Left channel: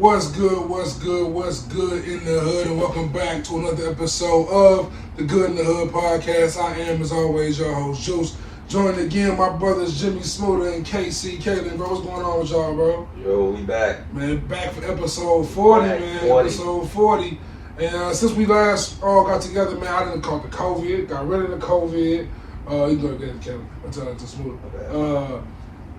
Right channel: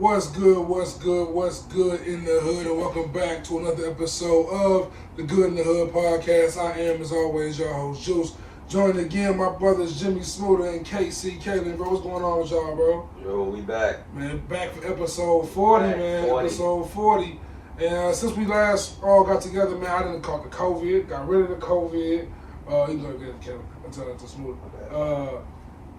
What's good, what's good, what's good in the hood, and welcome back to another episode of the Good in the Hood podcast. I am, as always, your host, Juice. Joined again, my brothers Jimmie Smooda and KC. Kaylin, bro, what's going on with y'all, bro? Yo, we back. Man, back for episode 40, man. 40. Episode 40. And since we last all got together, man, I didn't caught the COVID, got rid of the COVID. You gonna get it, Kaylin. I'll tell it to Smooda.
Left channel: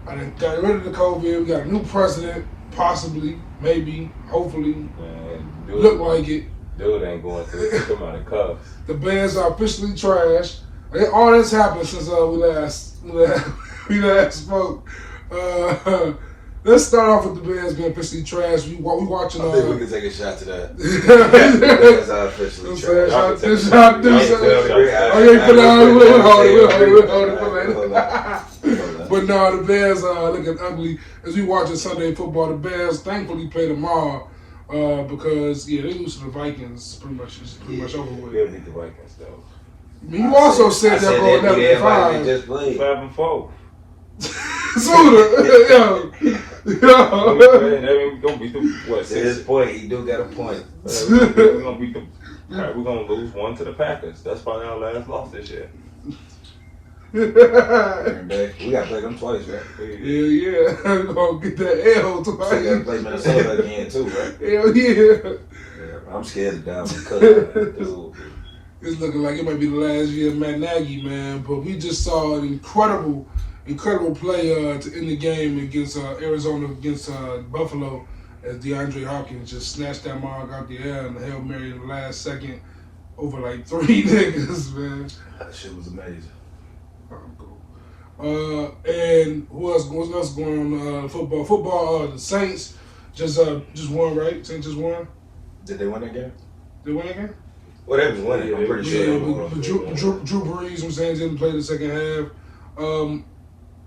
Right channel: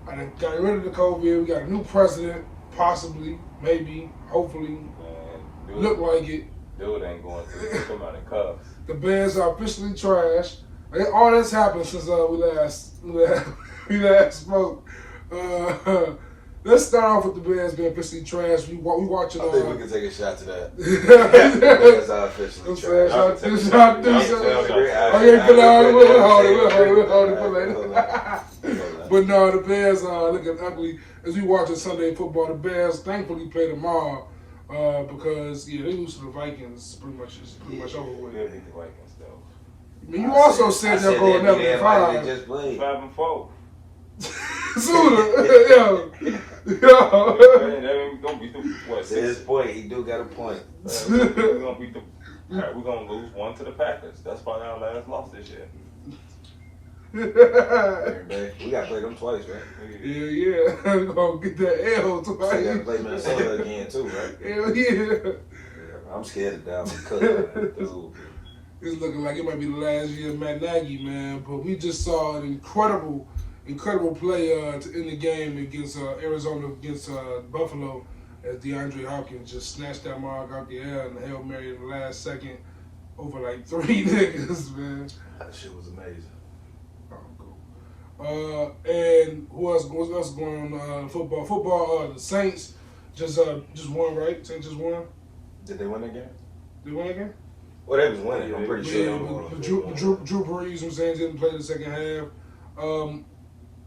I done got rid of the COVID. We got a new president, possibly, maybe, hopefully. Man, Look like it. Dude ain't going through some amount of cuffs. The Bears are officially trash. All that's happened since we last spoke. Let's start off with the Bears being officially trash. We watching. I think we can take a shot to that. Bears are officially trash. But no, the Bears are looking ugly. As we watching Sunday football, the Bears thankfully play tomorrow because they lose to the Vikings. Pretty much over with. They'll beat the Vikings though. I mean, you also said they're going 11-5. Just played 5-4. Sooner, They gonna beat them. What? to his point, he do got a point. We're gonna beat them. Alright, we're gonna lose one to the Packers. That's probably our last loss this year. We gotta play them twice, right? Yeah, we're gonna get that L So we gotta twice. play Minnesota again too, right? Hell yeah. Yeah, I'm scared of Dalvin Cook, dude. It's looking like it might be the last year of Matt Nagy, man. But we just saw an incredible play to end the game against Arizona against Buffalo as DeAndre Hopkins just snatched that mark out the air and the Hail Mary in the last second over like 3 niggas, man. That shit was amazing. And what's else going on? Football. Football. The Saints just won, right? Saints just won. Did they win that game? They won again. Well, they was winning. I'm pretty sure. Yeah, Drew Brees, I'm saying, didn't play the second half.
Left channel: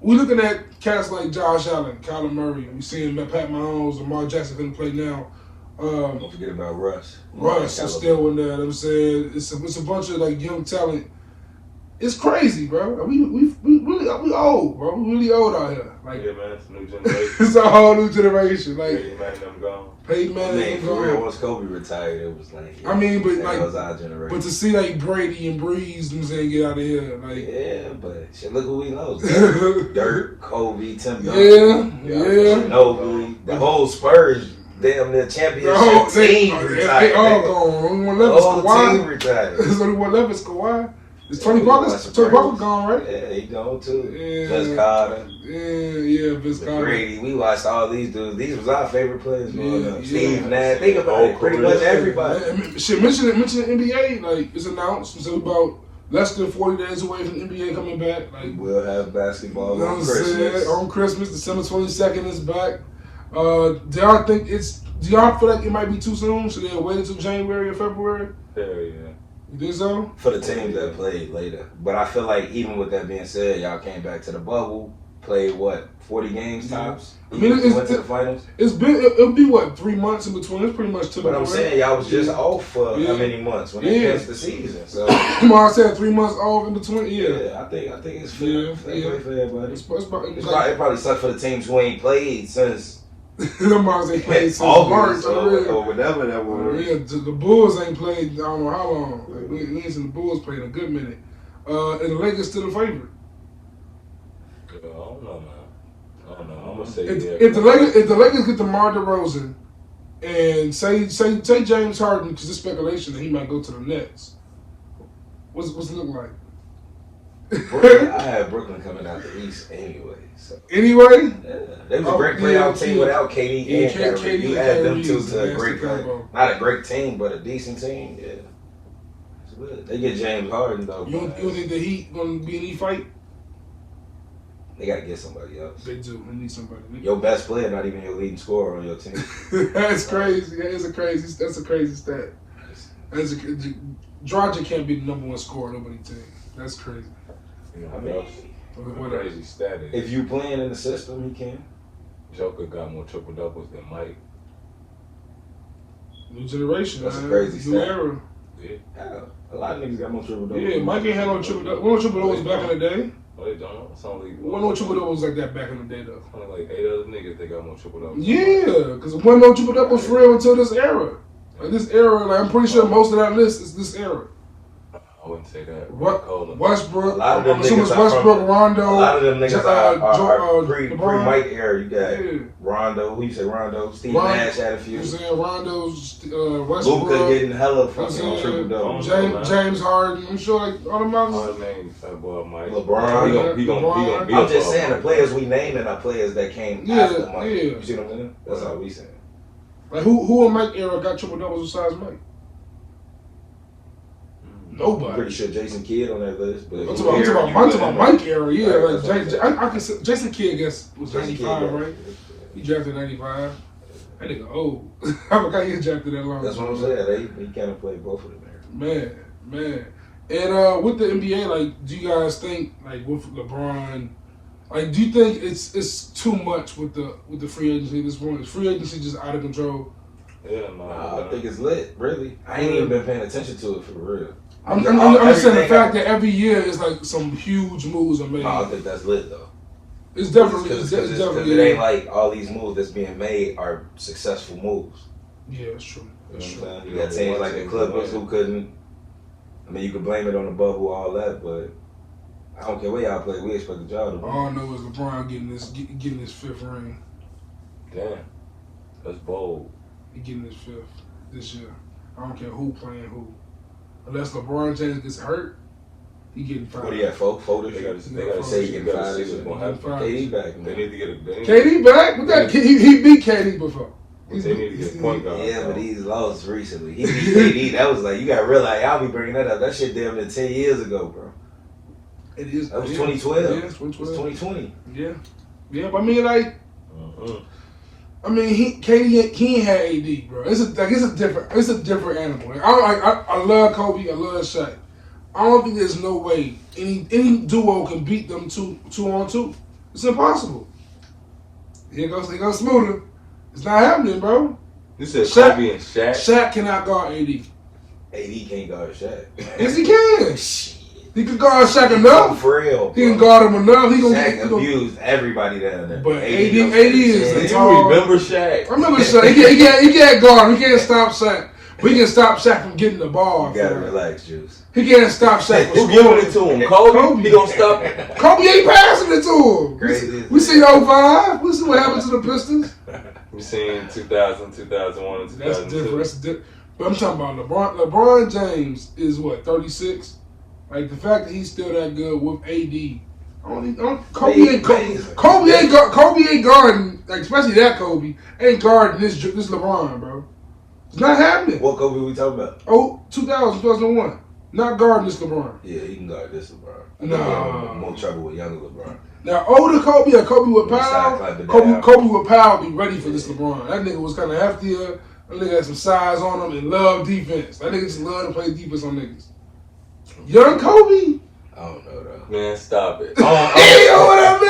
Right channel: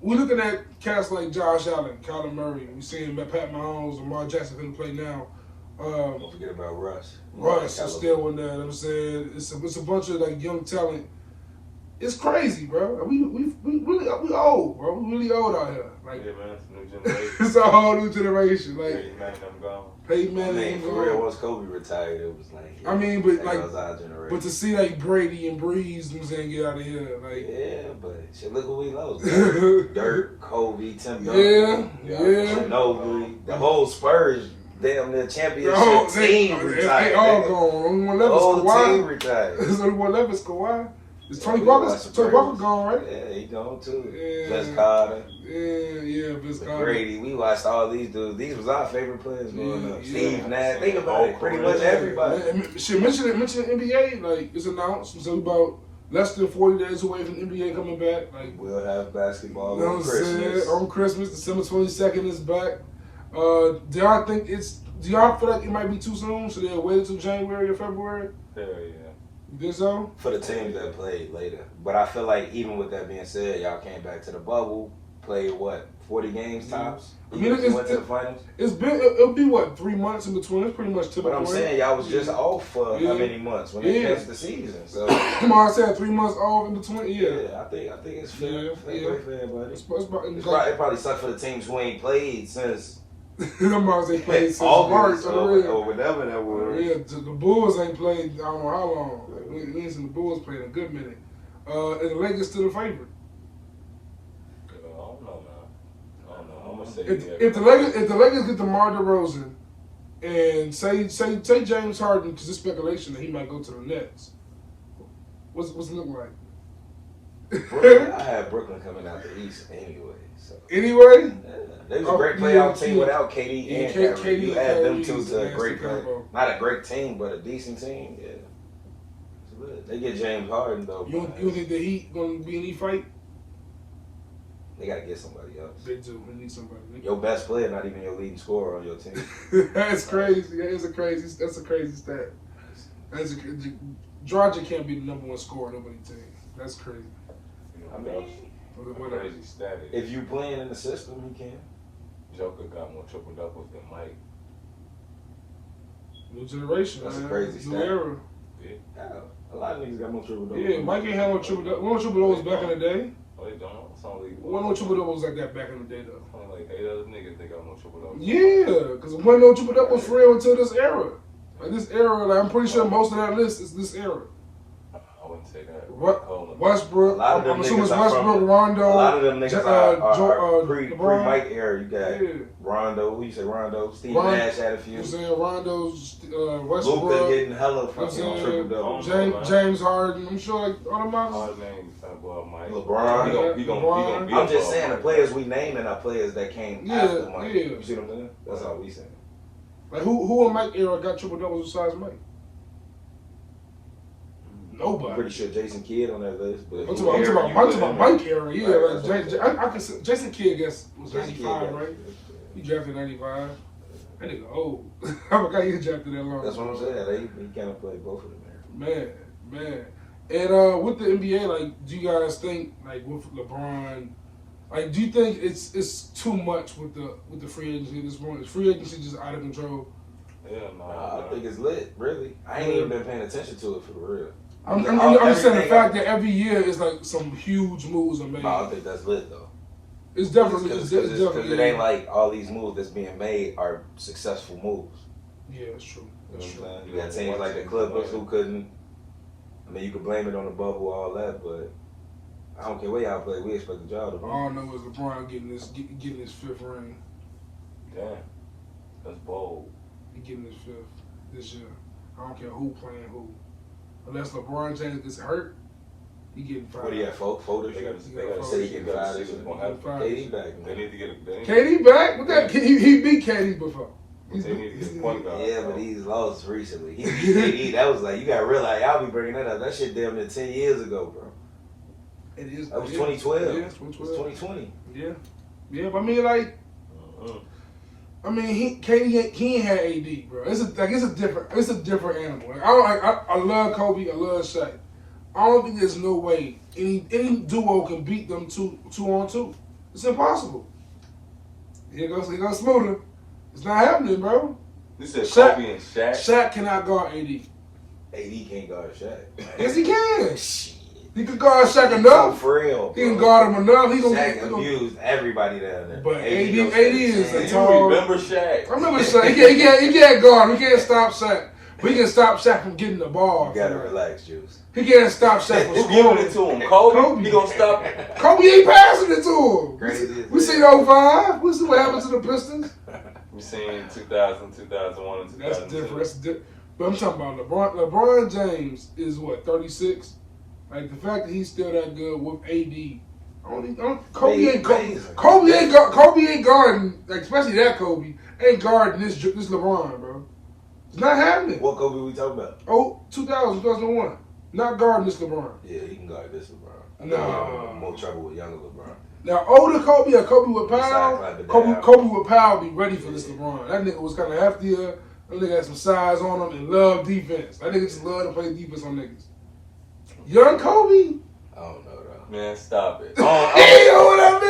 We looking at cats like Josh Allen, Kyler Murray. We seeing Pat Mahomes, Lamar Jackson couldn't play now. Don't forget about Russ. Russ is still in there. I'm saying it's a bunch of like young talent. It's crazy, bro. We old, bro. We really old out here. Like, Yeah, man, it's a new generation. it's a whole new generation. Like, Peyton Manning them gone. Peyton Manning, For real, once Kobe retired, it was like. I mean, but that like, was our generation. but to see like Brady and Breeze, I'm saying, get out of here, like. Yeah, but shit, look who we lost. Dirk, Kobe, Tim Yeah. Ginobili, the whole Spurs, damn near championship team retired. They all gone. One The left is whole team Kawhi. retired. There's only one left is Kawhi. Is Tony Parker gone, right? Yeah, he gone too. Yeah. Vince Carter, Yeah, Vince Carter. Brady. We watched all these dudes. These was our favorite players growing up. Yeah. Steve Nash. Think about it. Pretty much everybody. Shit, mention the NBA, like, it's announced. So about less than 40 days away from the NBA coming back. Like, We'll have basketball you know on what I'm saying? Christmas. On Christmas, December 22nd is back. Do y'all feel like it might be too soon? Should they wait until January or February? Hell yeah. You think so? For the teams that played later. But I feel like even with that being said, y'all came back to the bubble, played what, 40 games tops? I mean, You went to the finals? It'll be what, 3 months in between? It's pretty much typical. But I'm saying y'all was just off for how many months when they finished the season. So I said 3 months off in between. Yeah. I think it's fair. Yeah, Fair, buddy. It's probably It probably sucked for the teams who ain't played since them Mars ain't played since August March. or whatever that was. Yeah, the Bulls ain't played, I don't know how long. Like, we ain't seen the Bulls play in a good minute. And the Lakers still the favorite. I don't know, man. I don't know. I'm gonna say If the Lakers get DeMar DeRozan and say James Harden, because there's speculation that he might go to the Nets, what's it look like? I had Brooklyn coming out the East anyway. So. Anyway? Yeah. They was a great playoff team without KD and Kyrie. You had them two to a great not a great team, but a decent team. Yeah. It's good. They get James Harden though. You don't think the Heat gonna be in any fight? They gotta get somebody else. They do. They need somebody. Your best player, not even your leading scorer on your team. That's crazy. That's a crazy stat. Dragic can't be the number one scorer on nobody's team. That's crazy. I mean, what crazy stat is if you playing in the system, he can. Joker got more triple doubles than Mike. New generation, That's man. a crazy New stat. era. Yeah, a lot of niggas got more triple doubles. Yeah, Mike ain't had no triple doubles. Triple doubles back in the day. Oh, they don't. It's only No triple doubles like that back in the day, though. only like 8 other niggas that got more triple doubles. Yeah, because there wasn't no triple doubles for real until this era. Like this era, like I'm pretty sure most of that list is this era. I wouldn't say that. Westbrook, I'm assuming it's Westbrook, Rondo. A lot of them niggas are pre-Mike era. You got Rondo. Who you say Rondo? Steve Nash had a few. You saying Rondo, Westbrook. Luka getting hella fucking triple doubles. James Harden. I'm sure like all them others. All the names, Mike. LeBron. He gonna be I'm just saying the players we naming are players that came after Mike. You see what I'm saying? That's all we saying. Like who in Mike era got triple doubles besides Mike? Nobody. I'm pretty sure Jason Kidd on that list. But I'm talking about Mike era, yeah. Like I can say Jason Kidd, I guess, was 95, right? He drafted 95. That nigga old. I forgot he was drafted that long. That's what I'm saying. He kind of played both of them. Man. And with the NBA, like, do you guys think, like, with LeBron, like, do you think it's too much with the free agency at this point? Is free agency just out of control? Yeah, no. I think it's lit, really. I ain't even been paying attention to it for real. I'm just saying the fact that every year is like some huge moves are made. I don't think that's lit though. It's definitely it ain't like all these moves that's being made are successful moves. Yeah, it's true. You know what I'm saying? You got teams like the Clippers who couldn't. I mean, you could blame it on the bubble, all that, but I don't care where y'all play. We expect the job to win. All I know is LeBron getting his 5th ring. Damn, that's bold. He getting his 5th this year. I don't care who playing who. Unless LeBron James gets hurt, he getting 5. What do you have, 4 this year? They gotta say he getting 5 this year. KD back, man. They need to get a KD back? What that? He beat KD before. They need to get a point guard. Yeah, but he's lost recently. He beat KD. That was like, you gotta realize, y'all be bringing that up. That shit damn near 10 years ago, bro. It is. That was 2012. Yeah, it's 2012. It's 2020. Yeah, but I mean, like, I mean, KD he ain't had AD, bro. It's a different animal. Like, I love Kobe. I love Shaq. I don't think there's no way any duo can beat them two on two. It's impossible. Here goes Smooda. It's not happening, bro. You said Kobe and Shaq. Shaq cannot guard AD. AD can't guard Shaq. Yes, he can. He can guard Shaq enough. For real, he can guard him enough. He gonna Shaq abused everybody down there. But AD is a tall. You remember Shaq? I remember Shaq. He can't guard him. He can't stop Shaq. But he can stop Shaq from getting the ball. You gotta relax, Juice. He can't stop Shaq from Who giving it to him? Kobe? He gonna stop it? Kobe ain't passing it to him. Crazy. We see 05. We see what happened to the Pistons. We seen 2000, 2001, and 2002. That's different. But I'm talking about LeBron. LeBron James is what, 36? Like the fact that he's still that good with AD. Kobe ain't guarding, like especially that Kobe ain't guarding this LeBron, bro. It's not happening. What Kobe we talking about? 2000, 2001. Not guarding this LeBron. Yeah, he can guard this LeBron. No. More trouble with younger LeBron. Now older Kobe or Kobe with Powell, Kobe with Powell be ready for this LeBron. That nigga was kind of heftier. That nigga had some size on him and loved defense. That nigga just love to play defense on niggas. Young Kobe? I don't know though. Man, stop it. I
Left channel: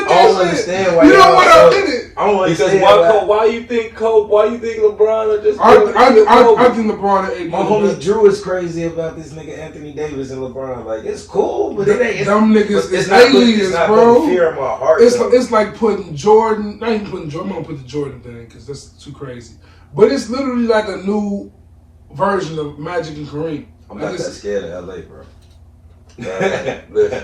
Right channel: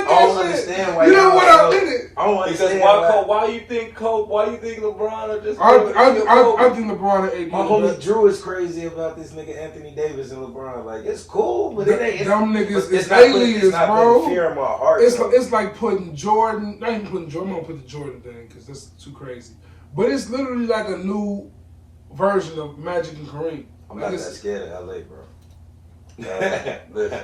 don't understand why. You don't want to admit it. I don't understand because why you think Kobe? Why you think LeBron are just? I think LeBron and AD. My homie Drew is crazy about this nigga Anthony Davis and LeBron. Like it's cool, but it ain't. Them niggas is aliens, bro. Fear in my heart. It's like putting Jordan. Not even putting Jordan. I'm gonna put the Jordan thing because that's too crazy. But it's literally like a new version of Magic and Kareem. I'm not that scared of LA, bro. Listen.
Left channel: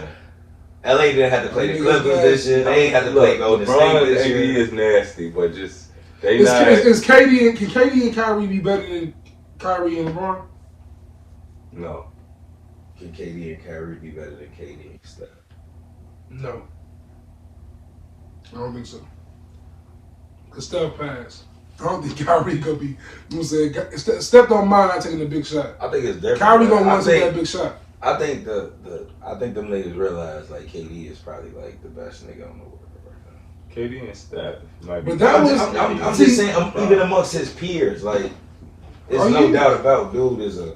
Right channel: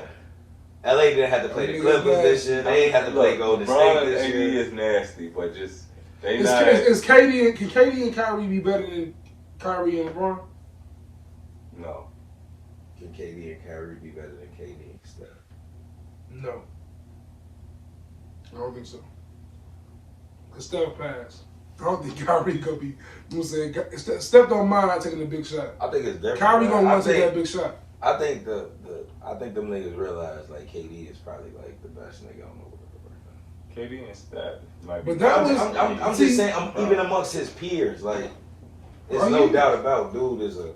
LA didn't have to play the Clippers this year. They ain't have to play Golden State this year. LeBron is nasty, but just they is, not. Is KD and Kyrie be better than Kyrie and LeBron? No. Can KD and Kyrie be better than KD and Steph? No. I don't think so. Cause Steph passed. I don't think Kyrie gonna be. You know what I'm saying? Steph don't mind not taking a big shot. I think it's different. Kyrie gonna want to take that big shot. I think I think them niggas realize like KD is probably like the best nigga on the world right now. KD and Steph might be. But that was. I'm just saying, even amongst his peers, like there's no doubt about dude is a.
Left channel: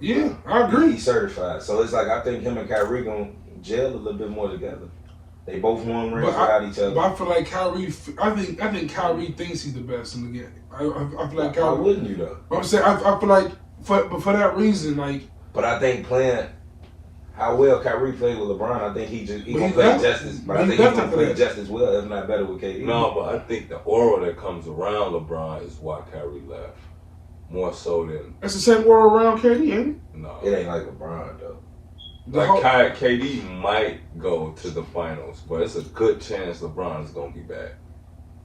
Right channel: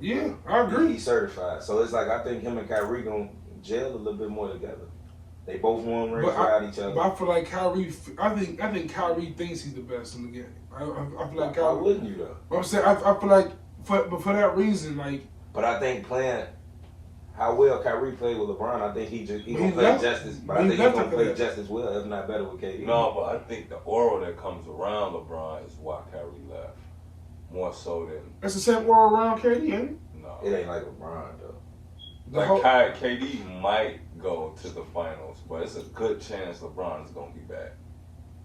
Yeah, I agree. He's certified, so it's like I think him and Kyrie gonna gel a little bit more together. They both won rings without each other. But I feel like Kyrie. I think Kyrie thinks he's the best in the game. I feel like Kyrie. Why wouldn't you though? I'm saying I feel like for that reason, like. But I think playing how well Kyrie played with LeBron, I think he gonna play just as, but I think he's gonna play just as well, if not better, with KD. No, but I think the aura that comes around LeBron is why Kyrie left. More so than it's the same aura around KD, ain't it? No, it ain't like LeBron though. Like KD might go to the finals, but it's a good chance LeBron is gonna be back.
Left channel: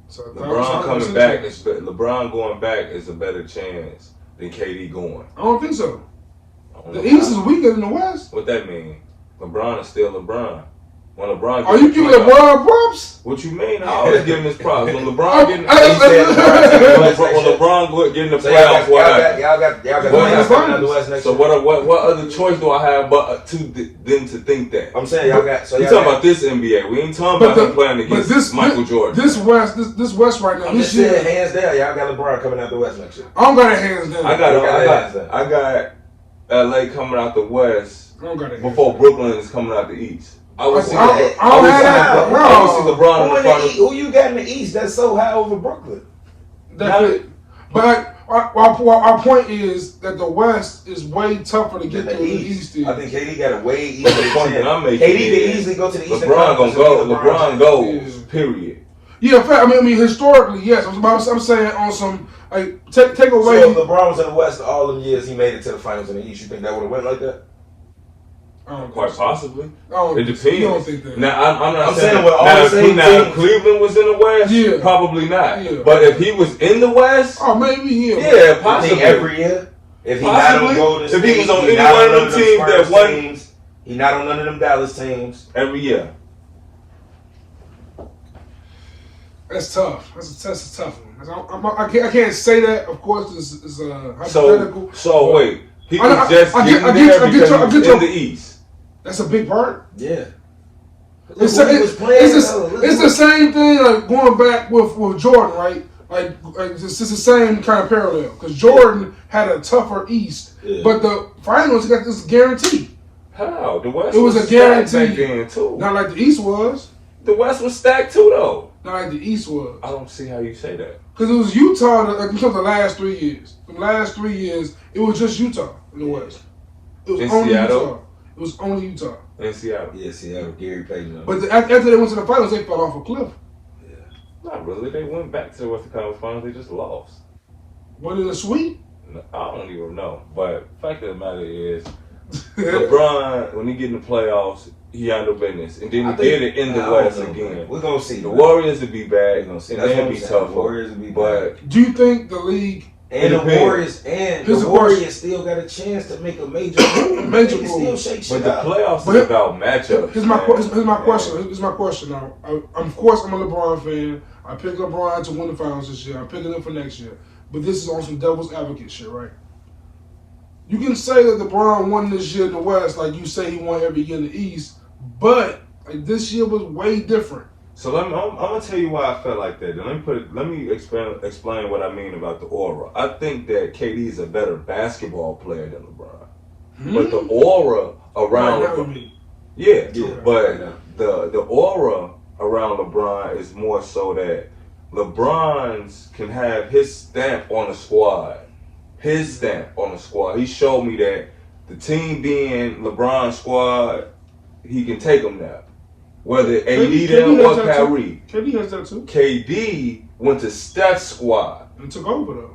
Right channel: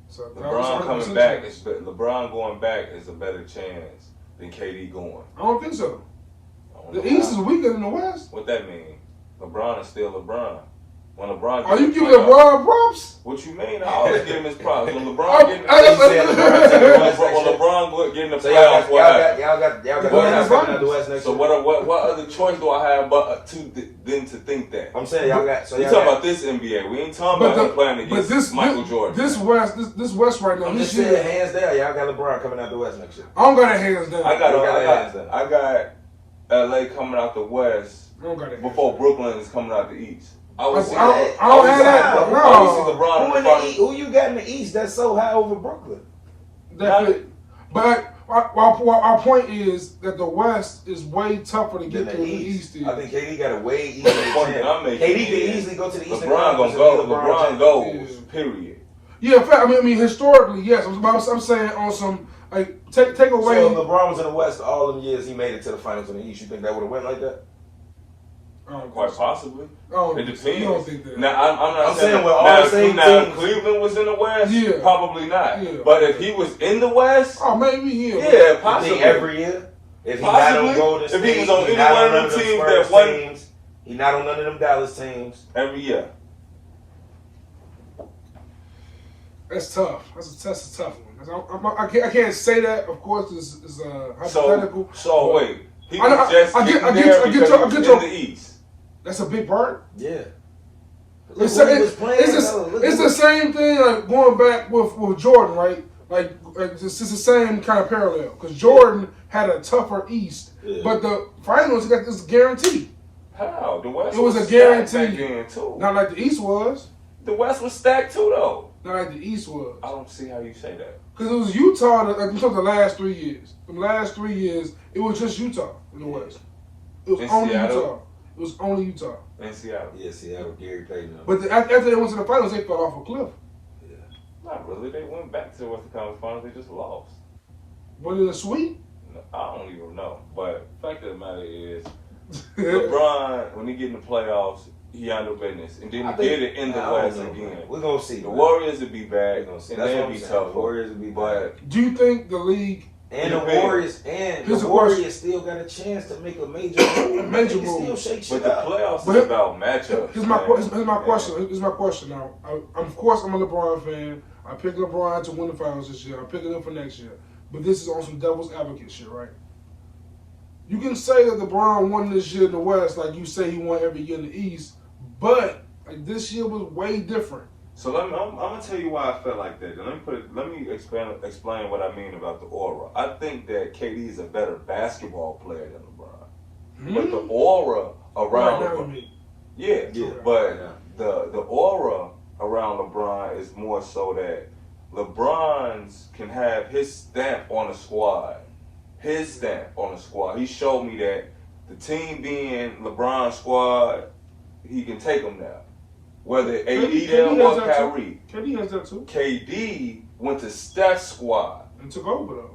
So LeBron coming back, LeBron going back is a better chance than KD going. I don't think so. The East is weaker than the West. What that mean? LeBron is still LeBron. When LeBron, are you giving LeBron props? What you mean? I always give him his props. When LeBron getting, when LeBron getting the playoffs, y'all got the West next. So what other choice do I have but to think that? I'm saying y'all got. So we talking about this NBA. We ain't talking about him playing against Michael Jordan. This West right now. This year, hands down, y'all got LeBron coming out the West next year. I don't got it hands down. I got LA coming out the West before Brooklyn is coming out the East. I would see LeBron in the finals. Who you got in the East that's so high over Brooklyn? But our point is that the West is way tougher to get to the East. I think KD got a way easier. KD can easily go to the East. LeBron goes. Period. Yeah, I mean, historically, yes. I'm saying on some like take away. So if LeBron was in the West all them years, he made it to the finals in the East. You think that would have went like that? Quite possibly. It depends. You don't think that. Now, I'm saying with all the same if Cleveland was in the West, probably not. Yeah. But if he was in the West, maybe yeah, possibly. Every year, if he not on Golden State, if he was on any one of them teams that won, he not on none of them Dallas teams every year. That's tough. That's a tough one. I can't say that. Of course, it's hypothetical. So wait, he was just getting there because he was in the East. That's a big part. Yeah. It's the same thing like going back with Jordan, right? Like it's the same kind of parallel because Jordan had a tougher East, but the finals got this guarantee. How the West? It was a guarantee. Then too. Not like the East was. The West was stacked too, though. Not like the East was. I don't see how you say that. Because it was Utah that took the last 3 years. The last 3 years, it was just Utah in the West. It was only Seattle? Utah. It was only Utah. In Seattle. Yeah, Seattle. Gary Payton. But after they went to the finals, they fell off a cliff. Yeah. Not really. They went back to the Western Conference Finals. They just lost. What, in a sweep? I don't even know. But the fact of the matter is, LeBron, when he get in the playoffs, he handled business. And then he did it in the West again. We're going to see. The Warriors would be back. We're going to see. And they'll be tough. Warriors would be back. Do you think the league... And the Warriors still got a chance to make a major move. Still shake shit but the playoffs is about matchups. Here's my question. Now, of course, I'm a LeBron fan. I picked LeBron to win the finals this year. I'm picking him for next year. But this is on some devil's advocate shit, right? You can say that LeBron won this year in the West, like you say he won every year in the East, but like, this year was way different. So I'm gonna tell you why I felt like that. Let me explain what I mean about the aura. I think that KD is a better basketball player than LeBron, but the aura around LeBron, but the aura around LeBron is more so that LeBron's can have his stamp on the squad. His stamp on the squad. He showed me that the team being LeBron's squad, he can take them there. Whether AD them or Kyrie. KD has that too. KD went to Steph's squad. And took over though.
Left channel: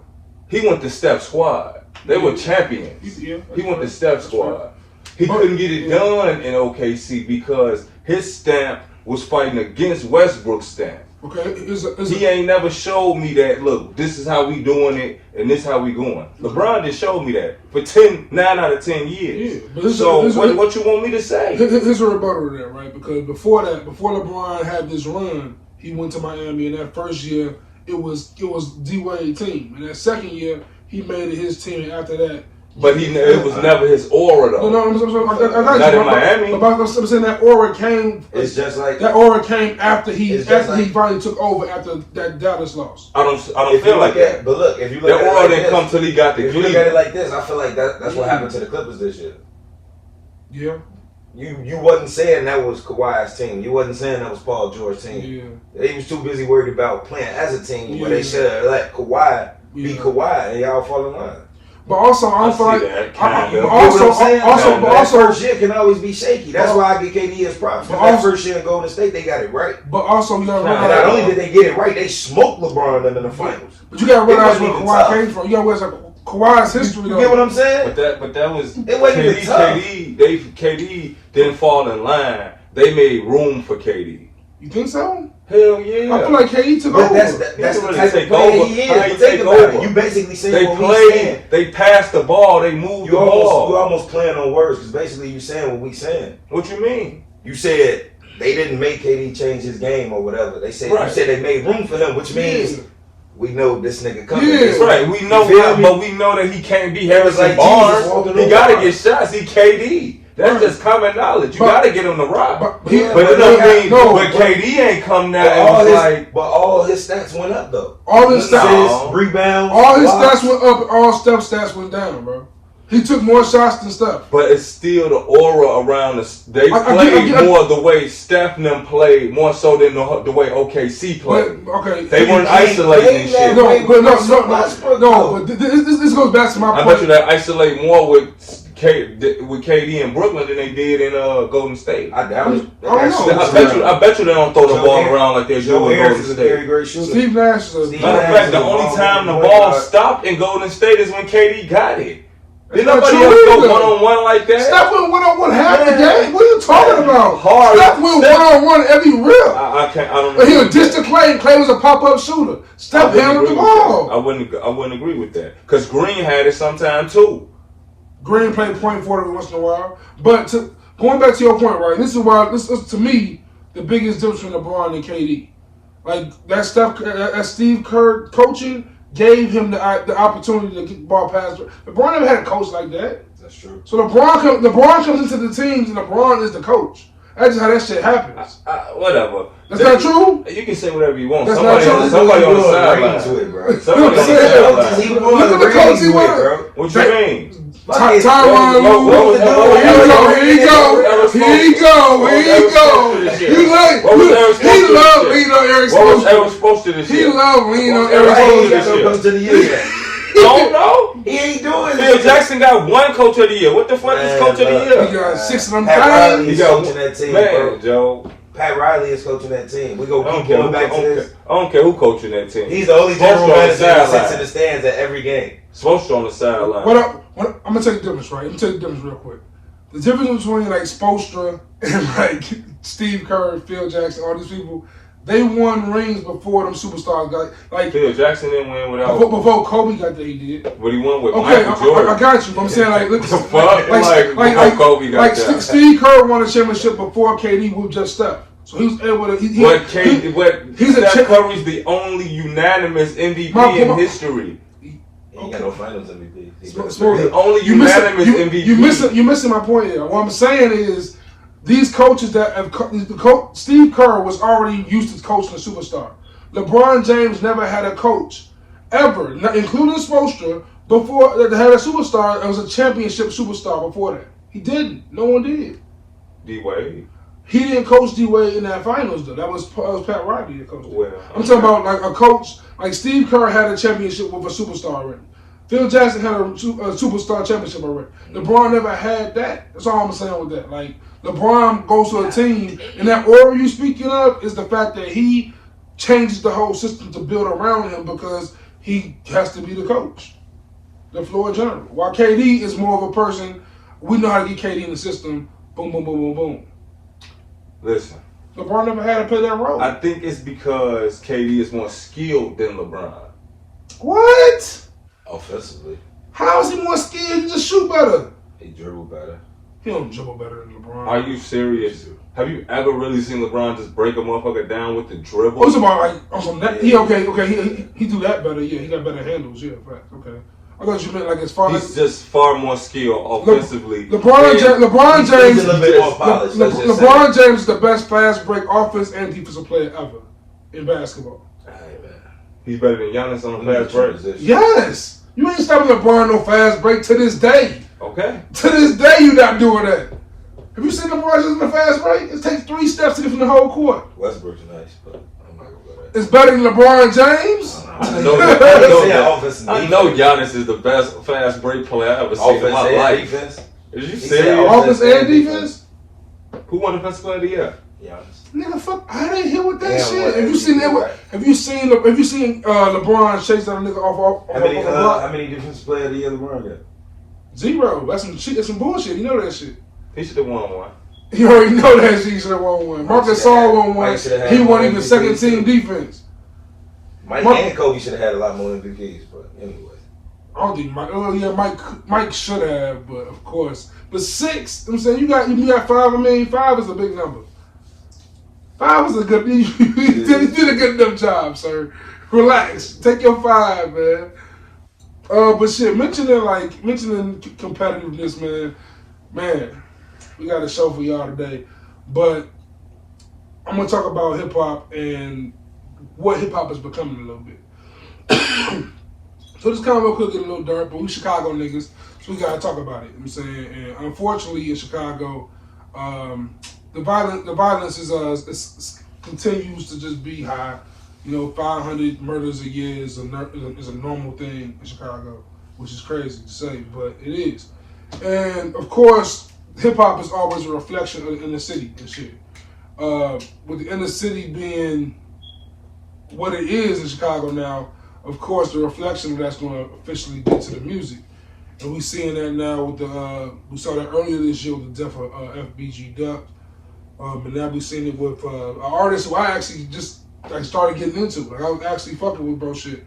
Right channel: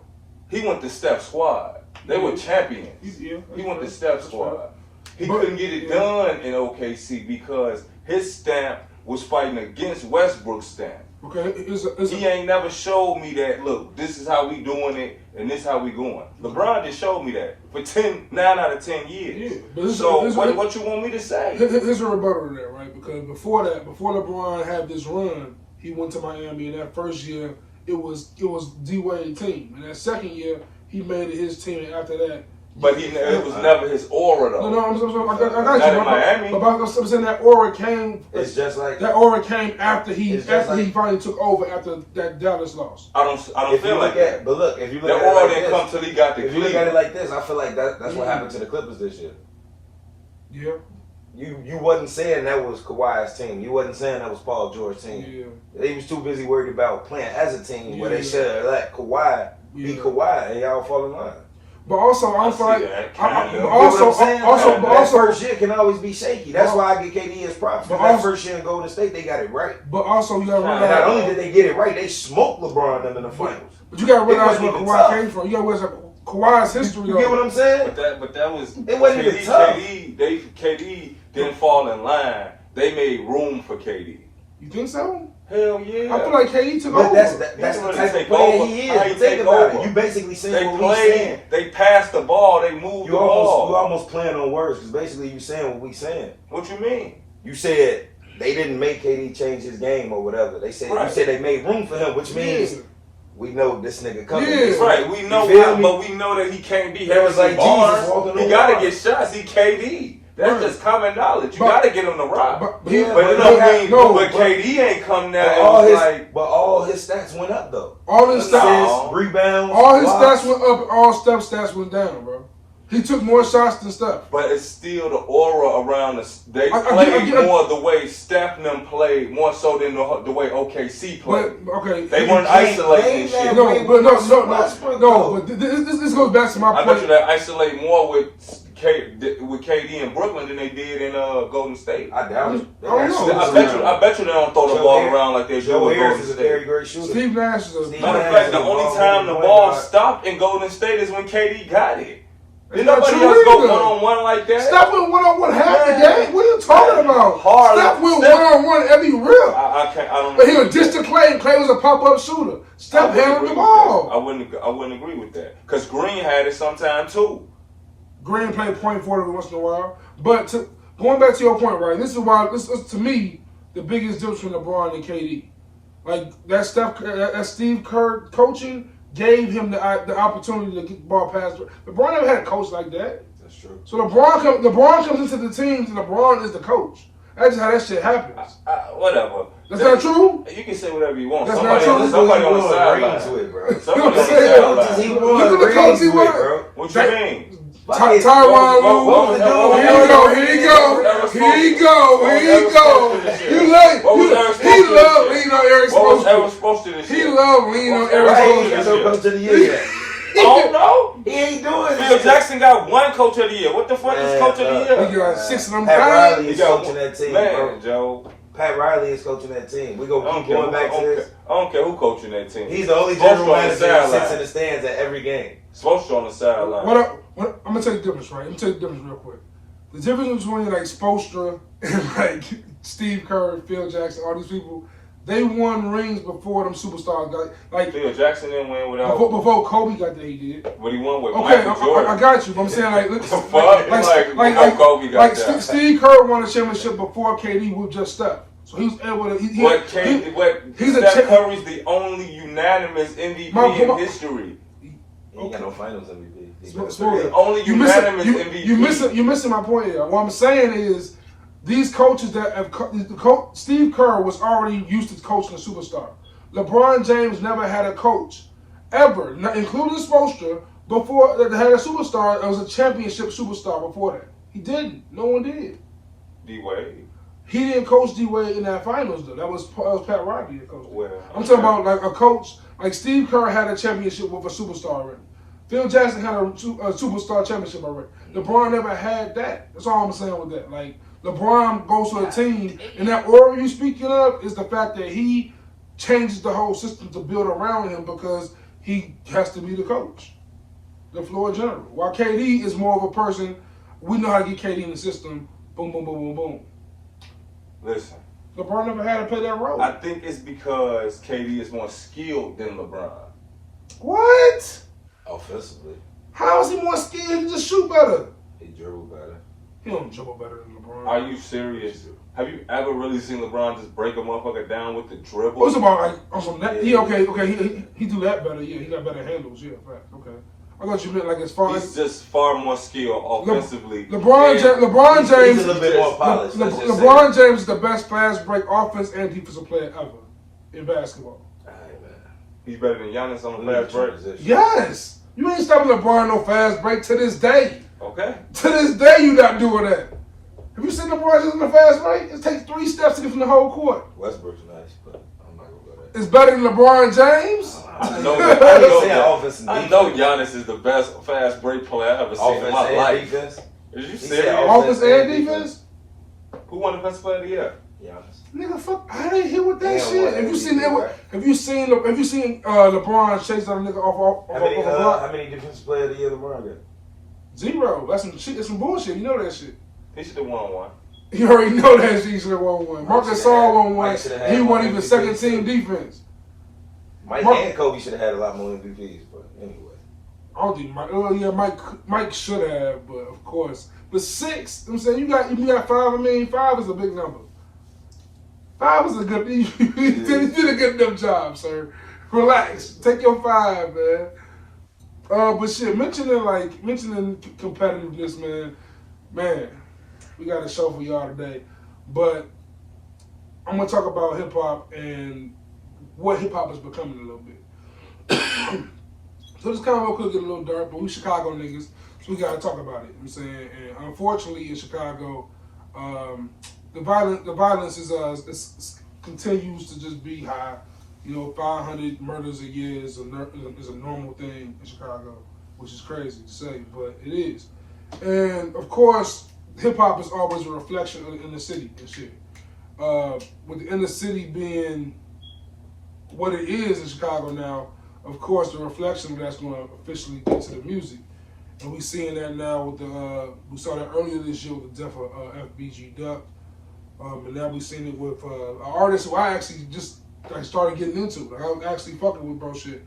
He went to Steph's squad. They were champions. He went to Steph's squad. He couldn't get it done in OKC because his stamp was fighting against Westbrook's stamp. Okay, he ain't never showed me that, look, this is how we doing it, and this how we going. LeBron just showed me that for 9 out of 10 years. Yeah, so what you want me to say? Here's a rebuttal to that, right? Because before LeBron had this run, he went to Miami, and that first year, it was D-Wade's team. And that second year, he made it his team, and after that, but it was never his aura, though. No, I got not you. In Miami. But I'm saying that aura came. It's just like that aura came after he finally took over after that Dallas loss. I don't feel like that. But look, if you look at it, that aura didn't come till he got the. If you look at it like this, I feel like that's what happened to the Clippers this year. Yeah. You wasn't saying that was Kawhi's team. You wasn't saying that was Paul George's team. Yeah. He was too busy worried about playing as a team, but they should have let Kawhi be Kawhi and y'all fall in line. But also, I don't feel like. That first year can always be shaky. That's why I get KD as props. But that first year in Golden State, they got it right. But also, you got to realize. Not only did they get it right, they smoked LeBron and them in the finals. But you got to realize where Kawhi came from. You got to realize Kawhi's history. You get what I'm saying? But that was it wasn't even tough. KD didn't fall in line. They made room for KD. You think so? Hell yeah. I feel like KD took over. That's the type of player he is. But think about it. You basically saying what we saying. They passed the ball. They moved the ball. You almost playing on words because basically you saying what we saying. What you mean? You said they didn't make KD change his game or whatever. They said You said they made room for him, which means we know this nigga coming. Yeah, right. We know, but we know that he can't be Harrison Barnes. He got to get shots. He KD. That's just common knowledge. You got to get him to rock. But KD ain't come there and was like. But all his stats went up though. All his stats, rebounds. All his stats went up. All Steph stats went down, bro. He took more shots than Steph. But it's still the aura around us. They played more the way Steph and them played, more so than the way OKC played. They weren't isolating shit. No, but this goes back to my point. I bet you they isolate more with KD in Brooklyn than they did in Golden State. I doubt it. I bet you they don't throw the ball around like they do in Golden State. Steve Nash is a matter of fact, the only time the ball stopped in Golden State is when KD got it. Did nobody else go one-on-one like that? Steph went one-on-one half the game. What are you talking about? Steph went one-on-one every rip. I don't. But he would dish to Clay, and Clay was a pop-up shooter. Steph handled the ball. I wouldn't agree with that because Green had it sometime too. Green played point forward once in a while. But going back to your point, right? This is why this is to me the biggest difference between LeBron and KD. Like that Steve Kerr coaching gave him the opportunity to get the ball past. LeBron never had a coach like that. That's true. So LeBron comes into the teams and LeBron is the coach. That's just how that shit happens. Whatever. That's not true? You can say whatever you want. That's somebody on the sideline. Somebody on the sideline. Look at the coach he was. What you mean? Tyronn Lue. Here you go. He loved leaning on Eric Spoelstra. What was Eric Spoelstra this year? He loved leaning on Eric Spoelstra. I don't know. He ain't doing it. Phil Jackson got one coach of the year. What the fuck is coach of the year? He got 6 of them. Pat Riley is coaching that team, man, Joe. Pat Riley is coaching that team. We're going to keep going back to this. I don't care who coaching that team. He's the only general manager that sits in the stands at every game. Spoelstra on the sideline. I'm going to tell you the difference, right? I'm going to tell you the difference real quick. The difference between like Spoelstra and like Steve Kerr, Phil Jackson, all these people, they won rings before them superstars got like Phil Jackson didn't win without before Kobe got there. He did. What he won with? Okay, Michael Jordan. I got you. But I'm saying like look, like Kobe got there. Steve Kerr won a championship before KD with just Steph. So he was able to. Steph Curry's the only unanimous MVP in history. He ain't got no finals MVP. The only unanimous MVP. You're missing my point here. What I'm saying is, these coaches that have Steve Kerr was already used to coaching a superstar. LeBron James never had a coach ever, including Spoelstra, before that had a superstar. It was a championship superstar before that. He didn't. No one did. D-Wade. He didn't coach D-Wade in that finals though. That was Pat Riley that coached. Well, I'm talking about like a coach like Steve Kerr had a championship with a superstar already. Phil Jackson had a superstar championship already. LeBron never had that. That's all I'm saying with that. Like LeBron goes to a team, and that aura you speaking of is the fact that he changes the whole system to build around him because he has to be the coach, the floor general. While KD is more of a person, we know how to get KD in the system. Boom, boom, boom, boom, boom. Listen. LeBron never had to play that role. I think it's because KD is more skilled than LeBron. What? Offensively. How is he more skilled? He just shoot better. He dribble better. He don't dribble better than LeBron. Are you serious? Have you ever really seen LeBron just break a motherfucker down with the dribble? Oh, it's about like on some he do that better. Yeah, he got better handles. Yeah, fact. Okay. I thought you meant like as far as he's just far more skilled offensively. LeBron James is a little bit more polished. LeBron James is the best fast break offense and defensive player ever in basketball. He's better than Giannis on the fast break. Yes. You ain't stopping LeBron no fast break to this day. Okay. To this day, you not doing that. Have you seen LeBron just in the fast break? It takes 3 steps to get from the whole court. Westbrook's nice, but I'm not gonna go there. It's better than LeBron James? I know Giannis is the best fast break player I ever seen in my life. Defense. Is you serious? Offense and defense? Who won Defensive Player of the Year? Giannis. Nigga, fuck! I didn't hear what that shit. Have you seen LeBron chase that nigga off the block? How many Defensive Player of the Year LeBron got? 0. That's some bullshit. You know that shit. He should have won one. You already know that shit. He should have won one. Marcus Gasol won one. He won even second team defense. Mike and Kobe should have had a lot more MVPs, but anyway. I don't think Mike should have, but of course. But 6, I'm saying you got 5. I mean, 5 is a big number. 5 is a good. You did a good enough job, sir. Relax. Take your 5, man. But shit, mentioning competitiveness, man, we got a show for y'all today. But I'm gonna talk about hip hop and what hip hop is becoming a little bit. So this kind of real quick, get a little dirt, but we Chicago niggas, so we gotta talk about it. You know what I'm saying, and unfortunately in Chicago, the violence is continues to just be high. 500 murders a year is a normal thing in Chicago, which is crazy to say, but it is. And of course, hip hop is always a reflection of the inner city and shit. With the inner city being what it is in Chicago now, of course, the reflection of that's going to officially get to the music. And we seeing that now with we saw that earlier this year with the death of FBG Duck. And now we seen it with an artist who I actually just started getting into. Like, I was actually fucking with bro shit.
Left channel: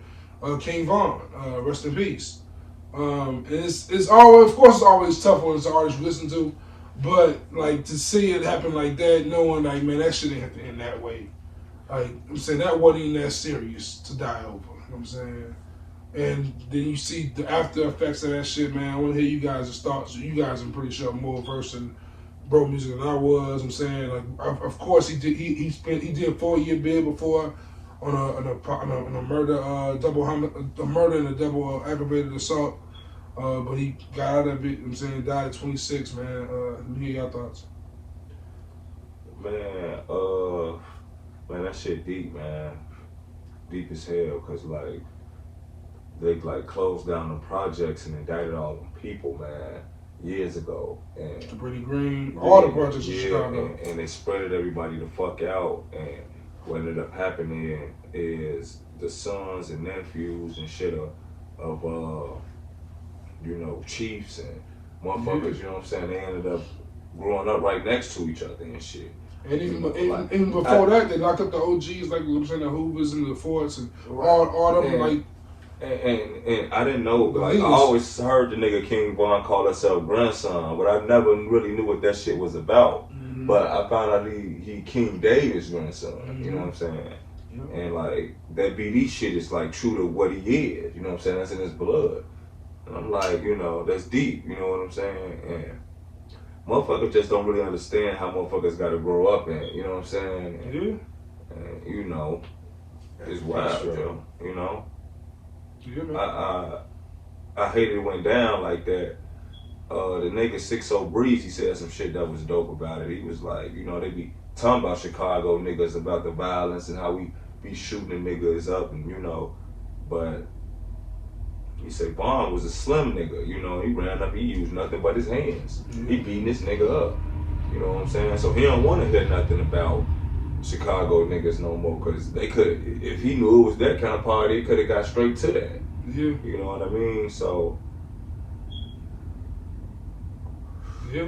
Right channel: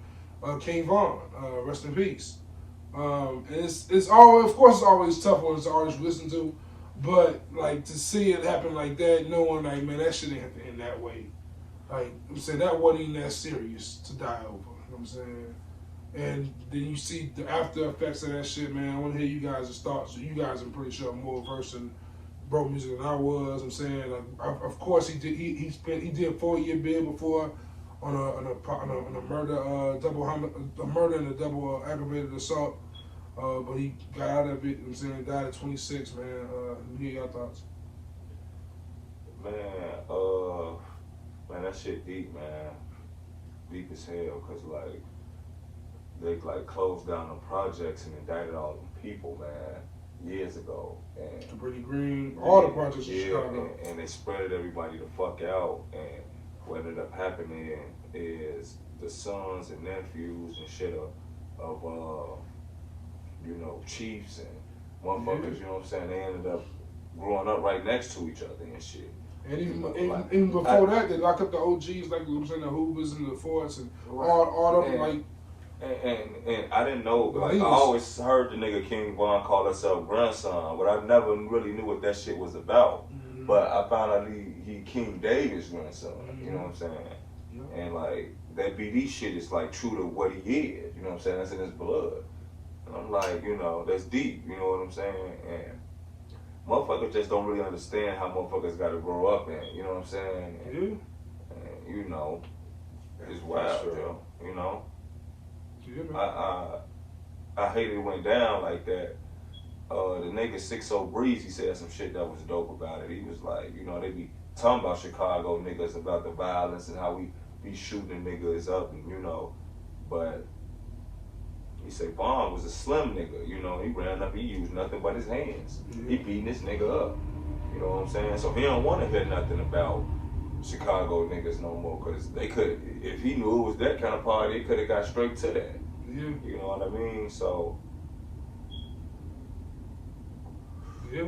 King Von, rest in peace. And it's always, of course, it's always tough when it's an artist you listen to. But, like, to see it happen like that, knowing, like, man, that shit didn't have to end that way. Like, I'm saying that wasn't even that serious to die over. You know what I'm saying? And then you see the after effects of that shit, man. I want to hear you guys' thoughts. You guys, I'm pretty sure, are more versed in bro music than I was. I'm saying, like, of course, he did a 4-year bid before on a murder, a murder and a double aggravated assault. But he got out of it. I'm saying, died at 26, man. Let me hear your thoughts. Man, that shit deep, man. Deep as hell, cause like they closed down the projects and indicted all them people, man, years ago. And Pretty Green, all the projects in Chicago. And they spreaded everybody the fuck out. And what ended up happening is the sons and nephews and shit of chiefs and motherfuckers, you know what I'm saying? They ended up growing up right next to each other and shit. And even before that, they locked up the OGs, like I'm saying, the Hoovers and the Forts and all them, like. And I didn't know, but like, I always heard the nigga King Von call himself grandson, but I never really knew what that shit was about. Mm-hmm. But I found out he King David's grandson, you know what I'm saying? Mm-hmm. And like, that BD shit is like true to what he is, you know what I'm saying? That's in his blood. And I'm like, that's deep, you know what I'm saying? And motherfuckers just don't really understand how motherfuckers gotta grow up in, you know what I'm saying? And, and it's wild, yo, Yeah, man. I hated it went down like that. The nigga 6-0 Breeze, he said some shit that was dope about it. He was like, they be talking about Chicago niggas, about the violence and how we be shooting the niggas up and, but he said Vaughn was a slim nigga, he ran up, he used nothing but his hands. Mm-hmm. He beating this nigga up, you know what I'm saying? So he don't want to hear nothing about Chicago niggas no more, because they could, if he knew it was that kind of party, he could have got straight to that. Yeah. You know what I mean? So, yeah.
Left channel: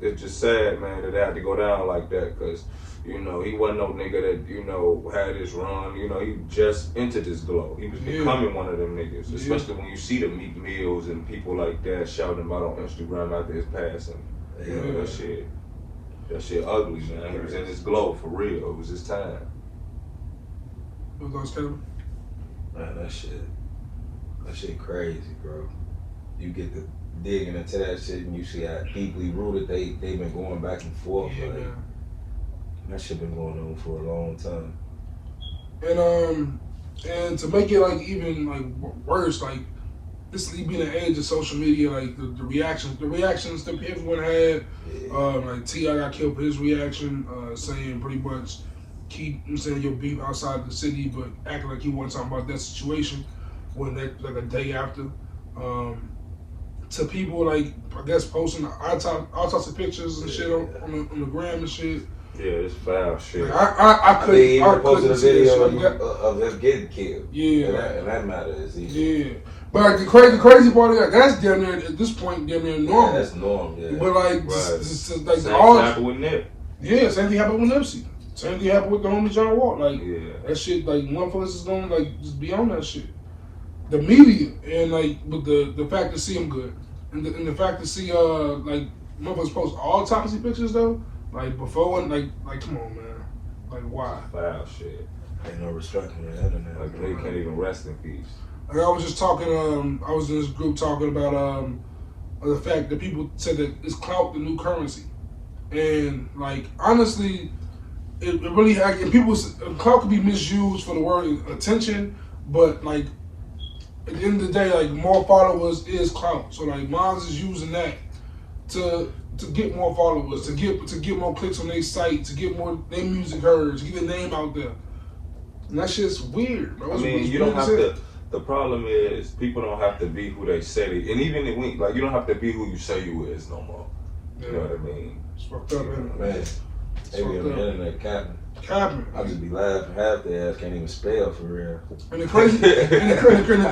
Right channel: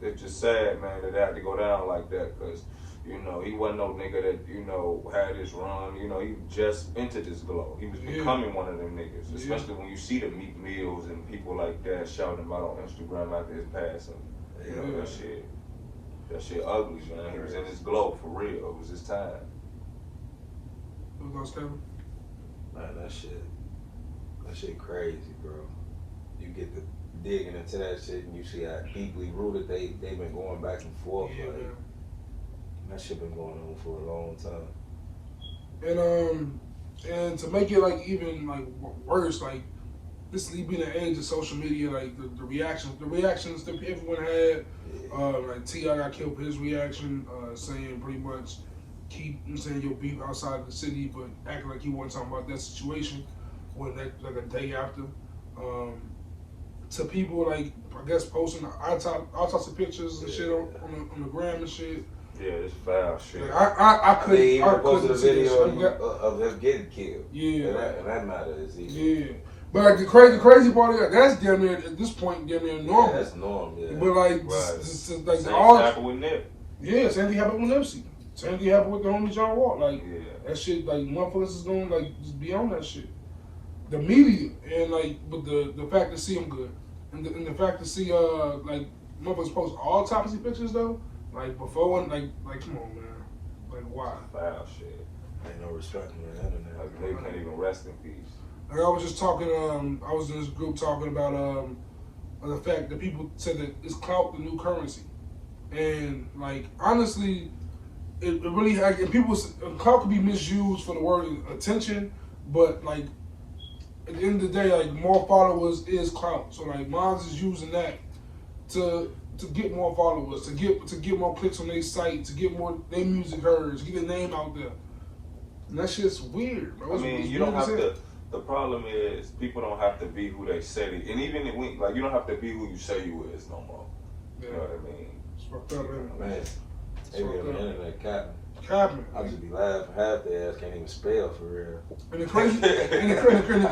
It's just sad, man, that it had to go down like that, because, he wasn't no nigga that, had his run, he just entered this glow. He was becoming one of them niggas, especially when you see the Meek Mills and people like that shouting about on Instagram after his passing. That shit ugly, man. He was in his glow, for real. It was his time. What those, Kevin? Man, that shit crazy, bro. You get to digging into that shit and you see how deeply rooted they've been going back and forth. Yeah, man. That shit been going on for a long time. And to make it like even like worse, like this being an age of social media, like the reactions that everyone had, like T.I got killed for his reaction, saying pretty much keep your beef outside of the city, but acting like you weren't talking about that situation when that like a day after. To people like I guess posting all types of pictures and shit on the gram and shit. Yeah, it's foul shit. Like, I couldn't. I posted a couldn't see video that of them getting killed. Yeah, and that matter is easy. Yeah, but like, the crazy part of that's damn near at this point damn near normal. Yeah, that's normal. Yeah. But like, right. just like same all happened with Nip. Yeah, same thing happened with Nipsey. Same thing happened with the homie John Wall. Like yeah. that shit. Like motherfuckers is gonna like just be on that shit. The media and like with the fact to see him good and the fact to see like motherfuckers post all types of pictures though. Like before and like come on man. Like why? Foul shit. Ain't no respect on the internet. Like they can't even rest in peace. Like I was just talking. I was in this group talking about the fact that people said that it's clout the new currency, and like honestly, it really and people clout could be misused for the word attention, but like at the end of the day, like more followers is clout. So like Mons is using that to get more followers, to get more clicks on their site, to get more their music heard, to get their name out there. And that shit's weird, bro. I mean, you don't have to. The problem is people don't have to be who they say they. And even if like you don't have to be who you say you is no more. You know what I mean? It's fucked up, man. They be on the internet capping. I just be laughing. Half their ass can't even spell for real. And the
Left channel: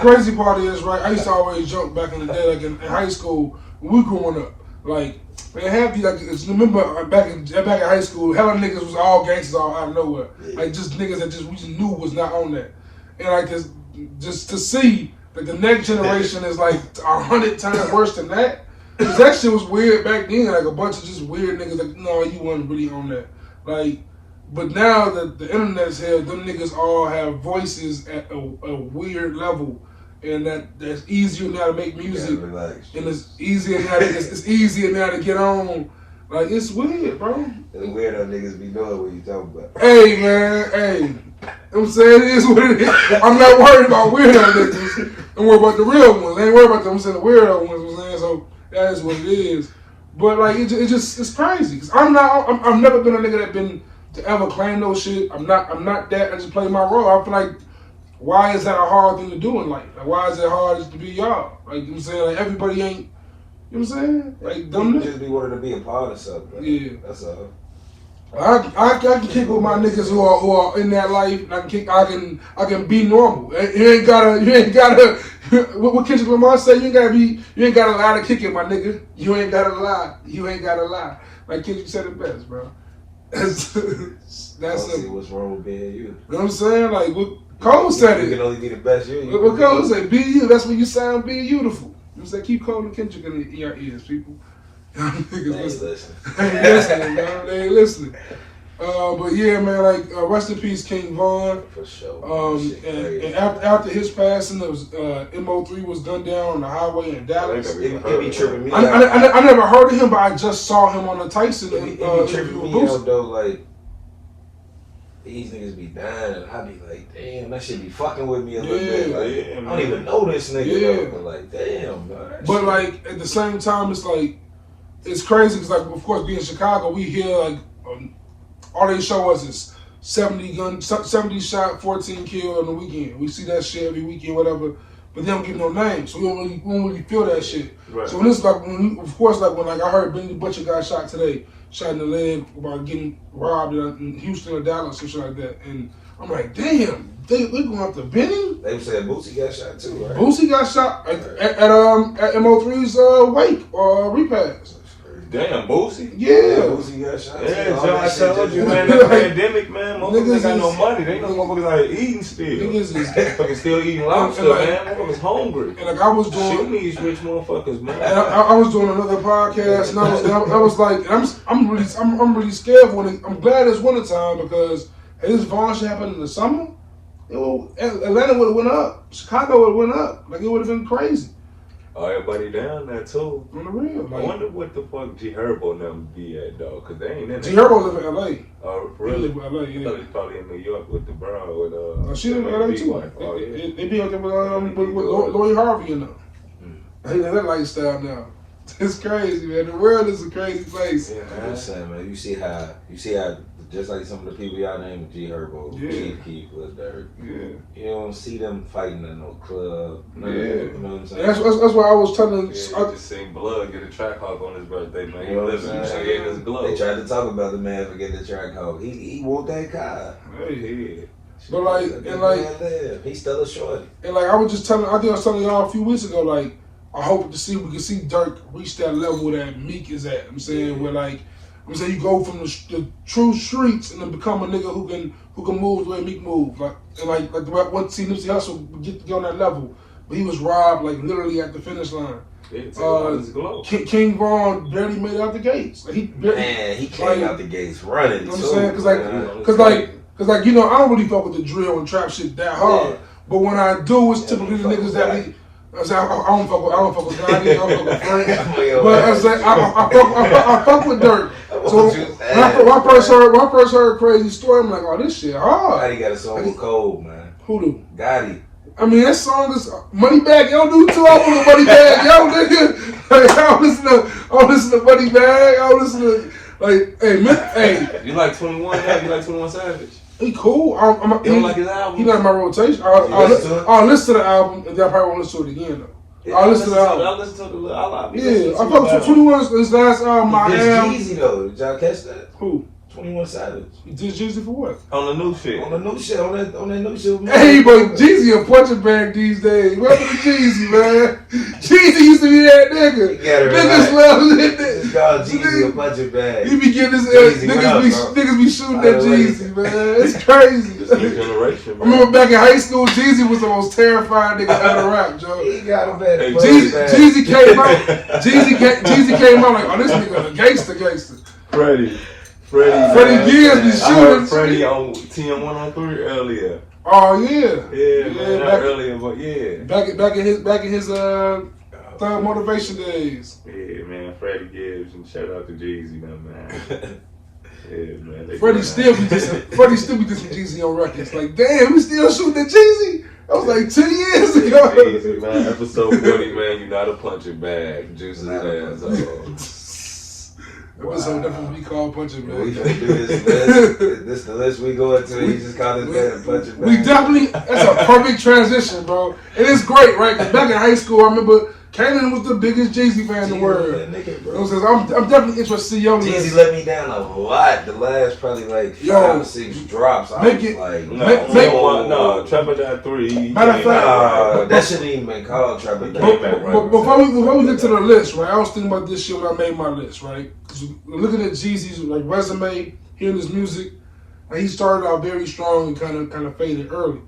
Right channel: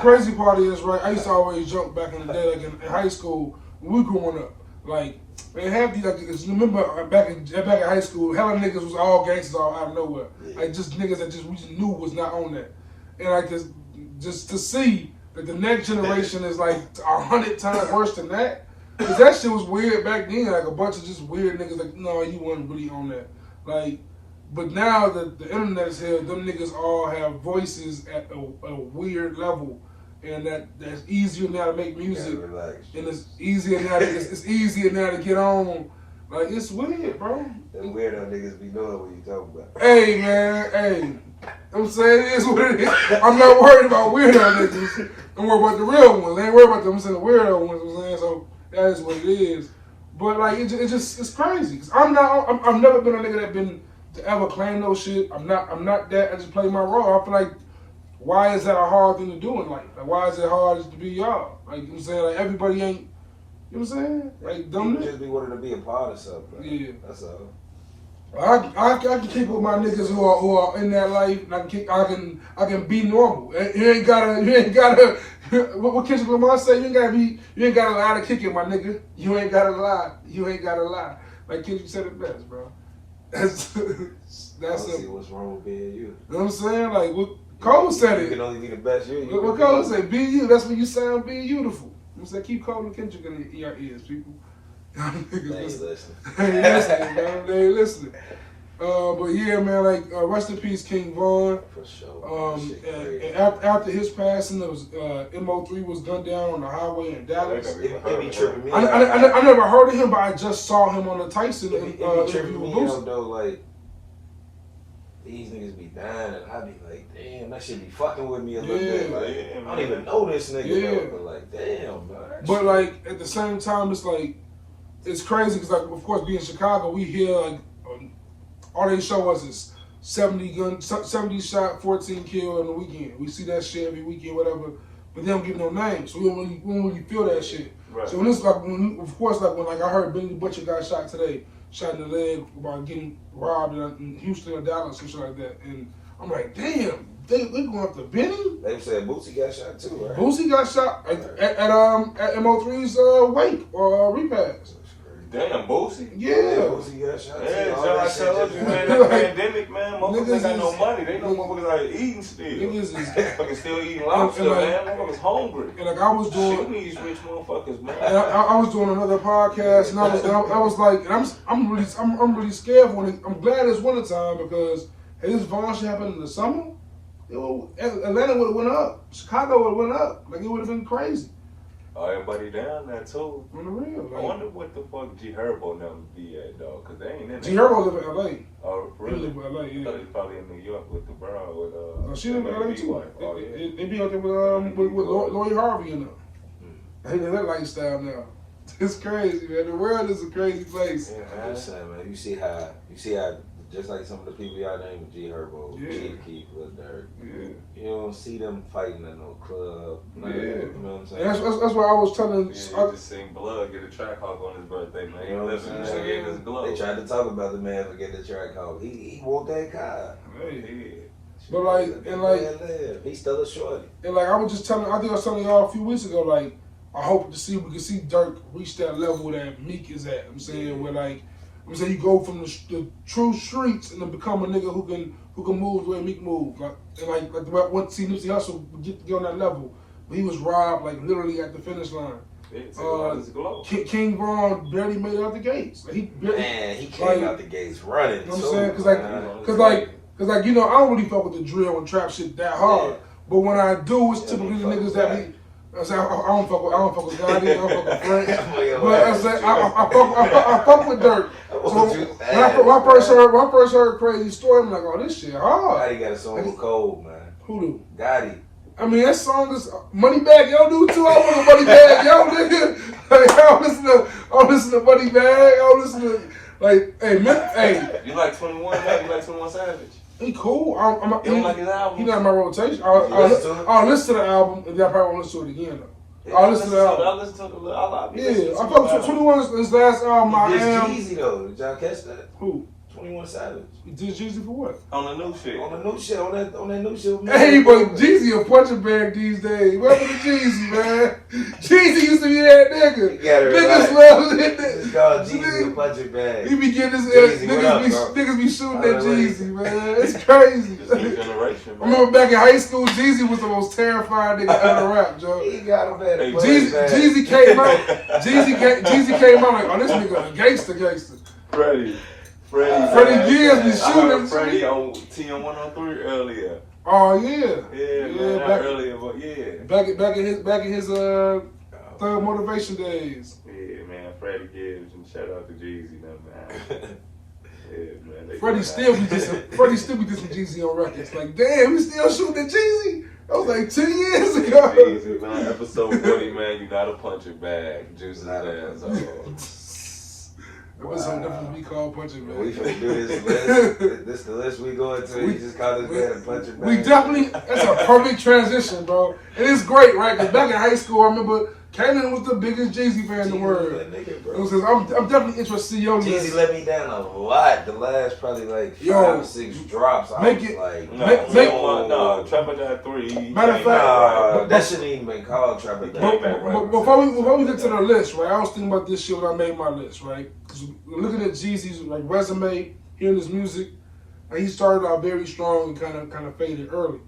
crazy part is, right, I used to always joke back in the day, like in high school, when we growing up, like, they have these, like, remember back in high school, hella niggas was all gangsters all out of nowhere. Like, just niggas that we just knew was not on that. And, like, just to see that the next generation is, like, 100 times worse than that. Because that shit was weird back then, like, a bunch of just weird niggas, like, no, you wasn't really on that. Like, but now that the internet's here, them niggas all have voices at a weird level. And that's easier now to make music, and it's easier now to get on. Like it's weird, bro. It's weird how niggas be doing what you talking about. Hey man, hey, you know what I'm saying it is what it is. I'm not worried about weirdo niggas. Don't worry about the real ones. I ain't worried about them. I'm saying the weirdo ones. You know what I'm saying? So that is what it is. But like it's crazy. Cause I've never been a nigga that been to ever claim no shit. I'm not that. I just play my role. I feel like. Why is that a hard thing to do in life? Like, why is it hard to be y'all? Like, you know what I'm saying? Like, everybody ain't, you know what I'm saying? Like, them just be wanting to be a part of something. Yeah. That's all. I can kick with my niggas who are in that life. And I can be normal. You ain't gotta. What Kendrick Lamar say? You ain't gotta lie to kick it, my nigga. You ain't gotta lie. Like Kendrick said it best, bro. That's it. What's wrong with being you? You know what I'm saying? Like, Cole said it. You can only be the best you. What Cole said, be you. That's when you sound be beautiful. You say keep Cole and Kendrick in your ears, people. Niggas listening. They ain't listening, man. They ain't listening. But yeah, man, like rest in peace, King Von. For sure. And after his passing, there was Mo3 was gunned down on the highway in Dallas. It be tripping me I never heard of him, but I just saw him on the Tyson. It be tripping me out though, like. These niggas be dying, and I be like, damn, that shit be fucking with me a little bit. Like, I don't even know this nigga, though, but like, damn, man. But like at the same time, it's like it's crazy because like of course being in Chicago, we hear like all they show us is 70 shot, 14 killed on the weekend. We see that shit every weekend, whatever. But they don't give no names, so we don't really feel that shit. Right. So when it's like, when I heard Benny Butcher got shot today. Shot in the leg about getting robbed in Houston or Dallas or something like that. And I'm like, damn, they going after Benny? They said Boosie got shot too, right? Boosie got shot at Mo3's wake or repast. Damn, Boosie? Yeah. Boosie got shot too. Yeah, I told you, man, the pandemic, man, motherfuckers ain't got no money. They know motherfuckers out here eating still. Niggas still eating lobster, man. Motherfuckers hungry. And like I was doing... Shoot these rich motherfuckers, man. I was doing another podcast, and I was like, I'm really scared when I'm glad it's wintertime because had this Vaughn shit happened in the summer, Atlanta would have went up. Chicago would have went up. Like it would have been crazy. Oh, everybody down there too. On the real. Like, I wonder what the fuck G Herbo and them be at though, cause they ain't in G Herbo live in LA. Oh, really? He live in LA, yeah. I thought he's probably in New York with the brown with she live in LA too. Oh, yeah. They be out there with Lloyd Harvey and them. They got that lifestyle now. It's crazy, man. The world is a crazy place. Yeah, I'm just saying, man. You see how the just like some of the people y'all named, G Herbo, Chief Keef, Lil Durk. Yeah. You don't see them fighting in no club. You know what I'm saying? That's why I was telling. I just seen Blood get a track hawk on his birthday, man. He lives in his glow. They tried to talk about the man for getting the track hawk. He want that car. Hey, but like, he's still a shorty. And like I was just telling, I think I was telling y'all a few weeks ago, like I hope we can see Durk reach that level that Meek is at. I'm saying where like I'm saying you go from the true streets and then become a nigga who can move the way Meek move. Like what see Nipsey Hussle get on that level, but he was robbed like literally at the finish line. King Von barely made it out the gates. Like, he came out the gates running. You know what I'm saying? Cause like you know I don't really fuck with the drill and trap shit that hard. Yeah. But when I do, it's typically the niggas that be. I don't fuck with Gotti, I don't fuck with Frank. But I say I fuck with Durk. So when I first heard Crazy Story, I'm like, oh, this shit hard. Gotti got a song with Cold, man. Who do? Gotti. I mean, that song is Moneybag. Yo, do 2 albums with Moneybag. Yo, nigga. Like, I don't listen to Moneybag. I don't listen to hey. You like 21? Yeah, you like 21 Savage? He cool. You don't like his album? He not in my rotation. I'll listen to the album, and then I probably won't listen to it again though. Yeah, I'll listen to the album. I'll listen to the album. Yeah, I fuck with 21's his last album. It's Jeezy though. Did y'all catch that? Who? 21 Savage. He did Jeezy for what? On the new shit. On that new shit. Hey, but Jeezy a punching bag these days. Welcome to Jeezy, man. Jeezy used to be that nigga. Niggas love that nigga. It's called Jeezy a punching bag. He be getting his ass. Niggas be shooting at Jeezy, man. It's crazy. I remember back in high school, Jeezy was the most terrifying nigga ever rap, Joe. He got a bad Jeezy came out. Jeezy came out like, oh, this nigga a gangster. Freddie Gibbs be shooting. I heard Freddie on TM103 earlier. Oh yeah. Yeah, man. Not earlier, but yeah. Back in his Thug Motivation days. Yeah, man. Freddie Gibbs and shout out to Jeezy, man. Yeah, man. Freddie still be dissing Jeezy on records. Like, damn, we still shooting at Jeezy. That was like 10 years ago. Easy, man. Episode 40, man. You not a punching bag. Juice's ass. Episode definitely called punching bag. We gonna do this list. This the list we go into. He just called his man a punching bag. We definitely. That's a perfect transition, bro. And it's great, right? Because back in high school, I remember Kanan was the biggest Jeezy fan in the world. I'm definitely interested to see your list. Jeezy let me down a lot. The last probably like 5 or 6 drops. No, Trapper got 3. Matter of fact, that shouldn't even been called Trapper. But before we get to the list, right? I was thinking about this shit when I made my list, right? Because looking at Jeezy's like resume, hearing his music, and he started out very strong and kind of faded early.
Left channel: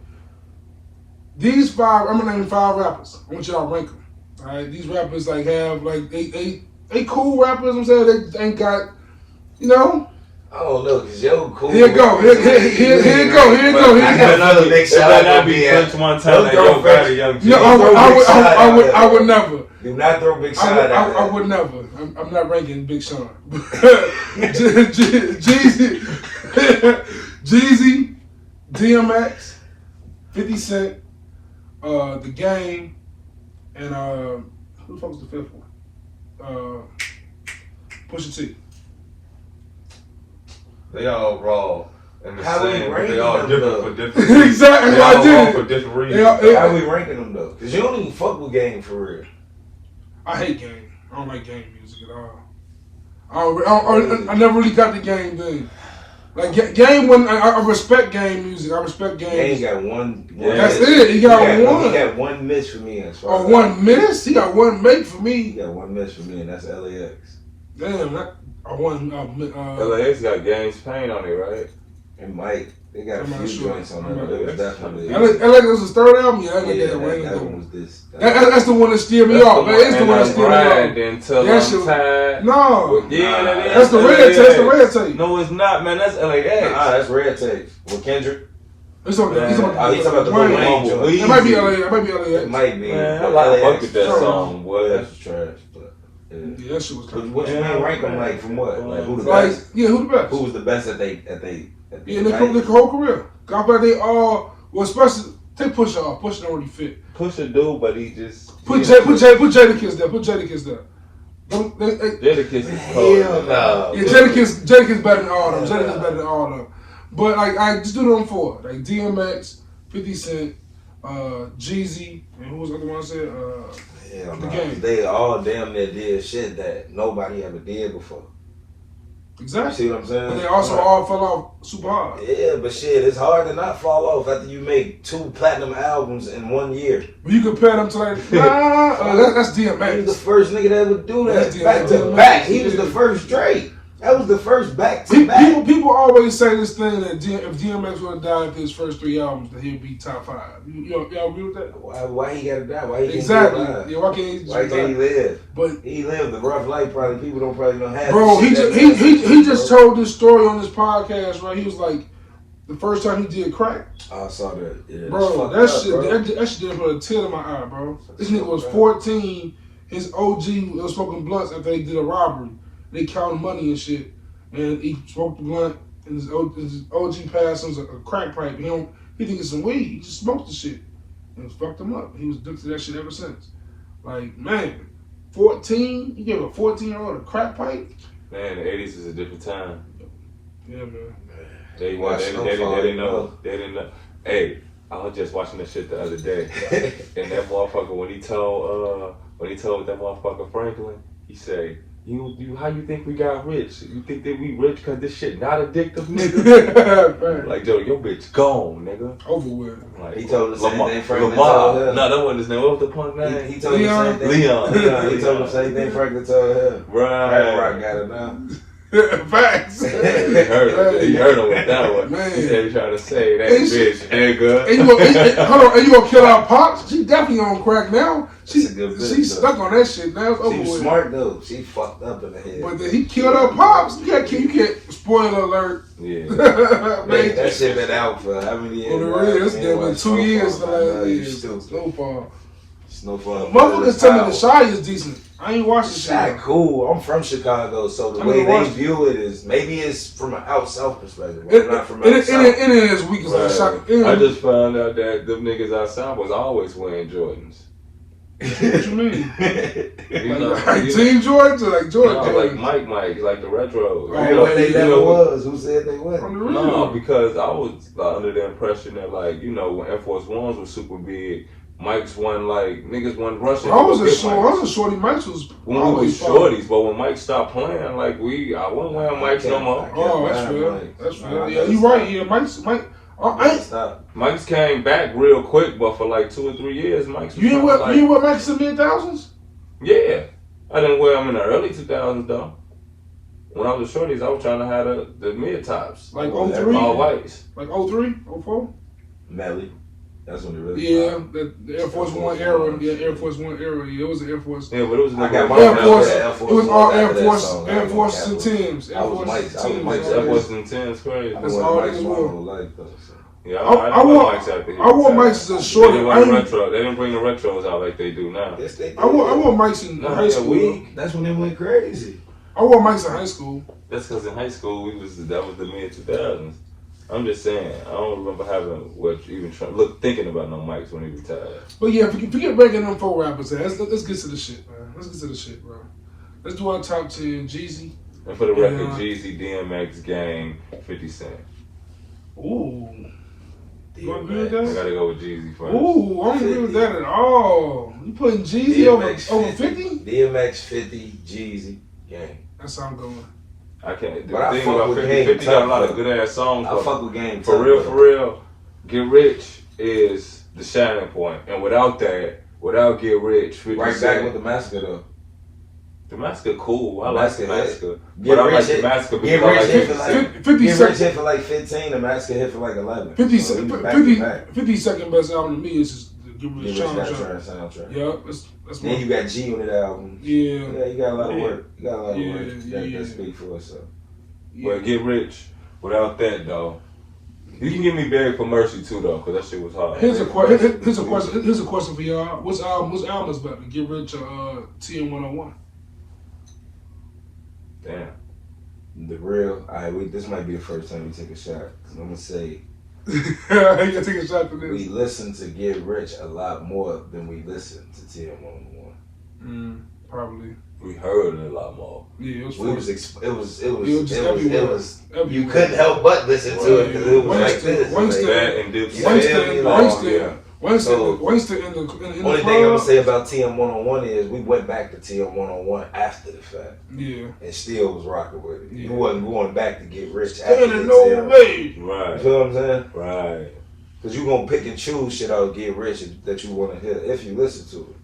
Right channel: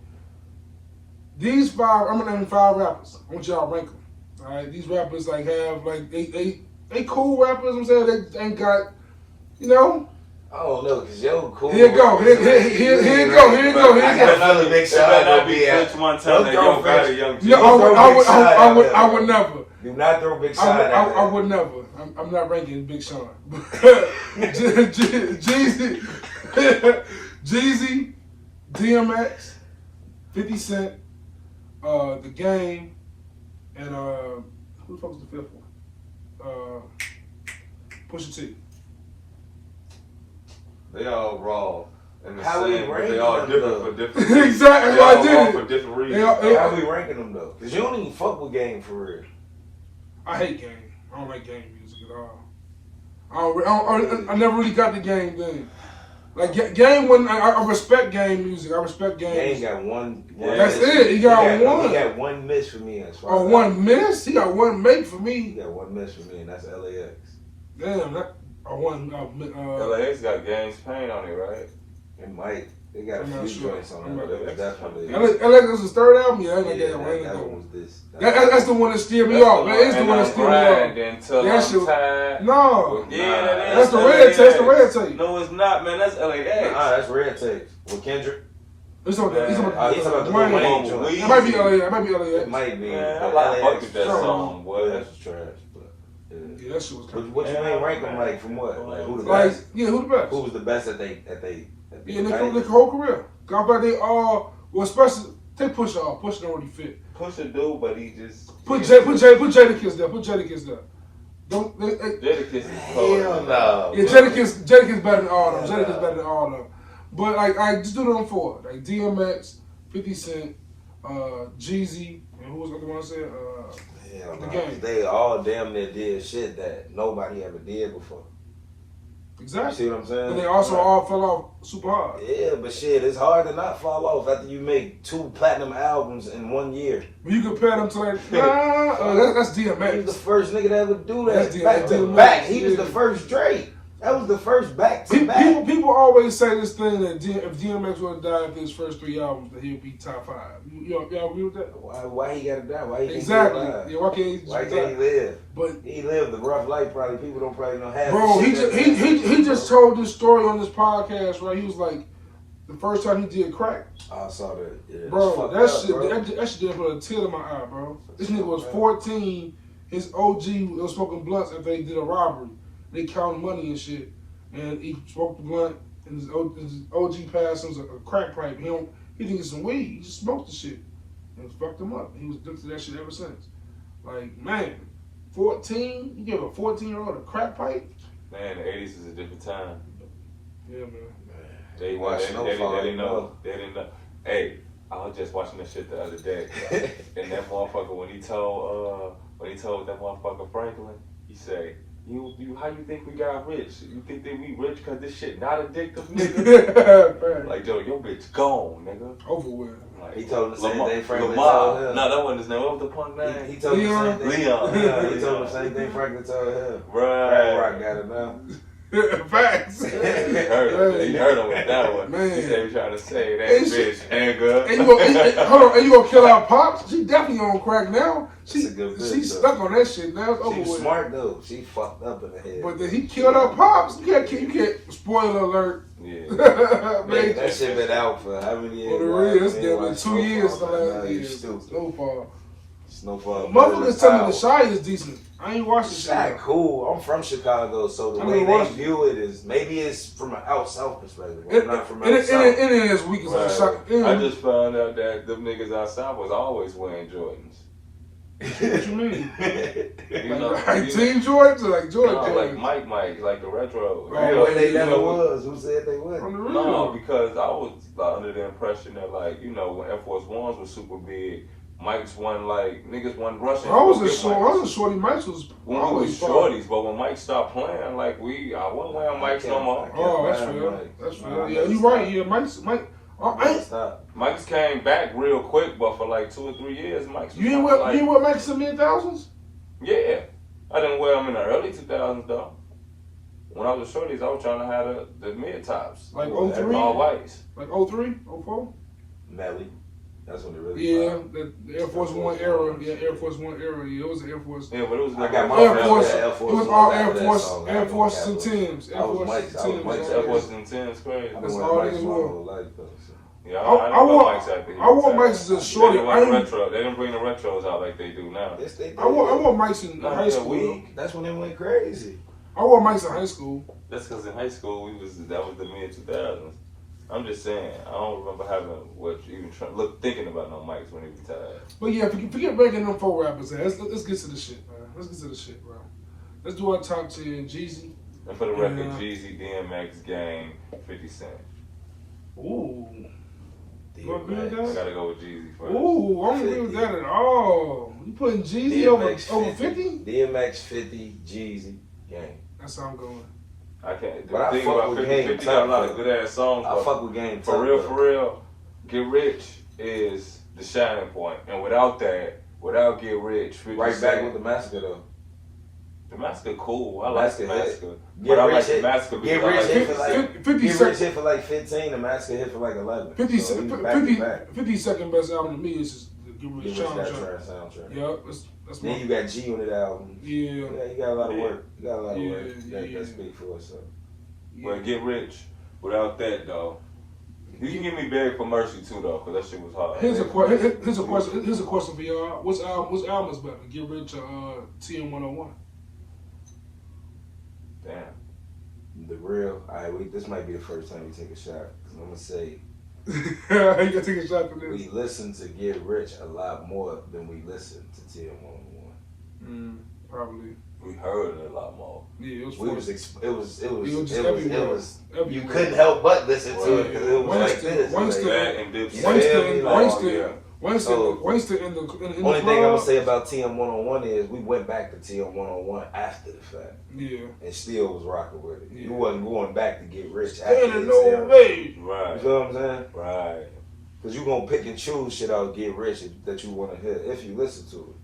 These 5, I'm gonna name 5 rappers. I want y'all to rank them. All right, these rappers like have like they cool rappers. I'm saying they ain't got, you know. Oh no, cause yo cool. Here you go. Here you go. Another big shot out be Punch one time that yo got a young Jeezy. No, I would never. Do not throw Big Sean at that. I would never. I'm not ranking Big Sean. Jeezy, DMX, 50 Cent, The Game. And who the fuck was the 5th one? Pusha T. They all raw. And the same, but they all different for different reasons. Exactly, they all I did wrong it. for different reasons. How we ranking them though? Cause you don't even fuck with Game for real. I hate Game. I don't like Game music at all. I never really got the Game then. Like Game, when I respect Game music, I respect Game. He got one. That's it. He got one. He got one miss for me. As far as one miss? He got one make for me. He got one miss for me, and that's LAX. Damn, that one. LAX got Game's Pain on it, right? It might. They got a few joints on that. It was definitely. LAX was his 3rd album. Yeah, that one was this. That's the one that steered me off. That's the one that steered me off. That shit was no. Yeah, that's the red tape. That's the red tape. No, it's not, man. That's LAX. That's red tape. With Kendrick. He's talking about the Wayne joint. It might be LAX. It might be. Man, I fuck with that song, boy. That's trash. Yeah, that shit was crazy. What you mean rank them like from what? Like who the best? Yeah, who the best? Who was the best at they yeah, their whole career. I feel like they all, well, especially take Pusha off. Pusha don't really fit. Pusha do, but he just put Jadakiss there. Put Jadakiss there. Jadakiss is cold. Hell no. Yeah, Jadakiss better than all of them. Jadakiss better than all of them. But like, I just do them four. Like DMX, 50 Cent, Jeezy, and who was the other one I said? The Game. They all damn near did shit that nobody ever did before. Exactly. You see what I'm saying? But they also all fell off super hard. Yeah, but shit, it's hard to not fall off after you make 2 platinum albums in 1 year. But you compare them to like, that's DMX. He was the first nigga to ever do that. That's Back to DMX. back. He was the first Drake. That was the first back to back. People always say this thing that if DMX would have died after his first 3 albums, that he'd be top 5. Y'all agree with that? Why he gotta die? Why he Exactly. can't be alive? Yeah, why can't he live? But he lived a rough life. Probably people don't probably know how. Bro, he just told this story on this podcast, right? He was like, the first time he did crack. I saw that. Yeah, bro, that shit did put a tear in my eye, bro. This nigga was 14. His OG was smoking blunts after they did a robbery. They counted money and shit. And he smoked the blunt, and his OG passed him a crack pipe. He think it's some weed. He just smoked the shit. And it fucked him up. He was addicted to that shit ever since. Like, man, 14? You gave a 14-year-old a crack pipe? Man, the 80s is a different time. Yeah, man. They didn't know. Hey, I was just watching that shit the other day. And that motherfucker, when he told that motherfucker Franklin, he said, You how you think we got rich? You think that we rich because this shit not addictive, nigga? Like, yo, your bitch gone, nigga. Over with. Like, he told the same thing Franklin told him. No, that wasn't his name. What was the punk name? He told the same thing. Leon. He told the same thing Franklin told him. Right. Rock got it now. Facts. He heard him with that one. Man. He said he tried to say that bitch, nigga. And you gonna kill our pops? She definitely on crack now. She's stuck on that shit now. It's over she was with. Smart though. She fucked up in the head. But then he killed her pops. You can't. Spoiler alert. Yeah. Man, that shit been out for how many years? On the real, it's been 2 years. Snowfall. Motherfuckers tell me the Shy is decent. I ain't watching shit. Shy cool. I'm from Chicago, so the way they view it is maybe it's from an out south perspective, but not from out south. It is weak as a shot. I just found out that them niggas outside was always wearing Jordans. What you mean? Like Team Jordan to like Jordan? No, like Mike, like the retro. They never was. Who said they was? No, because I was under the impression that like when Air Force Ones was super big. Mike's one niggas wasn't rushing. I was a shorty. Mike's was when we was shorties, but when Mike stopped playing, I wasn't wearing Mike's no more. Oh, that's fair. Yeah, you right. Yeah, Mike's came back real quick, but for like 2 or 3 years, Mike's. You didn't wear Mike's in the mid-thousands? Yeah, I didn't wear them in the early 2000s though. When I was shorties, I was trying to have the mid tops, like 03, all whites, like 03, 04. Melly. That's when it really the Air Force One era. Yeah, Air Force One era. Yeah, it was an Air Force. Yeah, but it was like Air Force. It was all Air Force and Tims. Air Force and Tims, crazy. That's all niggas wore. Yeah, I wore Mike's as a shorty. They didn't bring the retros out like they do now. Yes, they did. I wore Mike's in high school. That's when they went crazy. I wore Mike's in high school. That's because in high school that was the mid 2000s. I'm just saying, I don't remember thinking about no mics when he retired. But yeah, forget breaking them 4 rappers. Let's get to the shit, man. Let's get to the shit, bro. Let's do our top 10. Jeezy. And for the record, Jeezy, DMX, Gang, 50 Cent. Ooh. You agree with that? I gotta go with Jeezy first. Ooh, I don't agree with that at all. You putting Jeezy over 50? DMX 50, Jeezy, Gang. That's how I'm going. I can't. But I fuck with Game. 50 got a lot of good ass songs. I fuck with Game. For real, Get Rich is the shining point. And without Get Rich, 50 right back with the Massacre though. The Massacre cool. I like the Massacre. But I like the Massacre because I like 50 Get Rich hit for like 15, the Massacre hit for like 11. 50 second best album to me is just Get Rich soundtrack. Yeah, that's then you got G on that album. Yeah, you got a lot of work. You got a lot of work. That speak for itself. But Get Rich, without that though, you can give me Beg for Mercy too though, because that shit was hard. Here's a question for y'all. Which album is better, Get Rich or TN101? Damn. The real. This might be the first time we take a shot. I'm gonna say. You gonna take a shot for this? We listen to Get Rich a lot more than we listen to TN101. Probably. We heard it a lot more. Yeah, it was. You couldn't help but listen to it because it was like this. Winston in the only thing I'm gonna say about TM 101 is we went back to TM 101 after the fact. Yeah. And still was rocking with it. You wasn't going back to get rich. Standing no way. Right. You feel what I'm saying? Right. Because you're gonna pick and choose shit out of Get Rich that you want to hear if you listen to it.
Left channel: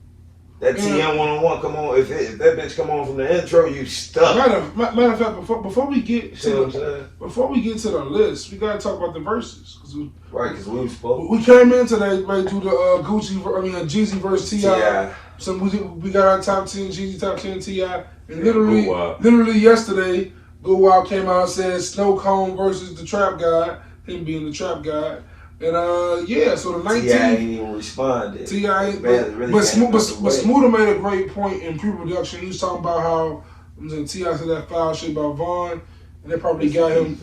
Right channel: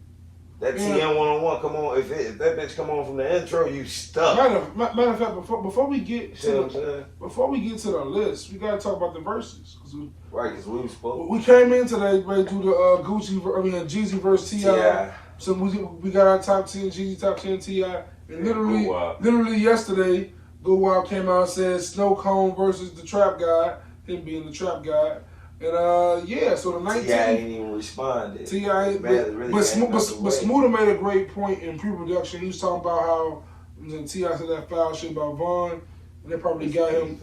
That TM 101 come on. If that bitch come on from the intro, you stuck. Matter of fact, before we get to the list, we gotta talk about the verses. Right, because we was supposed. We came in today ready to do the Jeezy versus T.I. So we got our top 10 Jeezy, top 10 T.I. And literally yesterday, Good Wild came out and said Snow Cone versus the Trap God, him being the Trap God. And so the 19. T.I. ain't even responded. T.I. But Smooda made a great point in pre-production. He was talking about how T.I. said that foul shit about Vaughn, and they probably got him.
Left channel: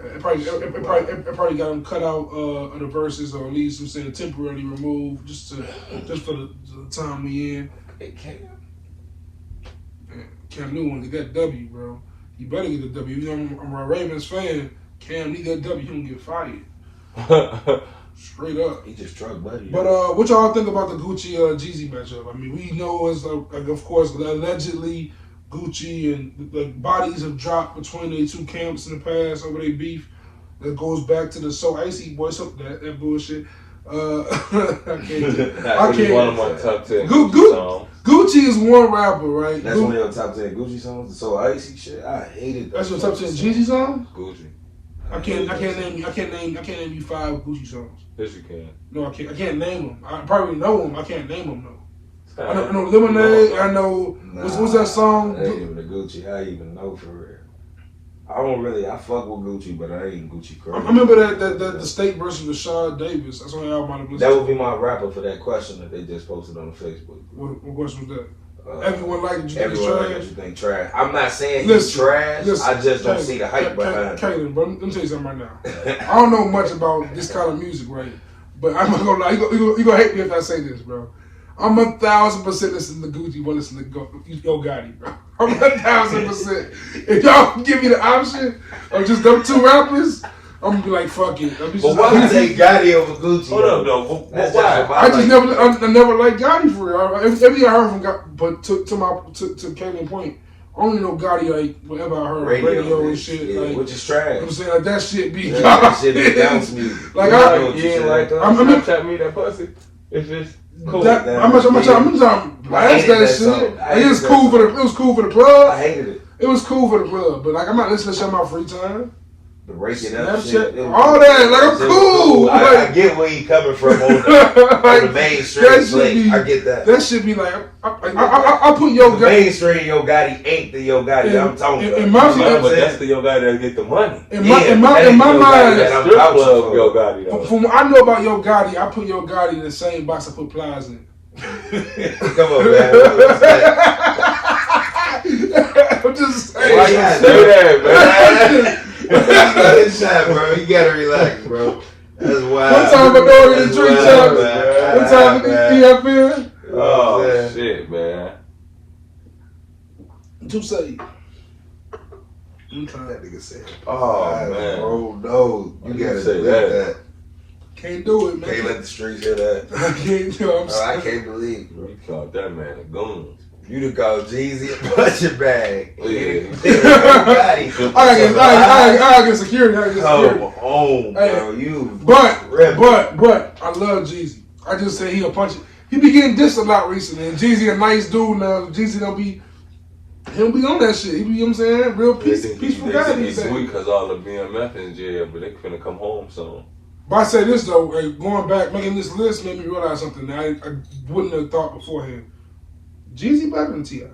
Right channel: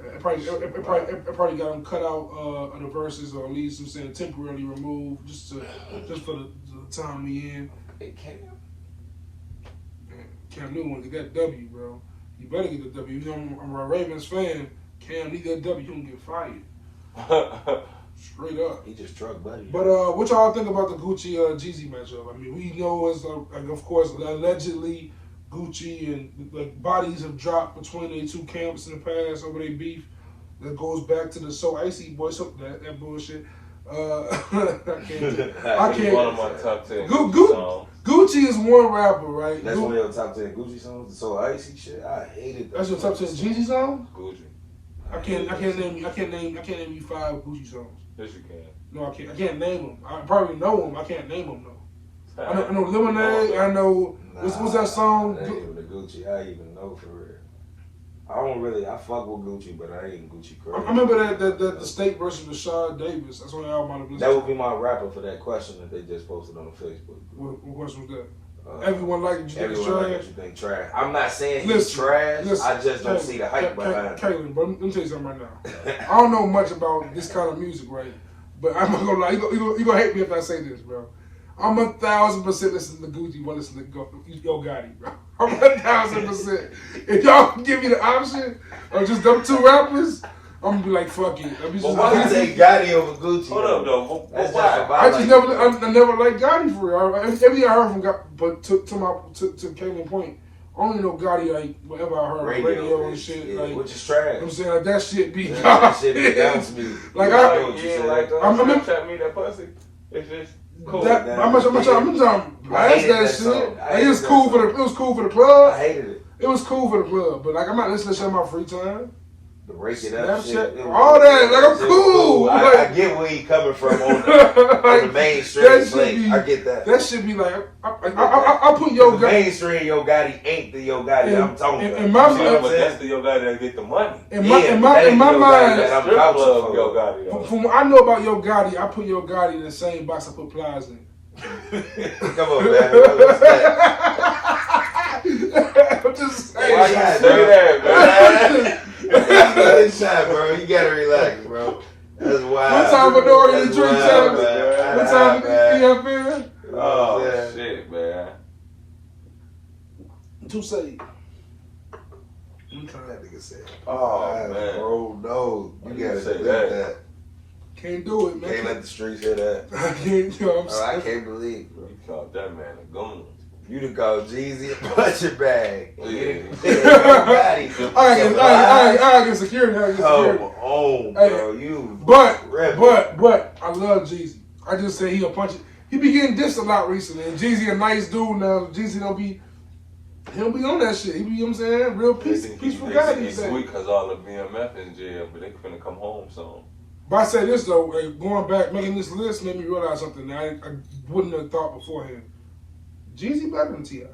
It probably got him cut out of the verses, or at least I'm saying temporarily removed, just for the time we in. Cam Newton to get W, bro. You better get the W. You know, I'm a Ravens fan. Cam need that W. He gonna get fired. Straight up. He just truck buddy. But what y'all think about the Gucci Jeezy matchup? I mean, we know it's of course allegedly Gucci and the bodies have dropped between the two camps in the past over their beef. That goes back to the So Icy boy, so that bullshit. I can't. One of my top 10 Gucci is one rapper, right? That's one of your top 10 Gucci songs. The So Icy shit, I hated that. That's your top 10 Jeezy songs? Gucci. I can't name you 5 Gucci songs. Yes, you can. No, I can't name them. I probably know them. I can't name them though. I know Lemonade. I know what's that song? That ain't even the Gucci. I even know for real. I fuck with Gucci, but I ain't Gucci crazy. I remember that the State versus Rashad Davis. That's the only album I listened to. That would be my rapper for that question that they just posted on Facebook. What question was that? Everyone like it, you think it's trash? I'm not saying he's trash. I just don't see the hype behind it. Kaylin, bro, let me tell you something right now. I don't know much about this kind of music, right? But I'm not gonna lie. You gonna hate me if I say this, bro. I'm 1,000% listening to Gucci, but listen to Yo Gotti, bro. I'm 1,000%. If y'all give me the option of just them two rappers, I'm gonna be like, fuck it. But why would they Gotti over Gucci? Hold up, though. I never liked Gotti for real. Everything I heard from Gotti, but to Kaylin point, I only know Gotti like whatever I heard radio and shit, like, which is trash. I'm saying like that shit be that shit be dance music. Like Snapchat me that pussy. It's just cool. I'm trying to blast that shit. Like, it was cool for the club. I hated it. It was cool for the club, but like I'm not listening to shit on my free time. The breaking up shit. All that, like I'm cool. I get where you coming from on the mainstream flick. I get that. That should be like, I put Yo Gotti. The mainstream Yo Gotti ain't the Yo Gotti I'm talking about. In my mind, but that's the Yo Gotti that get the money. In my mind, that's strip club Yo Gotti though. From what I know about Yo Gotti, I put Yo Gotti in the same box I put Plies in. Come on, man. I'm just saying. Why you say that, man? Shot, bro. You gotta relax, bro. That's wild. One time I know in the tree shop. One time I up here. Oh, shit, man. To say. That nigga said, oh, man. Bro, no. You gotta say that. Can't do it, man. Can't let the streets hear that. I can't do it. I can't believe it, bro. You called that man a goon. You done called Jeezy a punching bag. Yeah. I get security. Come on, bro. But I love Jeezy. I just say he a puncher. He be getting dissed a lot recently. And Jeezy a nice dude now. Jeezy he'll be on that shit. He be, you know what I'm saying? Real peaceful guy these days. Sweet because all the BMF in jail, but they finna come home soon. But I say this though, like, going back, making this list made me realize something that I wouldn't have thought beforehand. Jeezy better than T.I.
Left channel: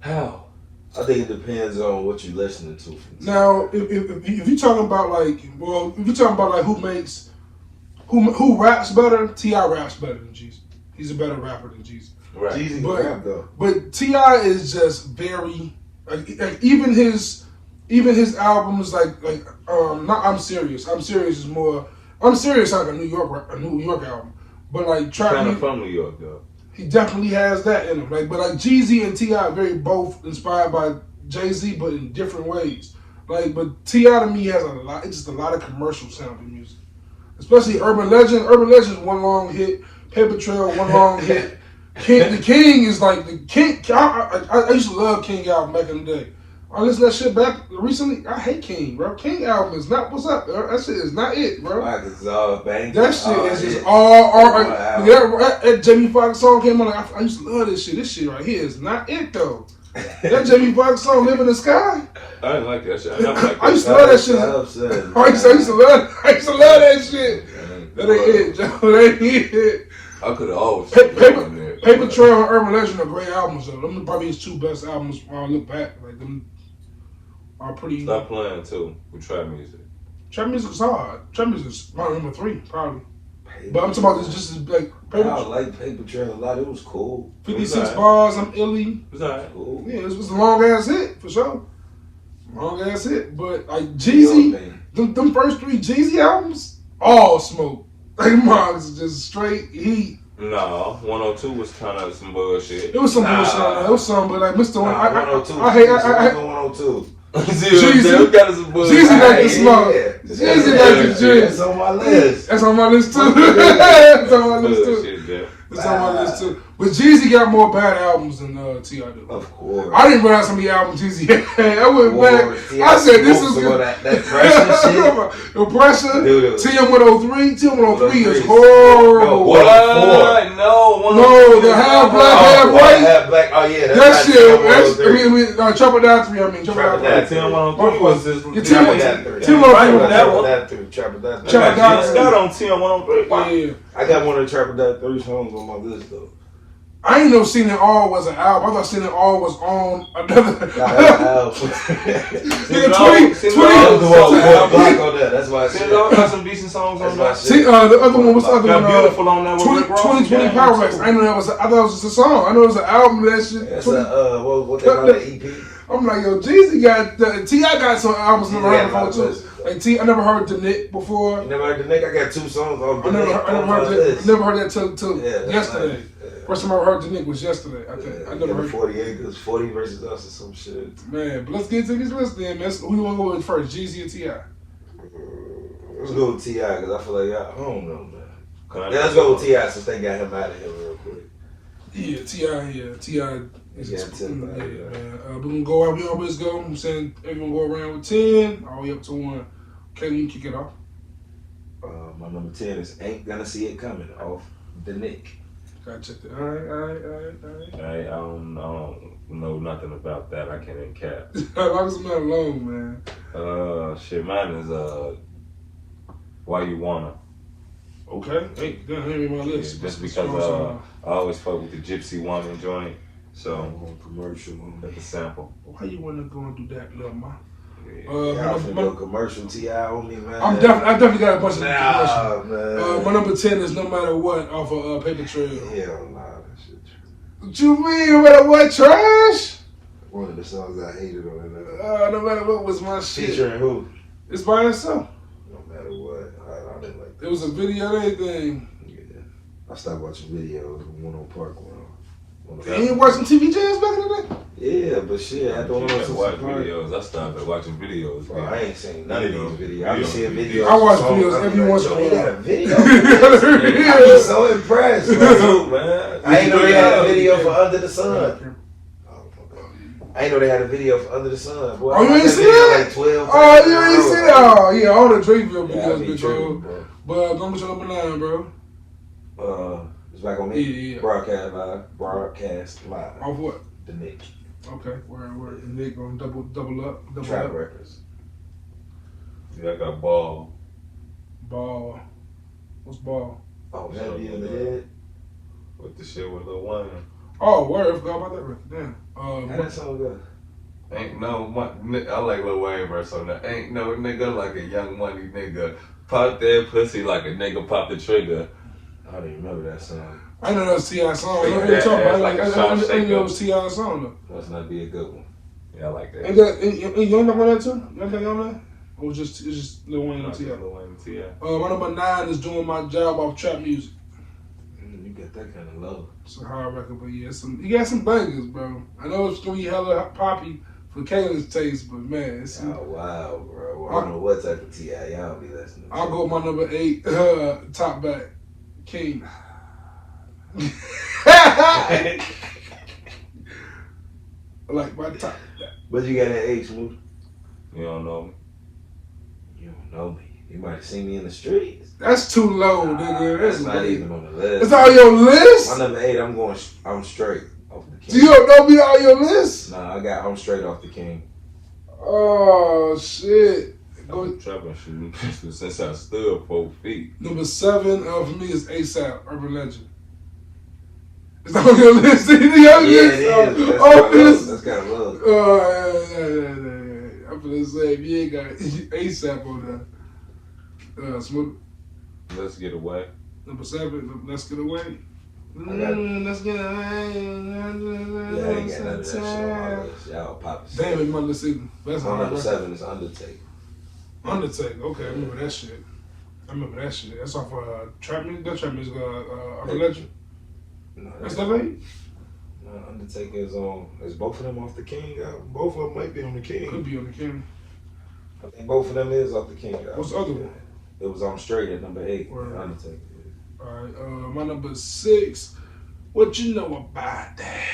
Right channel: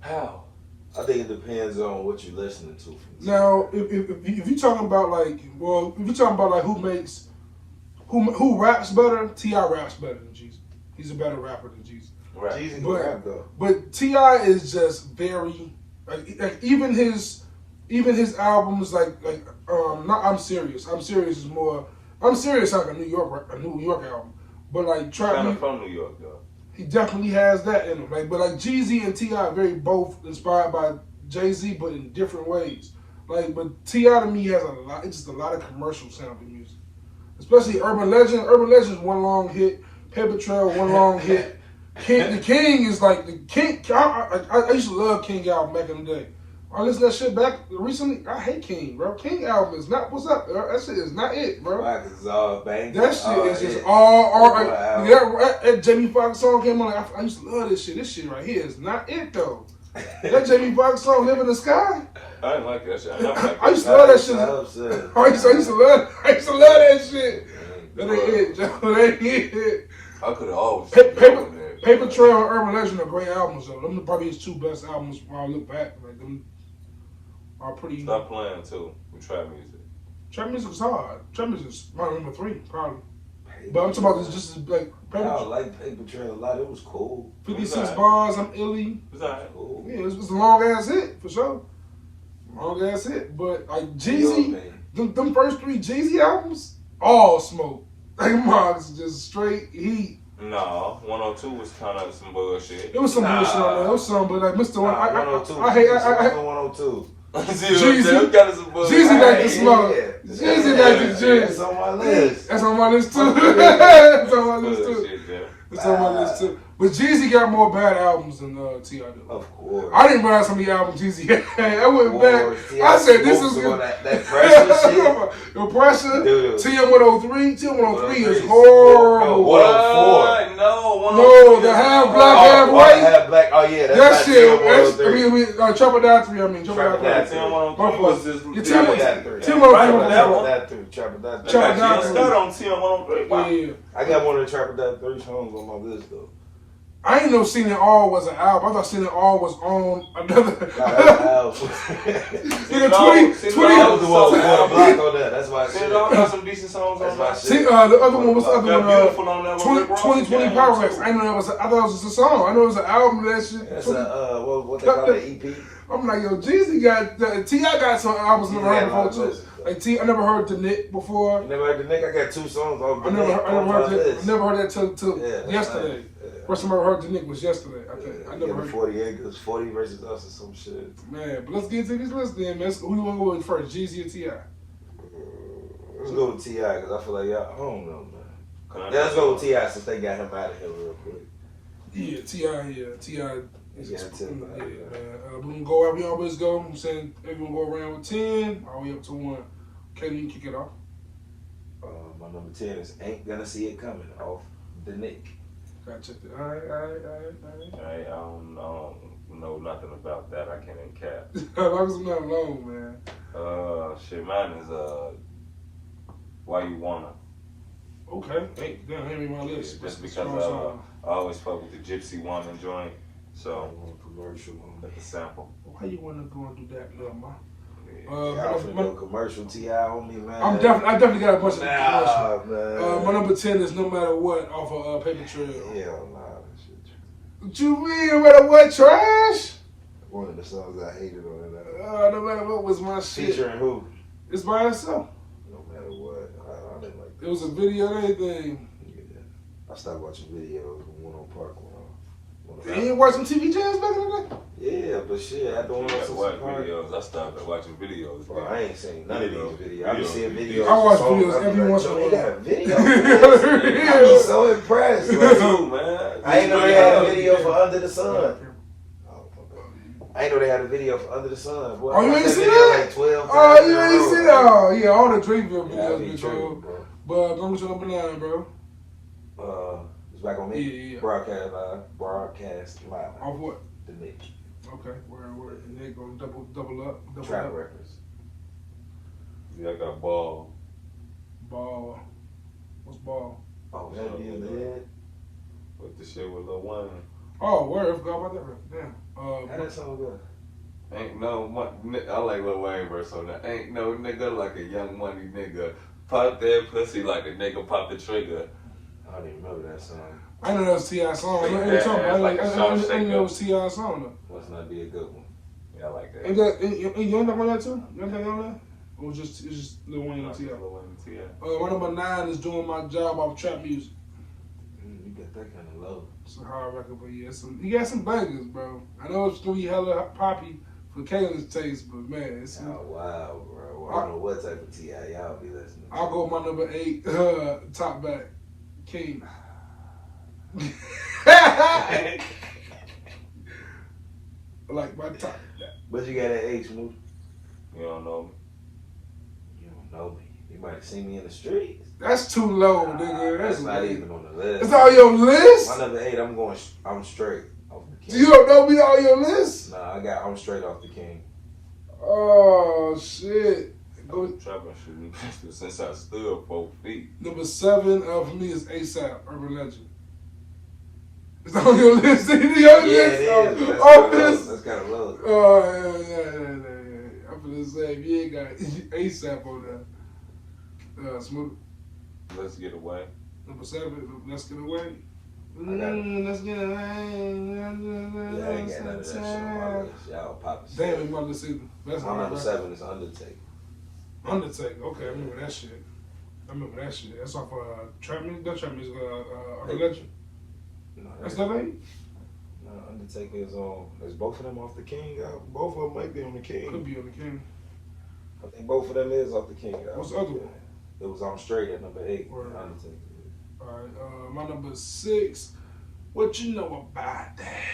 How? I think it depends on what you're listening to. Now, if you're talking about who raps better, T.I. raps better than Jeezy. He's a better rapper than Jeezy. Right. Jeezy can rap though. But T.I. is just very like even his albums like not I'm Serious. I'm Serious is like a New York album. But like kind of from New York though. He definitely has that in him. Like, but like Jeezy and T.I. are very both inspired by Jay-Z, but in different ways. Like, but T.I. to me has a lot. It's just a lot of commercial sounding music, especially Urban Legend. Urban Legend is one long hit. Paper Trail one long hit. The King is like the King. I used to love King album back in the day. I listened to that shit back recently. I hate King, bro. King album is not what's up, bro. That shit is not it, bro. That shit is just all. That Jamie Foxx song came on. Like, I used to love this shit. This shit right here is not it though. That Jamie Foxx song, "Live in the Sky." I didn't like that shit. I used to love that shit. I used to love that shit. That ain't it, Joe. That ain't it. I could have always Paper Trail and Urban Legend are great albums though. Them are probably his two best albums when I look back. Like them are pretty. Stop playing too with trap music. Trap music is hard. Trap music is probably number 3, probably. But I'm talking about this just as like Paper. I like Paper Trail a lot. It was cool. 56 bars. I'm illy. It was alright. Cool. Yeah, this was a long ass hit for sure. Long ass hit, but like Jeezy, them first 3 Jeezy albums, all smoke. Like Marks just straight heat. No, 102 was kind of some bullshit. It was some bullshit on that. It was some, but like Mr. I hate 102. Jeezy got some bullshit. Jeezy got the smoke. Jeezy got the shit. That's on my list. That's on my list too. That's on my list too. That's on my list too. But Jeezy got more bad albums than T.I. did. Of course. I didn't run out some of the albums Jeezy had. I went back. I said this is good. That pressure shit. The pressure. TM103. TM103 is No, horrible. What? No, the half black, half white. Half black. Oh yeah. That shit. I mean, Trouble Down 3. I mean, Trouble Down 3. TM103 was his. Trouble Down Scott on TM103. Yeah. I got one of the Trapper Dot 3 songs on my list though. I ain't know Seen It All was an album. I thought Seen It All was on another. That's why I said got some decent songs on that. The other one was the other one. Beautiful on that one. 2020 Power Rex. I know that was. I thought it was just a song. I know it was an album. That shit. That's what they call the EP. I'm like, yo, Jeezy got T.I. got some albums never heard before too. Like I never heard The Nick before. You never heard The Nick? I got 2 songs on The Nick. I never heard that till yesterday. First time I heard The Nick was yesterday. I never heard 40 Acres, 40 versus us or some shit. Man, but let's get to these lists then, man. Who you want to go with first, Jeezy or T.I.? Let's go with T.I. because I feel like, I don't know, man. Let's go with T.I. since they got him out of here real quick. Yeah, T.I. is man. We're going to go out. We always go. I'm saying everyone go around with 10, all the way up to 1. Okay, you can kick it off. My number 10 is Ain't Gonna See It Coming off The Nick. Gotta check that. All right. I don't know nothing about that. I can't even cap. As long as I'm not alone, man. Shit, mine is Why You Wanna. Okay. Hey, hand me my list. Just because I always fuck with the Gypsy Woman joint. So commercial. That's a sample. Why you wanna go and do that, little man? I'm finna go commercial T.I. on me, man. I definitely got a bunch of commercial. My number 10 is No Matter What off of Paper Trail. Yeah, that shit. What you mean, no matter what, trash? One of the songs I hated on it. No Matter What was my shit. Featuring who? It's by itself. No Matter What. I didn't like that. It was a video and everything. Yeah. I stopped watching videos when on Park One. You ain't watching TV jams back in the day? Yeah, but shit, I don't want to watch videos. I started watching videos. Bro, I ain't seen none of these videos. I be seeing videos. I watch videos every once in a while. They got a video? I'm so impressed. Man. I ain't know they had a video for Under the Sun. I ain't know they had a video for Under the Sun. Boy, you ain't seen that? Like 12 oh, you ain't seen that? Oh, yeah, all the Drakeville videos, bitch, bro. But I'm with your number 9, bro. It's back on me. Yeah. Broadcast live. Off what? The Nick. Okay, where the Nick gonna double up. Trap Records. Yeah, I got Ball. Ball. What's Ball? Oh, man, the other head. With the shit with Lil Wayne. Oh, word, I forgot about that record. Damn. How that song go? Ain't no, I like Lil Wayne verse on that. Ain't no nigga like a young money nigga. Pop that pussy like a nigga pop the trigger. I don't even remember that song. I know that was T.I. song. I know it was T.I. song though. Must not be a good one. Yeah, I like that. And you on that too? You on that? Or it's just Lil Wayne and T.I.? Lil Wayne and T.I. My number 9 is Doing My Job off trap music. You get that kind of love. It's a hard record, but yeah, he got some bangers, bro. I know it's gonna be hella poppy for Kayla's taste, but man, it's wow, bro. I don't know what type of T.I y'all be listening to. I'll go with my number 8, top back, King. I like my top back. But you got an 8, Smooth? You don't know me. You don't know me. You might have seen me in the streets. That's too low, nigga. That's not even on the list. It's on your list? My number 8, I'm straight off the King. So you don't know me on your list? Nah, I'm straight off the King. Oh, shit. I'm trapping shit since I stood 4 feet. Number 7 for me is ASAP, Urban Legend. It's on your list. It's on your list. That's kind of low. I'm gonna say if you ain't got ASAP on there. Smooth. Let's Get Away. Number 7, Let's Get Away. Let's get away. Yeah, I ain't got none of that shit on my list. Y'all poppin' shit. Damn it, Mother City. That's my number 7 is Undertaker. Undertaker. Okay, I remember that shit. That's off Trap Music. That Trap Music. Urban Legend. No, That's that late? No, Undertaker is on. Is both of them off the King album? Both of them might be on the King. Could be on the King. I think both of them is off the King album. What's the other one? It was on Straight at number 8. Word. Undertaker. Alright, my number 6. What you know about that?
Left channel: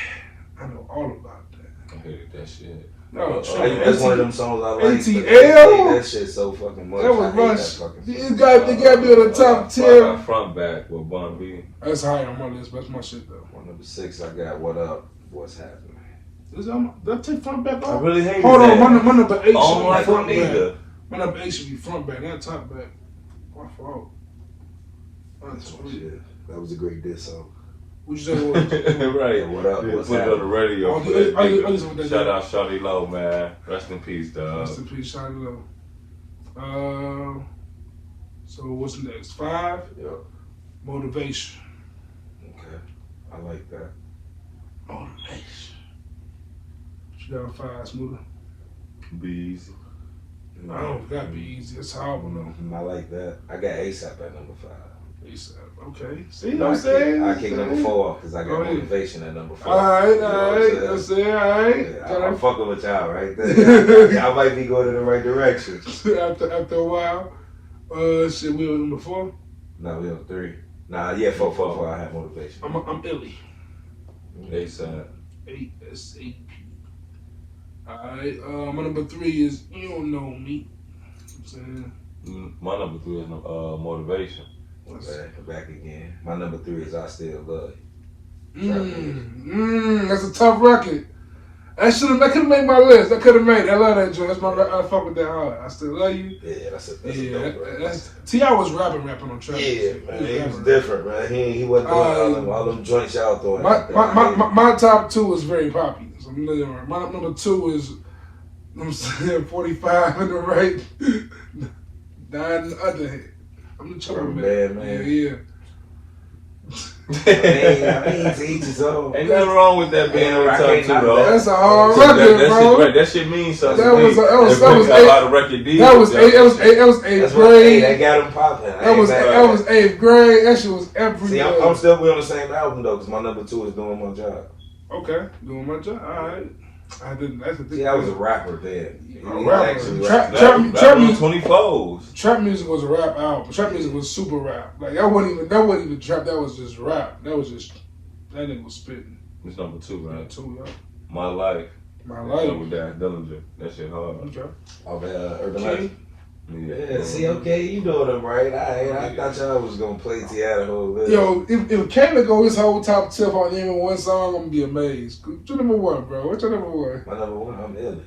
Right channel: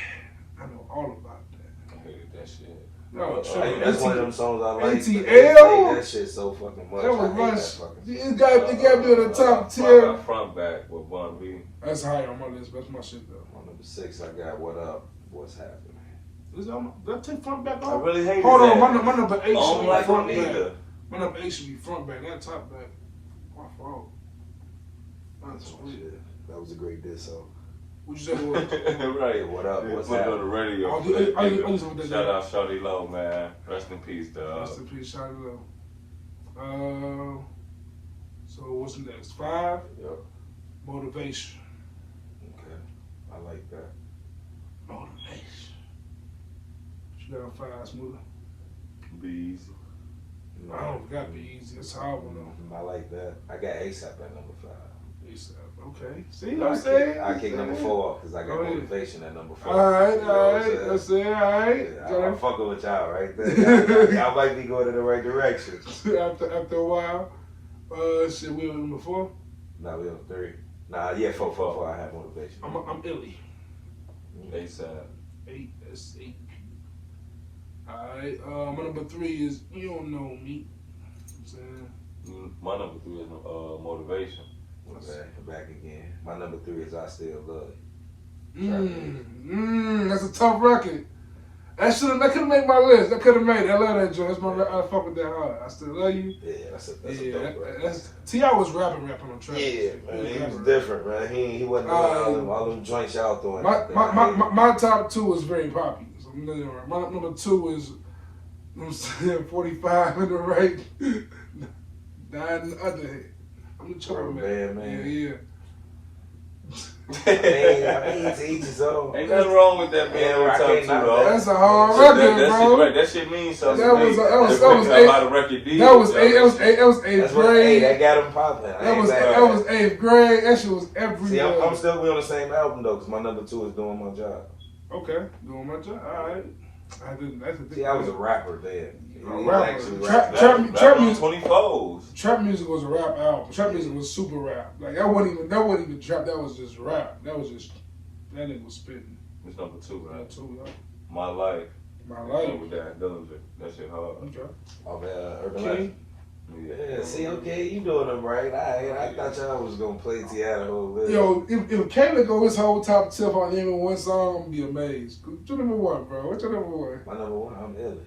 I know all about that. I hated that shit. No, That's one of them songs I like. ATL? That shit so fucking much. That was I hate much. that fucking You song. got to be on the top 10. I got Front Back with Bun B. That's high on my list, but that's my shit though. My number 6, I got What Up, What's Happening. Did I take front back I off? really hated Hold that. on, my number 8 should Oh, be like front one back. either. My number 8 should be front back, not top back. My fault. That's Oh, weird. shit. That was a great diss song. What you say it was? Right. What Up, Yeah, What's put it on the Happening. radio. I just want that. Shout out Shawty Low, man. Rest in peace, dog. Rest in peace, Shawty Low. So what's next? 5? Yep. Motivation. Okay. I like that. Motivation. What you got on 5, Smooth? Be easy. I don't gotta be easy. It's horrible though. I like that. I got ASAP at number 5. ASAP. Okay. See what I'm saying? I kick number 4 off because I got Go ahead. Motivation at number 4. Alright. You know what I'm saying? That's it. Alright. Yeah, I'm fucking with y'all right there. Y'all might be going in the right direction. After a while, shit, we on number 4. No, we on 3. Nah, yeah, 4. I have Motivation. I'm Illy. ASAP. 8 S8P. Alright, my number 3 is You Don't Know Me. I'm saying. My number 3 is Motivation. Back again. My number 3 is I Still Love You. That's a tough record. That could have made my list. I could have made it. I love that joint. That's my. I fuck with that hard. I Still Love You. Yeah, that's a dope record. That's T.I was rapping on track. Yeah, man, he was different, man. He wasn't doing all them joints y'all throwing. My top 2 is very popular. So my number 2 is I'm saying 45 in the right, 9 in the other hand. I'm the trouble man. Yeah. I mean, to each his own. Ain't nothing wrong with that being on the top 2, though. That's a hard record, bro. That shit means something. That was 8th That's grade. that got him popping. That was 8th grade. That shit was every See, I'm still on the same album though, because my number 2 is Doing My Job. Okay, doing my job. All right. See, I was a rapper then. Trap music. 24s. Trap music was a rap album. Trap music was super rap. Like that wasn't even trap. That was just rap. That nigga was spitting. It's number 2, right? 2, yeah. My Life. My Life. With that Dillinger. That shit hard. Okay. Of Urban Legend. Yeah. See, okay, you know them, right? I thought y'all was gonna play T.I the whole bit. Yo, if Kayla go his whole top 10 on even one song, I'm gonna be amazed. What's your number 1, bro? What's your number 1? My number 1, I'm Illy.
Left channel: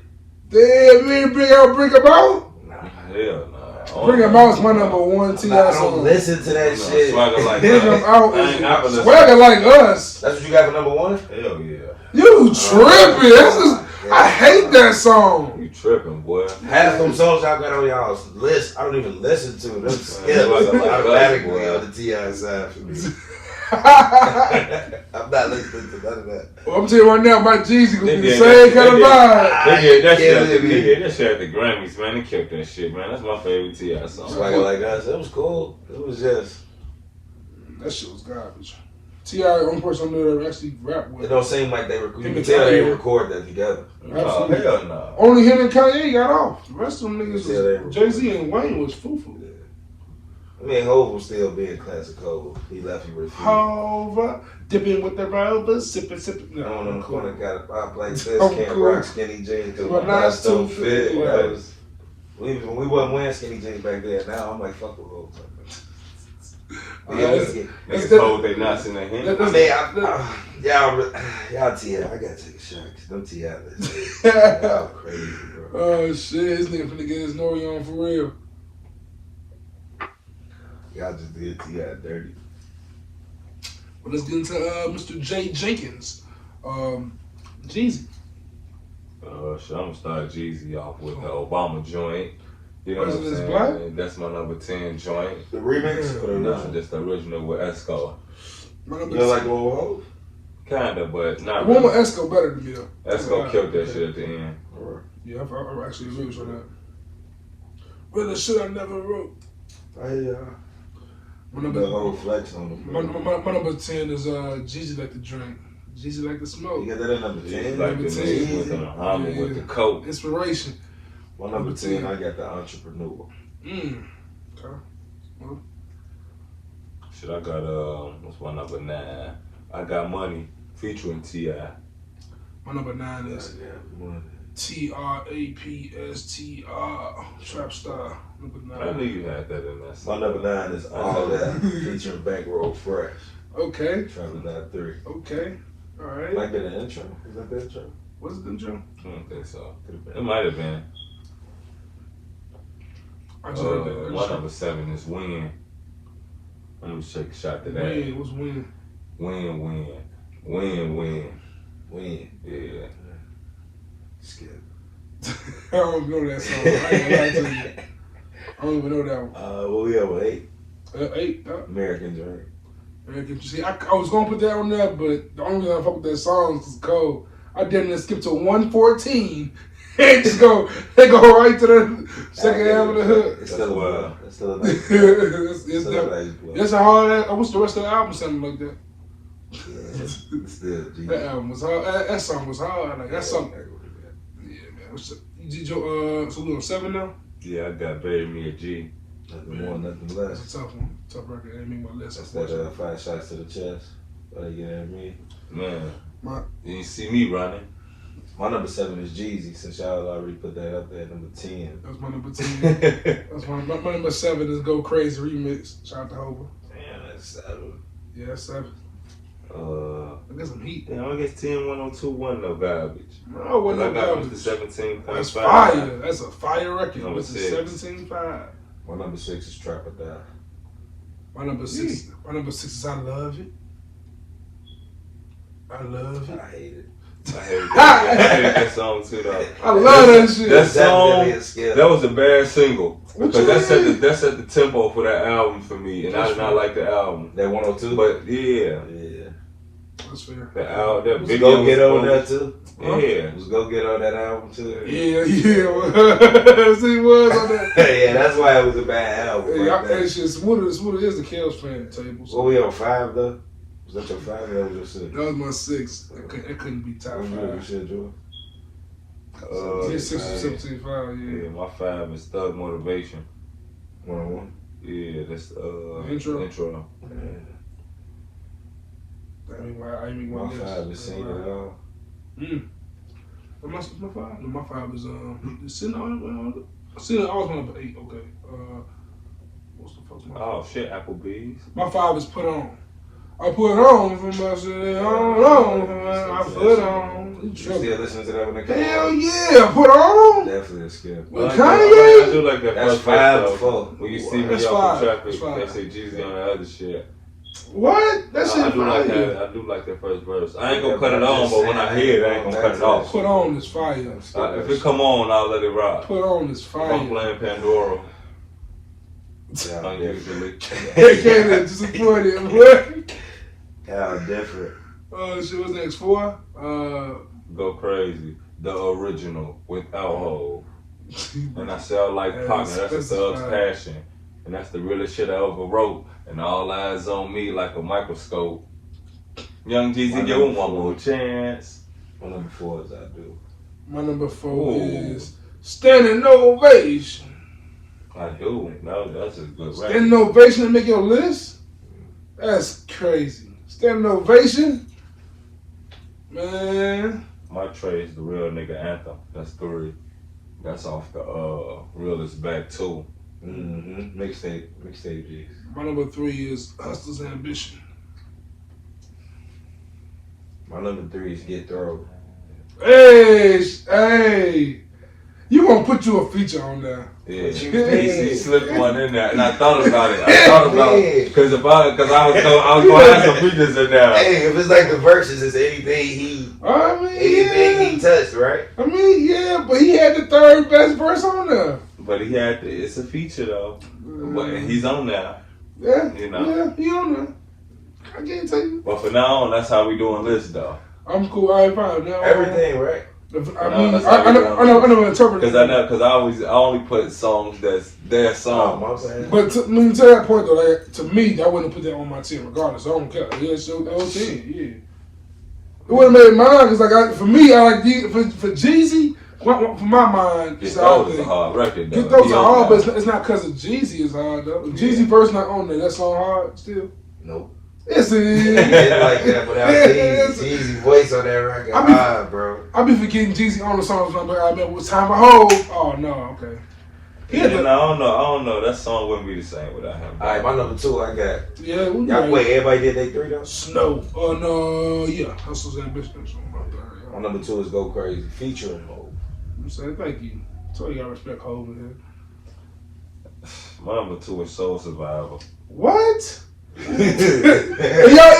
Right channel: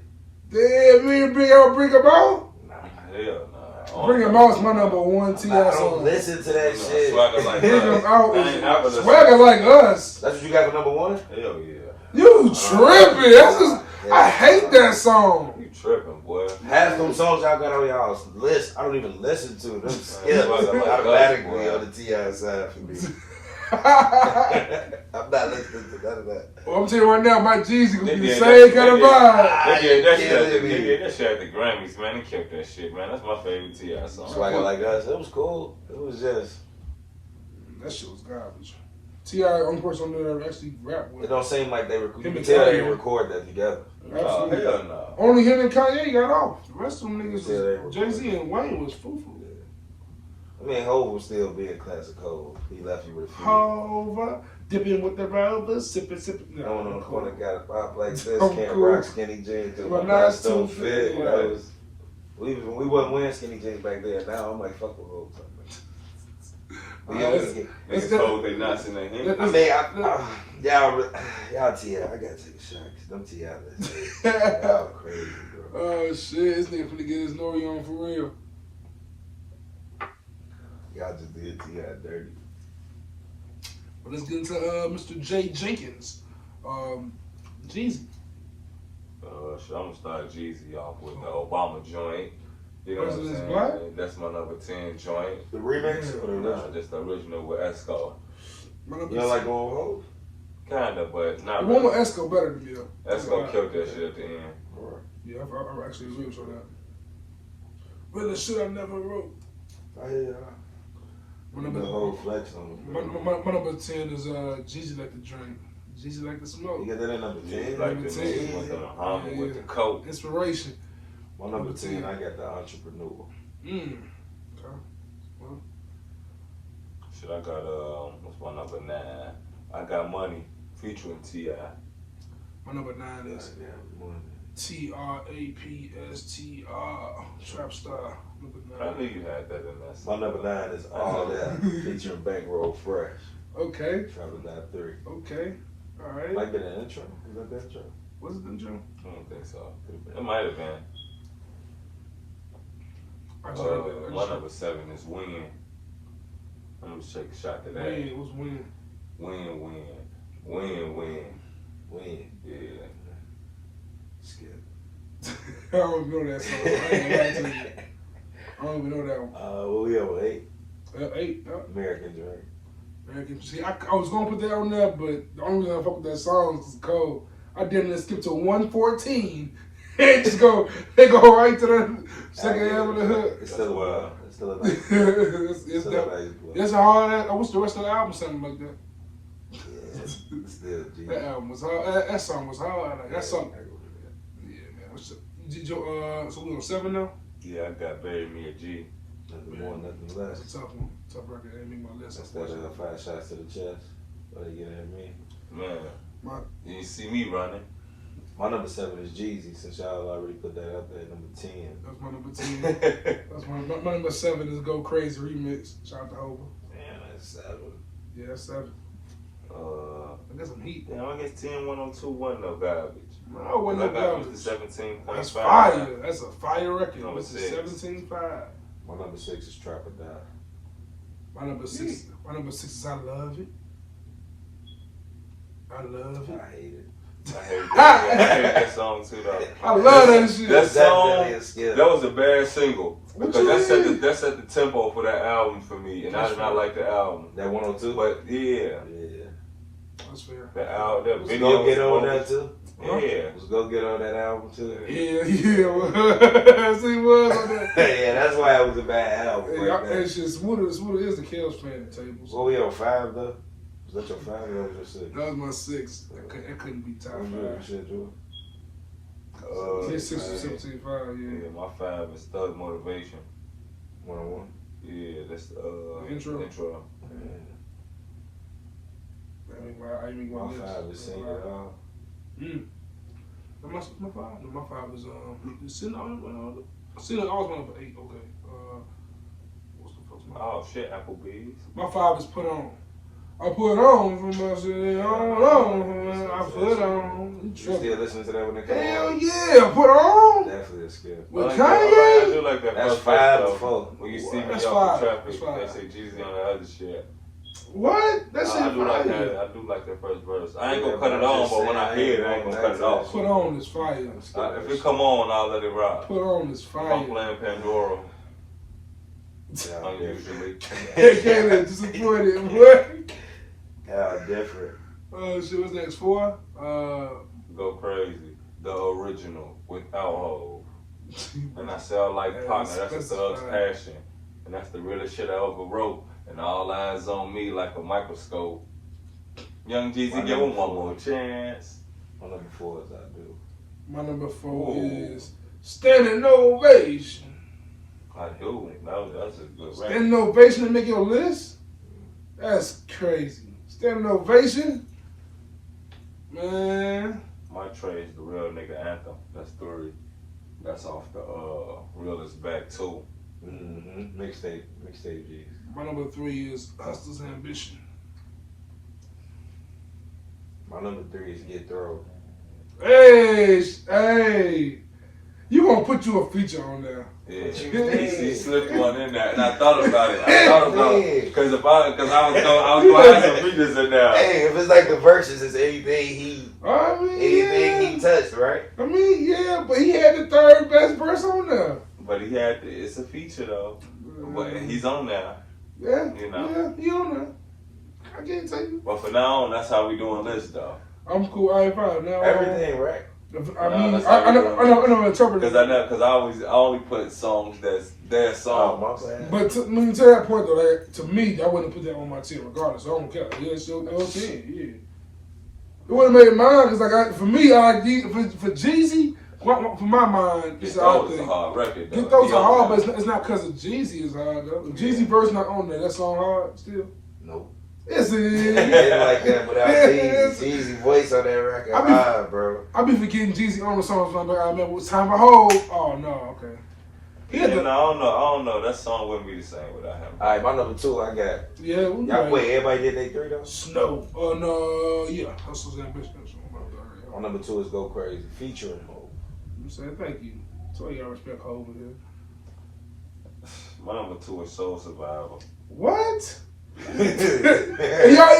Damn, you ain't bring him out? Nah. Hell nah. Bring Him Out is my number 1 T.I I song. don't listen to that shit. Swagger Like Bring Us. Him Out I ain't never is listened. Swagger Like Us. That's what you got for number 1? Hell yeah. You tripping. I hate that song. You tripping, boy. Half them songs y'all got on y'all's list, I don't even listen to them. Yeah, automatically on the T.I side for me. I'm not listening to none of that. Well, I'm telling you right now, my Jeezy gonna be the same kind of vibe. They did that shit at the Grammys, man. They kept that shit, man. That's my favorite T.I song. Like us, it was cool. It was just. That shit was garbage. T.I. only person I know that actually rap with. It don't seem like they record. You Him can and tell they Kanye. record that together. Oh, hell no. Only him and Kanye got off. The rest of them niggas Yeah, was Jay-Z and Wayne was foo-foo. I mean, Hov was still being classic Hov. He left you with a few. Hover, dipping with the rover, sipping. No, I don't know. cool. Corner got a pop like this. I'm Can't cool. rock skinny jeans because Well, my that's nuts don't too fit. fit. That was, when we wasn't wearing skinny jeans back then. Now I'm like, fuck with Hov. Niggas told they nuts in their hand. I mean, y'all T.I. I gotta take a shot. Them T.I. Y'all crazy, bro. Oh shit, this nigga finna get his Nori on for real. Y'all just did T.I. dirty. Well, let's get into Mr. Jay Jenkins. Jeezy. Shit, I'm gonna start Jeezy off with the Obama joint. You know what I'm President's saying? Black? That's my number 10 joint. The remix or the No, original? just the original with Esco. My You number don't like the one with Hov? Kinda, but not the one with really. Esco better than me though. Esco killed that shit at the end. Yeah, I actually agree with you on that. Well, the shit I never wrote. My The number, whole flex on the my number 10 is Jeezy Like to Drink. Jeezy Like to Smoke. You got that at number 10? Like the Number 10. niggas with the Muhammad Yeah. with the coat. Inspiration. My number 10, I got the Entrepreneur. Okay. Shit, I got what's my number 9? I Got Money featuring T.I. My number 9 is TRAPSTR. Trap Star. Number I 9. knew you had that in there. My number 9 is All That, featuring Bankroll Fresh. Okay. Trapping That 3. Okay. All right. Like that intro? Is that the intro? What's it, Joe? I don't think so. It might have been. I just heard that. My number 7 is Win. I'm gonna take a shot to that. Win. What's Win? Win. Yeah. Skip. I don't even know that song. I ain't gonna lie to you. I don't even know that one. What we have with 8? 8. American Dream. American. See, I was gonna put that on there, but the only reason I fuck with that song is cold. I didn't skip to 114 and just go. They go right to the second half of the hook. It's still a It's still a nice It's a hard. I wish the rest of the album sounded like that. Yeah, still G. That album was hard. That song was hard. Like that song. Yeah, man. Did you, so we on 7 now? Yeah, I got Bury Me a G. Nothing more, nothing less. That's a tough one. Tough record. Ain't make my list. That's that 5 shots to the chest. What you getting at me? Man, My- you ain't see me running. My number 7 is Jeezy, since y'all already put that up there. Number 10. That's my number 10. That's my number 7 is Go Crazy Remix. Shout out to Hova. Damn, that's 7. Yeah, that's 7. I got some heat. Yeah, I guess 10-1021 no garbage. Oh, what I no got garbage. Mr. 17. That's fire. That's a fire record. Number It's 6. 17.5. My number 6 is Trap or Die. My number 6. My number 6 is I Love It. I love it. I hate it. I hated that song too though. I love that shit. That song, definitely a skill. that was a bad single. What Because you that set the tempo for that album for me, and I did not like the album. That 102? But yeah, That's fair. the album, that Was video Go Get on that too? Yeah. Was Go Get on that album too? Yeah. See, was on that. Yeah, that's why it was a bad album. Hey, Like that. shit, Smooda is the Kales playing the table. So What we on 5 though? Was that your 5 or that was your 6? that was my 6. It couldn't be top What was 5. your shit, Joe? Yeah, 6 or 17.5, yeah. Yeah, my 5 is Thug Motivation. 101. Yeah, that's Intro? intro. I mean, my My 5 is Sing It All. My 5? No, my 5 is Sitting on I was my number 8. Okay. What's the fuck's my? Oh shit, Applebee's. My 5 is Put On. I put on for my city. I put on. You still listening to that when they come Hell on? yeah, Put On. Definitely a skill. With I Kanye. do like that That's first 5 verse, to though. 4. When you see me That's off the 5. traffic, That's 5. they say Jeezy on the other shit. What? That shit I do like fire. that. I do like that first verse. I ain't gonna cut it on, but when I hear it, I ain't gonna cut it off. Put On is fire. If it come on, I'll let it rock. Put On is If I'm fire. playing Pandora, Yeah, unusually. They came in disappointed. What? yeah, different. Shit was next 4. Go Crazy. The original without Hov. And I sell like Pac, and that's a thug's passion. And that's the realest shit I ever wrote. And all eyes on me like a microscope. Young Jeezy, give him one more chance. My number 4 is I Do. My number 4 is Standing Ovation. I Do. That's a good record. Standing Ovation to make your list? That's crazy. Standing Ovation? Man. My Trey's the Real Nigga Anthem. That's 3. That's off the Real Is Back 2. Mm-hmm. Mixtape G's. My number 3 is Hustler's Ambition. My number 3 is Get Throw. Hey, you gonna put you a feature on there? Yeah, he slipped one in there, and I thought about it. Because I was gonna have some features in there. Hey, if it's like the verses, it's anything he touched, right? I mean, yeah, but he had the 3rd best verse on there. But it's a feature though. But he's on there. Yeah, you know. Yeah, he on there. I can't tell you. But for now on, that's how we doing lists though. I'm cool. I ain't fine now. Everything, right? I never interpret it. Because I only put songs that's their song. But to that point though, like, to me, I wouldn't put that on my team regardless. I don't care. Yeah, it's your team. Yeah. It wouldn't have made mine because for me, I like for Jeezy. For my mind, it's all a hard record though. Those are hard, but it's not because of Jeezy is hard though. Jeezy verse not on there. That song hard still. Nope. Yes, it is. Like that, but Jeezy's voice on that record, bro. I be forgetting Jeezy on the songs. I'm like, I remember what time I hold. Oh no, okay. I don't know. That song wouldn't be the same without him. All right, my number 2, I got. Yeah, everybody did they 3 though. Snow. No, yeah. Hustle's Ambition. My number 2 is Go Crazy, featuring Hov. I'm saying thank you. So you gotta respect Hov in here. My number 2 is Soul Survivor. What? Y'all,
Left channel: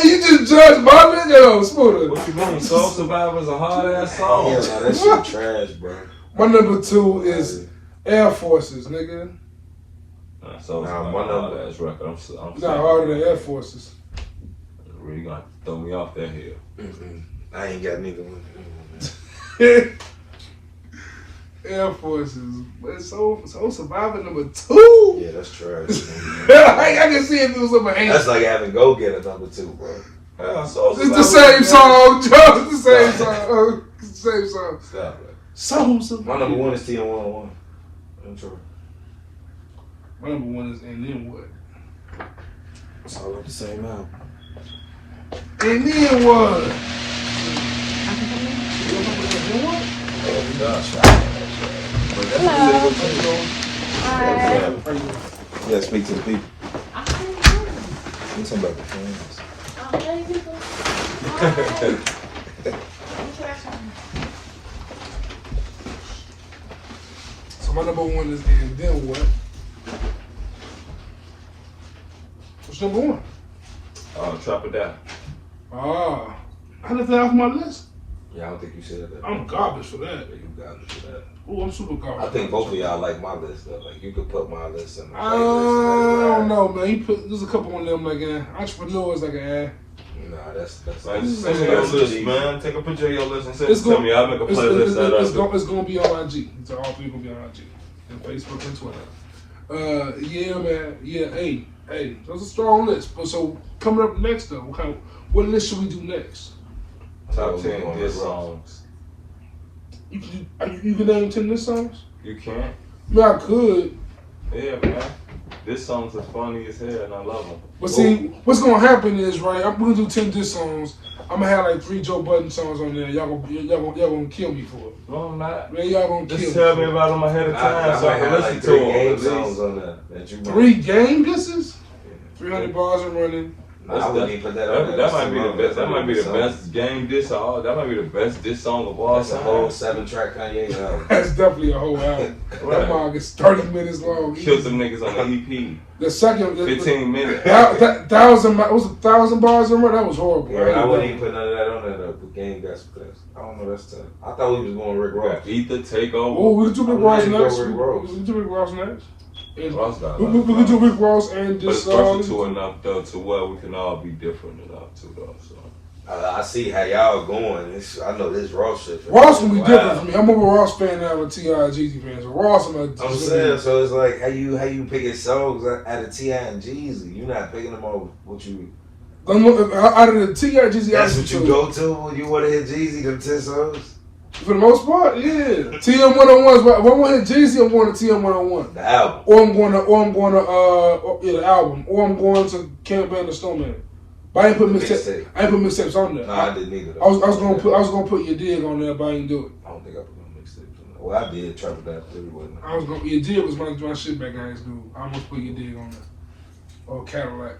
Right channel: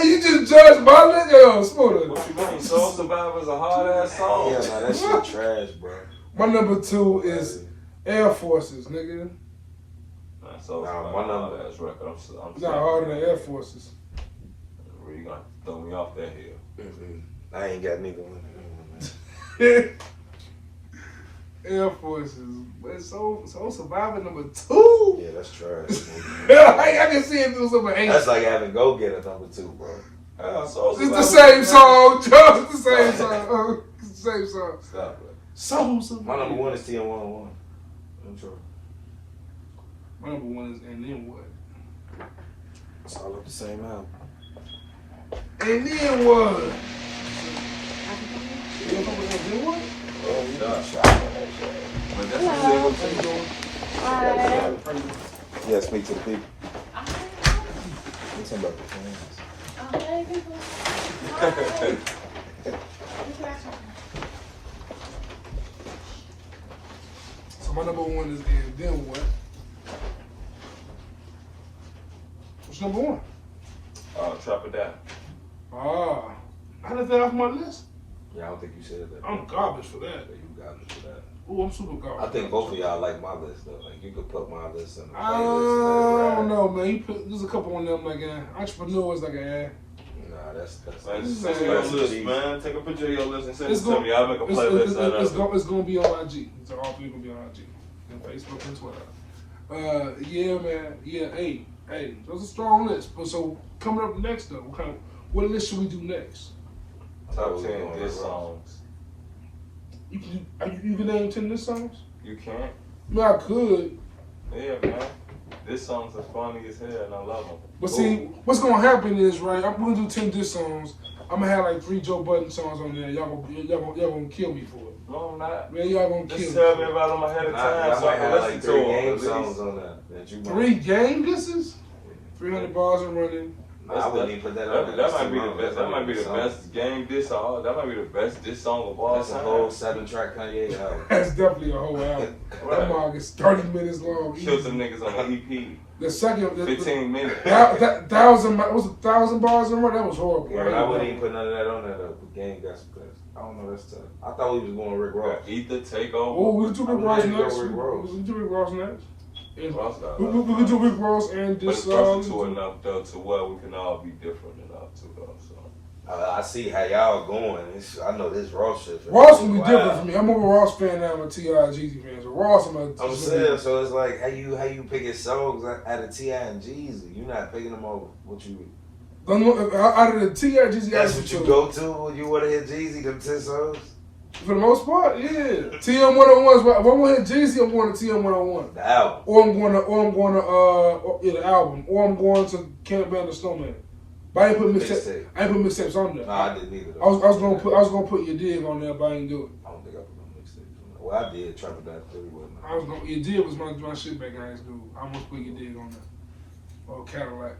you just judge Bobby? Yo, Smooda. What you mean? Soul Survivor is a hard ass song. Yeah, nah, that shit trash, bro. My number 2 is Air Forces, nigga. Soul Survivor, my hard ass record. I'm not harder than Air Forces. You're really gonna throw me off that hill. I ain't got neither one. Air Forces. But Soul Survivor number 2? Yeah, that's trash. I didn't see if it was number 8. That's like having Go Get a number 2, bro. It's the same song, Joe. It's the same song. It's the same song. Stop it. Soul Survivor. My number 1 is T.I. I'm sure. My number 1 is And Then What? It's all like the same album. And Then What? Yeah, speak to the people. I'm talking about the fans. So my number 1 is And Then What? What's number 1? Trap It Down. I didn't think that was my list. Yeah, I don't think you said that. I'm garbage for that. You garbage for that. Oh, I'm super garbage. I think both of y'all like my list though. Like you could put my list on the I playlist. don't know, man. There's a couple on them like Entrepreneurs like Nah, that's man. Take a picture of your list and send it to me. I'll make a playlist. It's gonna be on IG. It's all 3 gonna be on IG and Facebook and Twitter. Yeah, man. Yeah, hey, that's a strong list. But so coming up next though, what list should we do next? Top 10 hit songs. You can name 10 diss songs? You can. I mean, I could. Yeah, man. This song's as funny as hell, and I love them. But see, what's gonna happen is, right? I'm gonna do 10 diss songs. I'm gonna have like 3 Joe Budden songs on there. Y'all gonna kill me for it. No, I'm not. Man, y'all gonna kill me. Just tell me about them ahead of time so I can listen to them. 3 game songs on that you 3 game disses? 300 bars and running. I wouldn't even put that on there. That might be the best. That might be the best game diss. That might be the best diss song of all time. That's a whole 7-track Kanye album. That's definitely a whole album. That song is 30 minutes long. Killed them niggas on the EP. The second, 15 minutes. That 1,000 bars and run. That was horrible. Yeah, I wouldn't even put none of that on there though. The game that's because I don't know. That's tough. I thought we was going Rick Ross. Ether Takeover. Oh, we could do Rick Ross next. We could do Rick Ross next. We could do Rick Ross and just. But it's versatile enough though to where we can all be different enough too though. So. I see how y'all going. I know this Ross shit. Ross will be different for me. I'm more a Ross fan now than T.I. and Jeezy fan. So Ross, I'm saying, so it's like how you picking songs out of T.I. and Jeezy. You're not picking them over what you. Out of the T.I. Jeezy That's what you go to when you want to hit Jeezy, them 10 songs? For the most part, yeah. TM 101s. If I want to hit Jeezy, I'm going to TM 101. The album. Or I'm going to the album. Or I'm going to Camp Band the Snowman. But I ain't put mixtapes on there. No, I didn't either. I was gonna put Your Dig on there, but I ain't do it. I don't think I put no mixtapes on there. Well, I did. Trouble That 3 wasn't. I was gonna Your Dig was my shit back in high school. I almost put Your Dig on there. Or Cadillac.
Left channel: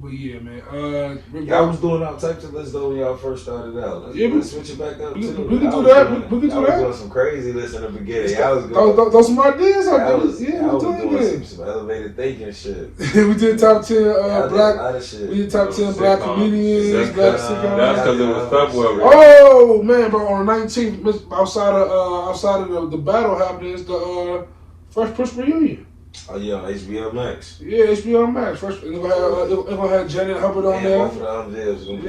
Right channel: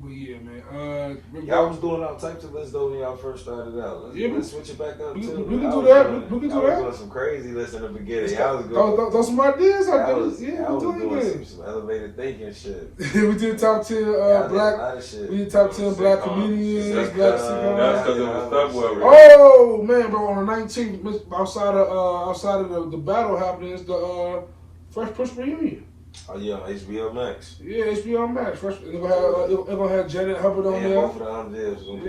But yeah, man. Y'all was doing all types of lists though when y'all first started out. Let's switch it back up too. We can do that. We can do that. I was doing some crazy lists in the beginning. Those some ideas. I was doing some elevated thinking shit. We did top 10 black. We did top 10 black comedians. Black sitcoms. That's because it was February. Oh man, bro! On the 19th, outside of the battle happening, is the Fresh Prince reunion. Oh yeah, on HBO Max. Yeah, HBO Max. Fresh. They're gonna have Janet Hubbard on there. Both of the other is gonna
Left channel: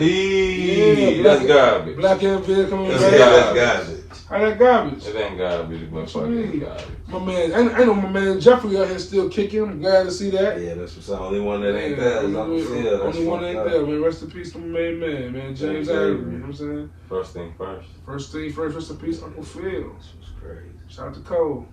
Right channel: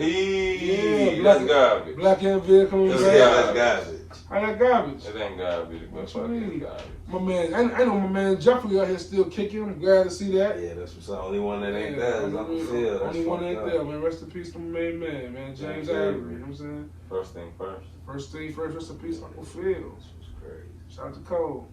be that's garbage. Black and Vid coming back. That's garbage. How that garbage? It ain't garbage, but fucking garbage. My man, I know my man Jeffrey out here still kicking. I'm glad to see that. Yeah, that's what's the only one that ain't there. Only one that ain't there, man. Rest in peace to my main man, James Avery. You know what I'm saying? First thing first. First thing first. Rest in peace, Uncle Phil. This was crazy. Shout out to Cole.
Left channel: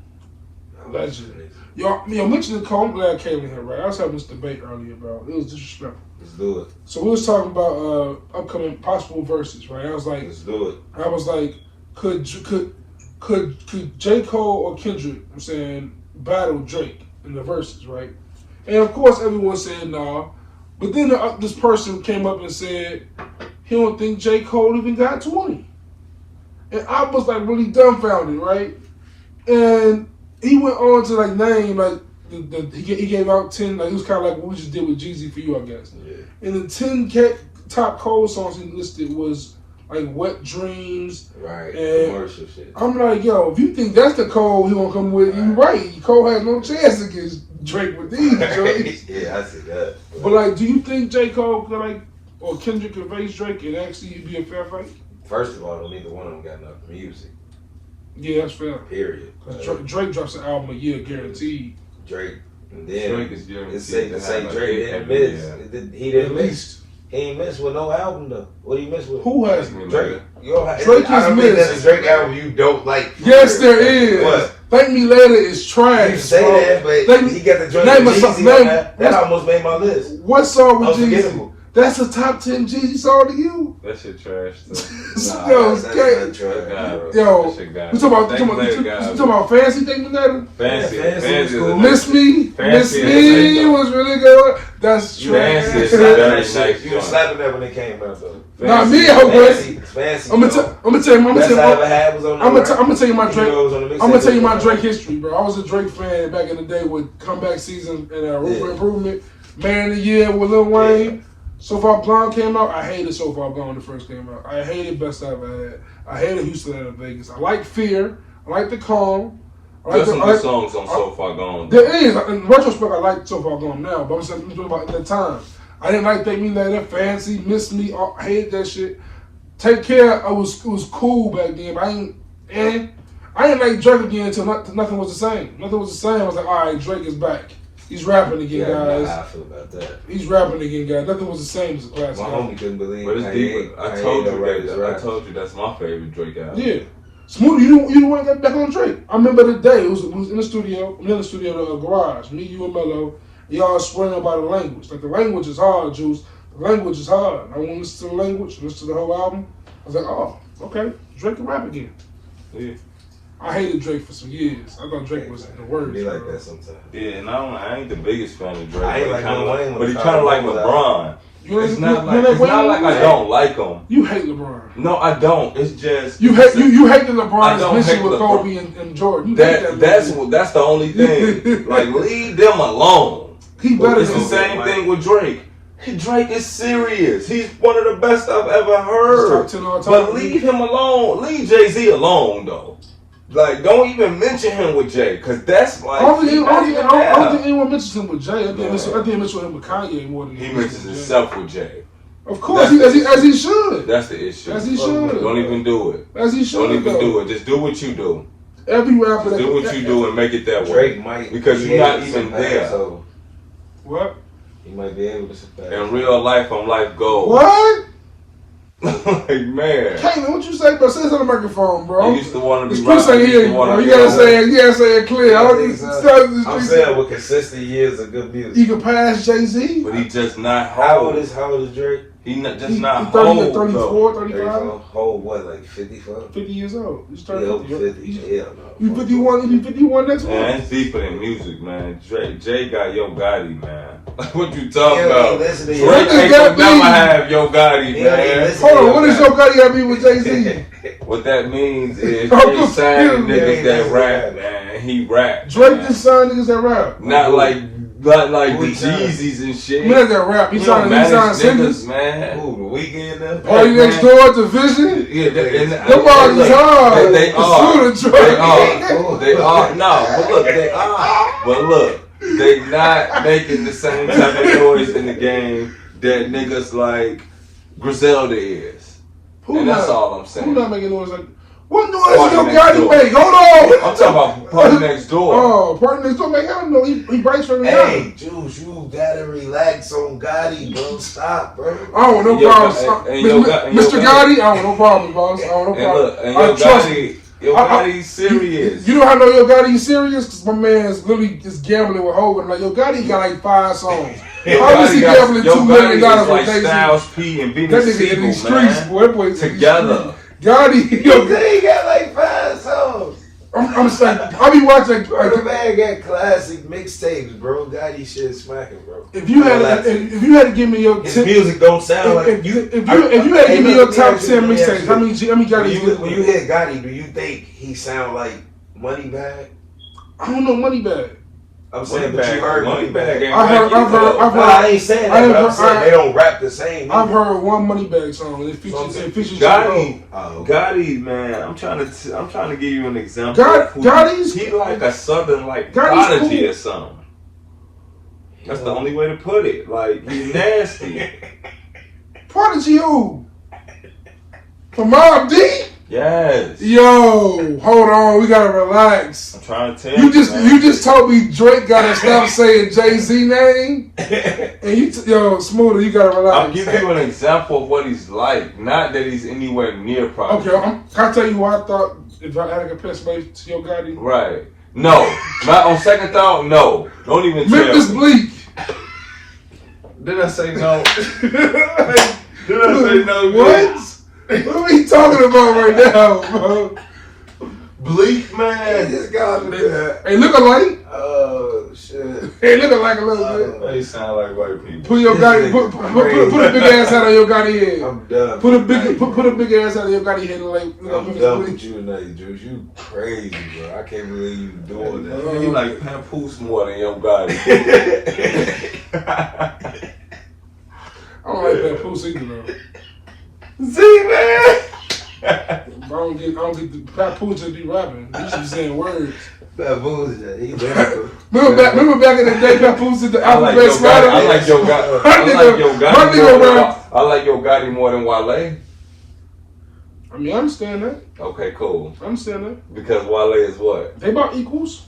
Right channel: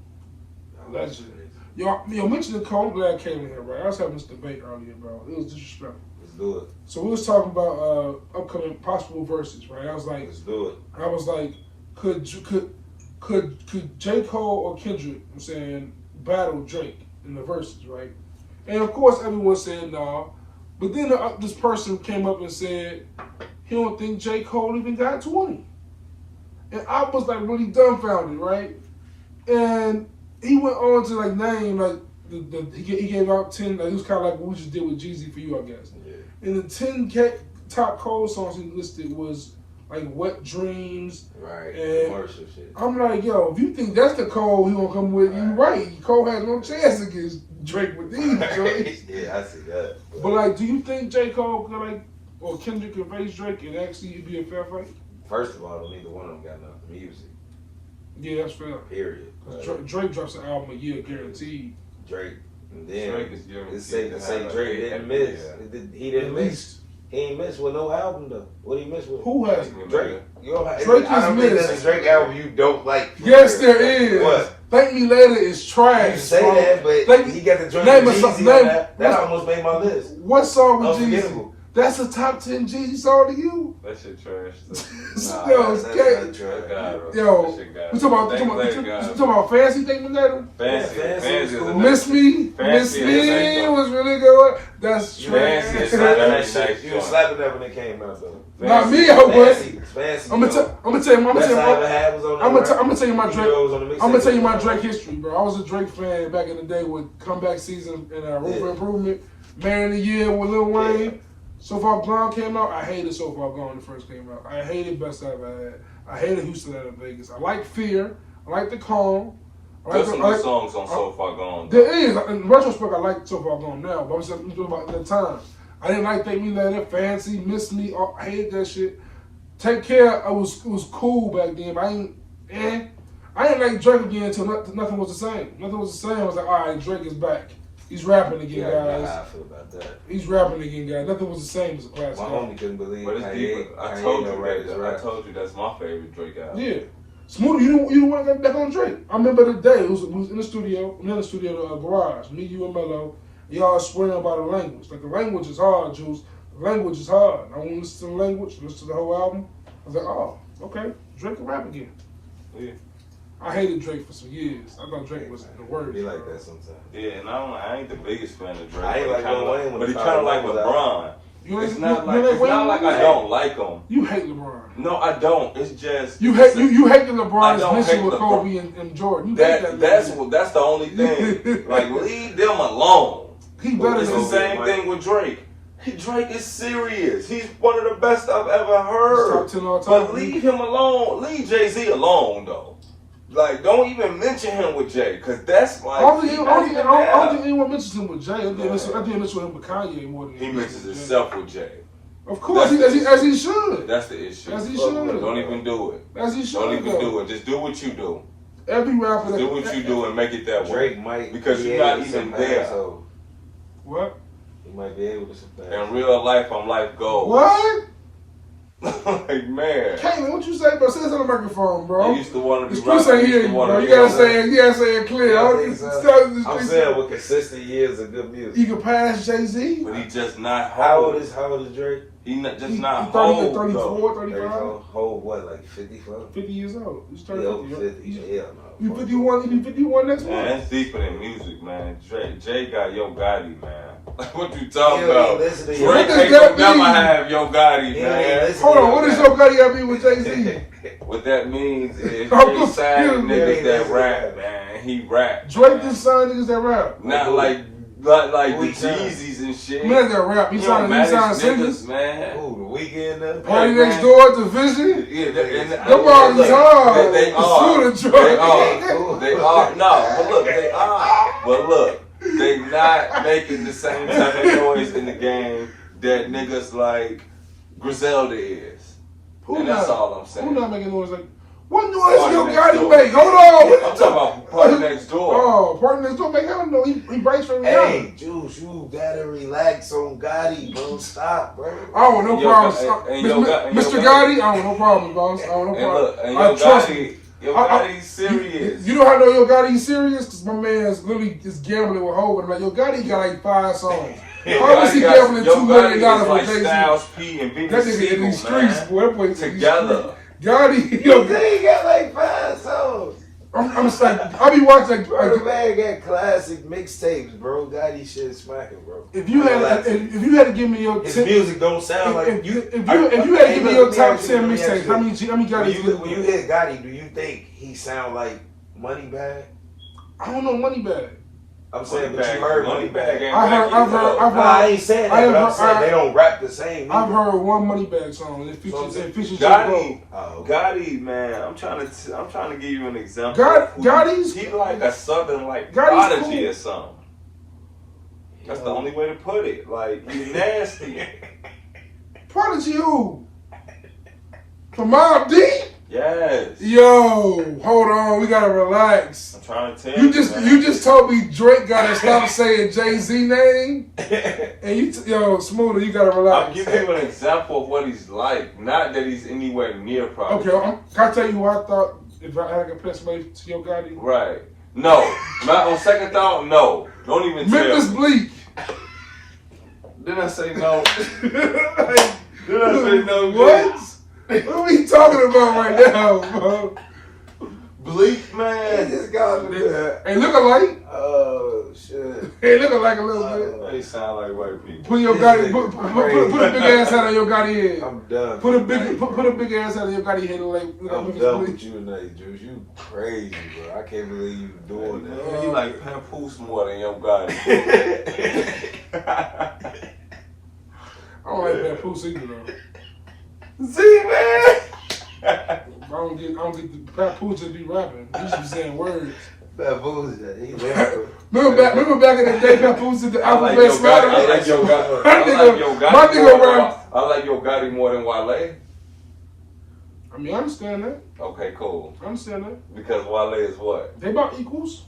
Legend. Y'all mentioned Cole. I'm glad Kaylin here, right? I was having this debate earlier, bro. It was disrespectful. Let's do it. So we was talking about upcoming possible verses, right? I was like, let's do it. I was like, could J. Cole or Kendrick, I'm saying, battle Drake in the verses, right? And of course, everyone's saying no. But then this person came up and said he don't think J. Cole even got 20. And I was like really dumbfounded, right? And he went on to like name like he gave out 10, like it was kind of like what we just did with Jeezy for You, I guess. Yeah. And the 10 top Cole songs he listed was like Wet Dreams. Right. And commercial shit. I'm like, yo, if you think that's the Cole he gonna come with, you right. Cole has no chance against Drake with these joints. Yeah, I see that. But like, do you think J. Cole could or Kendrick could face Drake and actually be a fair fight? First of all, neither one of them got enough music. Yeah, that's fair. Period. Drake drops an album a year guaranteed. Drake, and then Drake is guaranteed. It's safe to say Drake didn't miss. He didn't miss. He ain't missed with no album though. What he missed with? Who has Drake? Drake has missed. That's a Drake album you don't like. Yes, there is. What? Thank Me Later is trash. You say bro. That, but he got the Drake with Jeezy on that almost made my list. What song with Jeezy? That's a top 10 Jeezy song to you. That shit trash. Yo, we talking about Fancy Thing with that? Fancy. Cool. Miss Me was really good. That's trash. You were slapping that when it came out though. Not me, I'm gonna tell you my Drake history, bro. I was a Drake fan back in the day with comeback season and Room for Improvement, Man of the Year with Lil Wayne. Yeah. So Far Gone came out. I hated So Far Gone when it first came out. I hated Best I Ever Had. I hated Houston out of Vegas. I like Fear. I like The Calm. There's some good songs on So Far Gone. There is. In retrospect, I like So Far Gone now, but I'm just talking about at that time. I didn't like Take Me Later, Fancy, Miss Me. I hated that shit. Take Care. It was cool back then, but I didn't like Drake again until nothing was the same. Nothing was the same. I was like, all right, Drake is back. He's rapping again, guys. How I feel about that. He's rapping again, guys. Nothing was the same as a classic. My homie couldn't believe it. But it's deep. I told you that's my favorite Drake album. Yeah. Smooda, you don't want to get back on Drake. I remember the day, it was in the studio, the garage, me, you, and Mello. Y'all swearing about the language. Like, the language is hard, Juice. The language is hard. I want to listen to the language, listen to the whole album. I was like, oh, okay. Drake can rap again. Yeah. I hated Drake for some years. I thought Drake was the worst. Be like that sometimes. Yeah, and I ain't the biggest fan of Drake. I ain't like but he kind of like LeBron. It's not like I don't like him. You hate LeBron. No, I don't. It's just you hate the LeBron's mission with Kobe and Jordan. That's the only thing. Like, leave them alone. It's the same thing with Drake. Drake is serious. He's one of the best I've ever heard. But leave him alone. Leave Jay-Z alone, though. Like, don't even mention him with Jay, because that's like... I don't think anyone mentions him with Jay. I think he mentions him with Kanye more than he mentions himself with Jay. Of course, as he should. That's the issue. As he should. Don't even do it. As he should. Don't even do it. Just do what you do. Every rapper... Do what you do and make it that way. Drake might... Because you're not even there. What? He might be able to surpass. In real life, on life goals. What? Like, man. Caitlin, what you say, bro? Say this on the microphone, bro. I used to want to be Chris ain't here, bro. You gotta say it clear. I'm saying with consistent years of good music. He can pass Jay-Z. But he just not How whole. old is Drake? He not He's not 30, whole. 34, though. 35. Whole what, like 55? 50 years old. He's Yeah, 30. 50. Hell no. He's 51. He's 51 next Man, month. it's deeper than music, man. Jay got Yo Gotti, man. What you talking about? Listen to Drake ain't gonna never have Yo Gotti, man. Hold on, what does Yo Gotti got to be with Jay-Z? What that means is Jay signed niggas that rap, man. He rap. Drake just signed niggas that rap. Not like the Jeezys and shit. Man, that rap. He signed singers. Man. Ooh, the Weeknd though. Party Next Door, Division. Yeah, Them bars is hard. They are. No, but look, they are. But look, they not making the same type of noise in the game that niggas like Griselda is. And that's all I'm saying. Who not making noise like? What noise Yo Gotti make? Hold on. I'm talking about Party Next Door. Oh, Party Next Door, man. I don't know. He writes for Rihanna. Hey, Juice, you gotta relax on Gotti, bro. Stop, bro. I don't want no problems. Mr. Gotti, I don't want no problems, boss. I don't want no problems. Trust me. Yo Gotti's serious. You know how I know Yo Gotti's serious? Because my man's literally just gambling with Hogan. Like, Yo Gotti got like 5 songs. How is he gambling $2 million like for Styles P and Benny That nigga in the streets, boy. That boy together. Gotti, They got like 5 songs. I'm saying, I be watching. Bro, the man got classic mixtapes, bro. Gotti shit smacking, bro. If you had to give me your his music don't sound like if you had to give me your top 10 mixtapes, how many Gotti? When you hear Gotti, do you think he sound like Moneybag? I don't know Moneybag. I'm saying, but you heard Moneybag. I've heard. I ain't saying that, but I'm saying they don't rap the same. I've heard one Moneybag song. It features Gotti. Gotti, man. I'm trying to give you an example. Gotti's he like a southern Prodigy or something. That's the only way to put it. Like, he's nasty. Prodigy who? From Mobb Deep? Yes. Yo, hold on, we gotta relax. I'm trying to tell you. You just told me Drake gotta stop saying Jay-Z name, and yo, Smooda, you gotta relax. I'll give you an example of what he's like. Not that he's anywhere near Prodigy. Okay, can I tell you what I thought if I had to compare somebody to Yo Gotti? Right. No. On second thought, no. Don't even tell Memphis me. Bleak. Did I say no? Did I say no? What? What are we talking about right now, bro? Bleak, man. This guy, Hey, look alike. Oh, shit. Hey, look alike a little bit. They sound like white people. Put your Gotti, put a big ass out of your Gotti head. I'm done. Put a big ass out of your Gotti head. I'm done with you tonight, Juice. You crazy, bro. I can't believe you doing that. You like Papoose more than Yo Gotti. I don't like that Papoose either, though. See, man. I don't get the Papoose just be rapping. He should be saying words. Papoose, he rapper. Remember back in the day, Papoose did the alphabet slider? I like Yo Gotti. I like Yo Gotti more than Wale. I mean, I understand that. Okay, cool. I understand that. Because Wale is what? They about equals.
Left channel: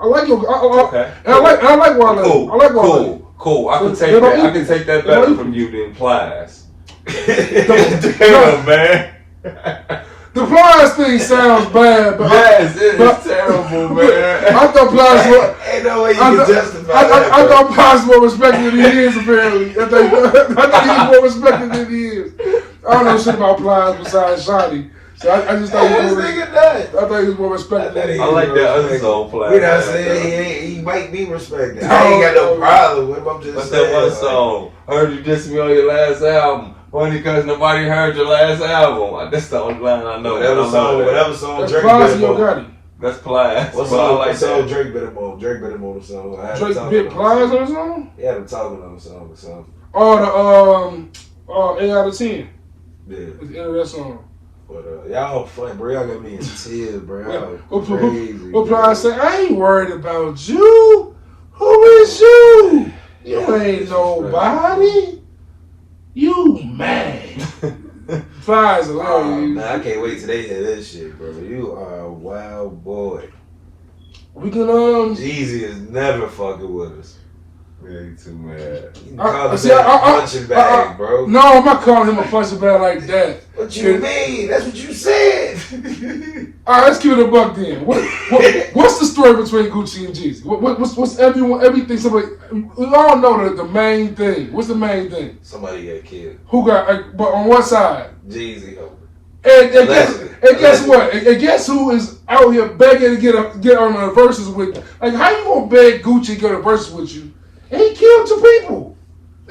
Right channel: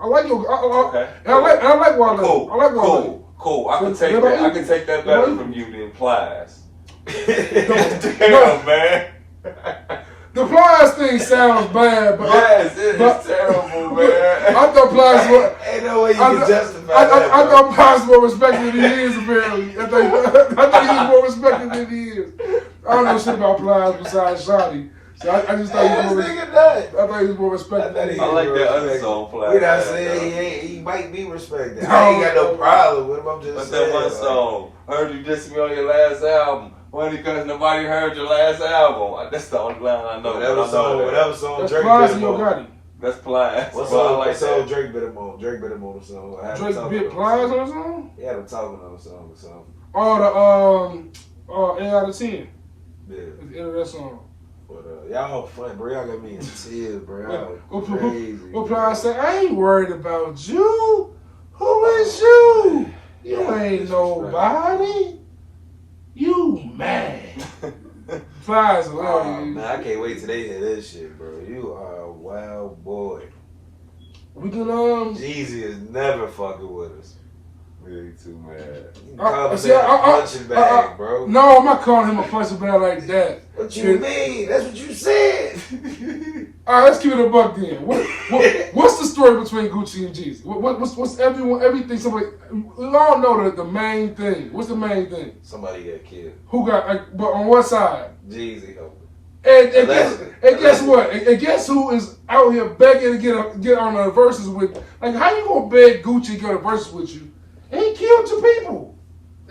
I like Yo. Okay. I like Wale. Cool. I like Wale. Cool. I can take that. I can take that better from you than Plies. Damn, man. The Plies thing sounds bad, but yes, it's terrible, man. I thought Plies were. Ain't no way you can justify I thought Plies was more respected than he is, apparently. I thought he was more respected than he is. I don't know shit about Plies besides Shotty. So I just thought he was more respected. I like that other song, Plies. You know what I'm saying? He might be respected. I ain't got no problem with him. I'm just saying. What's that one song? Heard you diss me on your last album. Only because nobody heard your last album. That's the only line I know. Whatever song that's Drake Plies better on. That's Plies. What song Drake better on? Drake better on the song. Drake bit Plies on the song? He had him talking on the song or something. Oh, the 8 out of 10. Yeah. It's the end of that song. But y'all funny, bro. Y'all got me in tears, bro. What Plies say? I ain't worried about you. Who is you? You ain't nobody. You mad. Plies hilarious. Man, I can't wait till they hear this shit, bro. You are a wild boy. We can Jeezy is never fucking with us. Yeah, you too mad. Punching bag, bro. No, I'm not calling him a punching bag like that. What you mean? That's what you said. All right, let's give it a buck then. What's the story between Gucci and Jeezy? What's everything? Somebody, we all know the main thing. What's the main thing? Somebody got killed. Who got? But on what side? Jeezy. And guess what? And guess who is out here begging to get on the verses with? Like, how you gonna beg Gucci to get a verses with you? And he killed 2 people.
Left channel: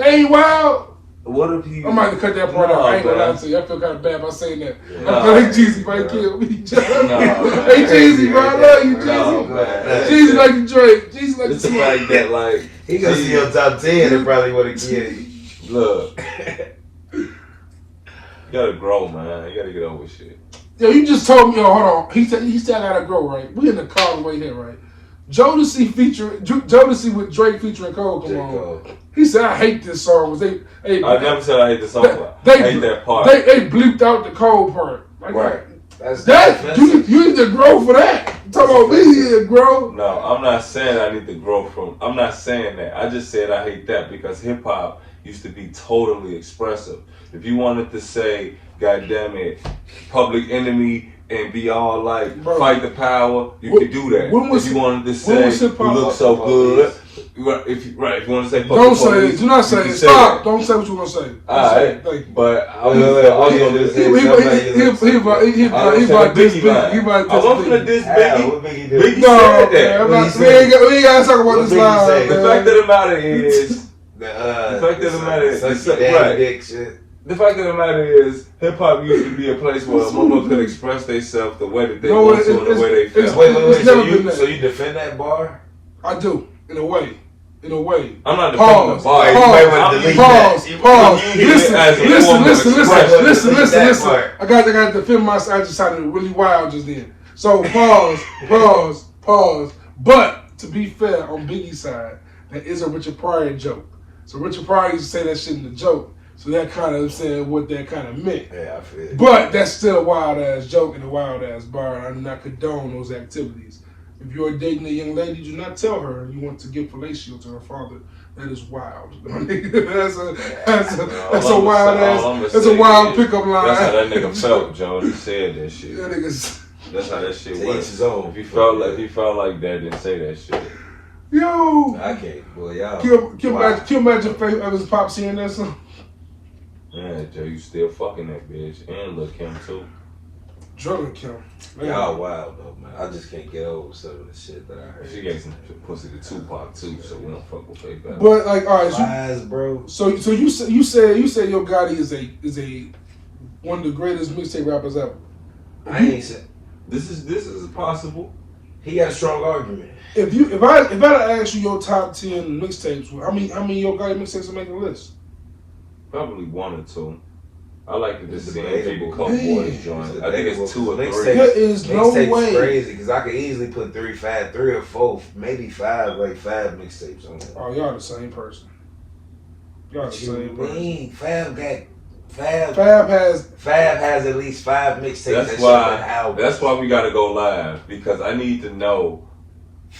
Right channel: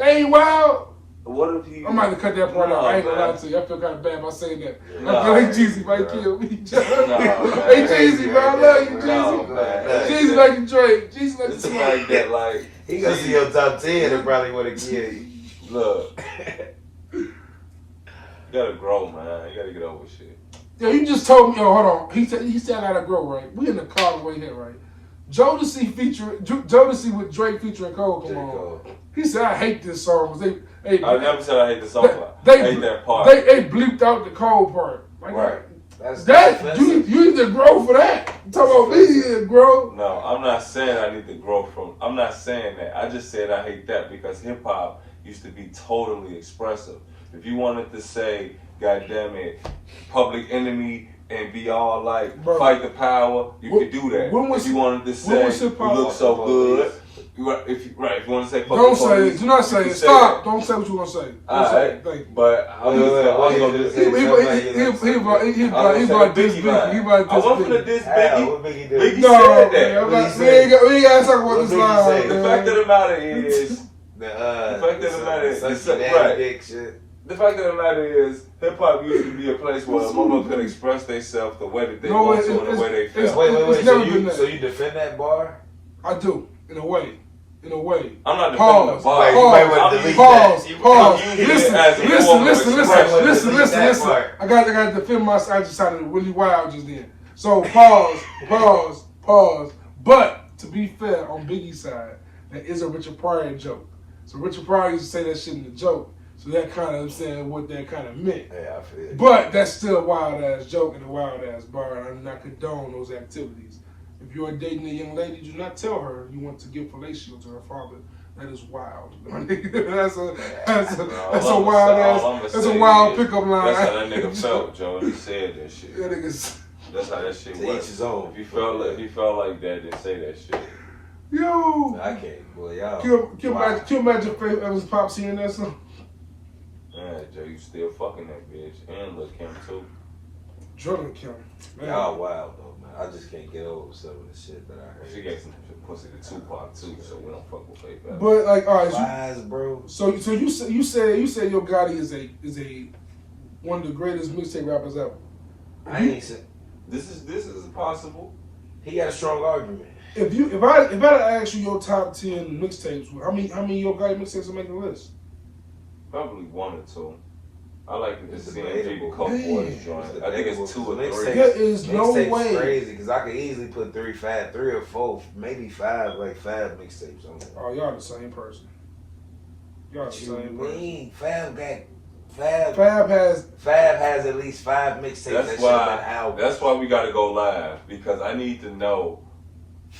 Ain't wild. What if he? I might have to cut that part out. I ain't gonna lie to you. I feel kind of bad by saying that. I think Jeezy might kill me. Hey Jeezy, bro, I love you, Jeezy. Jeezy like the Drake. Jeezy like It's the like that, like he gonna see your top 10 and probably would have killed you. Look, you gotta grow, man. You gotta get over shit. Yo, you just told me. Yo, hold on. He said I gotta grow, right? We in the car way here, right? Jodeci with Drake featuring Cole. Come on. He said I hate this song. I never said I hate this song. I hate that part. They bleeped out the Cole part. Like, right. You need to grow for that. Talk about me here, grow. No, I'm not saying I need to grow from. I'm not saying that. I just said I hate that because hip hop used to be totally expressive. If you wanted to say, God damn it, Public Enemy and be all like, fight the power, you could do that. If you wanted to say, you look so good, if you want to say, don't say it. Do not say it. Stop. Don't say what you want to say. Alright, but I was going to say, he about this big. I wasn't going to diss Biggie. Biggie No, said that. we ain't got to talk about this line. The fact of the matter is, the fact of the matter is, hip hop used to be a place where a woman could express themselves the way that they want to, and the way they feel. Wait. So you defend that bar? I do, in a way. I'm not defending the bar. Listen. I got to defend myself. I just sounded really wild just then. So pause. But to be fair, on Biggie's side, that is a Richard Pryor joke. So Richard Pryor used to say that shit in the joke. So that kind of saying what that kind of meant. Yeah, I feel it. But that's still a wild ass joke and a wild ass bar. I do not condone those activities. If you're dating a young lady, do not tell her you want to give fellatio to her father. That is wild. That's a wild ass. That's a wild pickup line. That's how that nigga felt, Joe. He said that shit. That's how that shit was. If he felt like that, then say that shit. Yo. I can't. Boy, y'all. Can you imagine Favorite Pop seeing that song? Man, Joe, you still fucking that bitch and Lil' Kim too. Drug Kim. Y'all wild though, man. I just can't get over some of the shit that I heard. She gave some pussy to Tupac too, so we don't fuck with Favorite. But like, all right, lies, bro. So you said Yo Gotti is a one of the greatest mixtape rappers ever. I ain't said this is possible. He got a strong argument. If I ask you your top 10 mixtapes, how many Yo Gotti mixtapes are making the list? Probably 1 or 2. I like to just see people come boys join. I think it's 2 or 3. There is no way. Crazy because I could easily put 3 or 4, maybe 5, like 5 mixtapes on it. Oh, y'all the same person. Y'all the same person. Fab has at least 5 mixtapes. That's why we gotta go live because I need to know.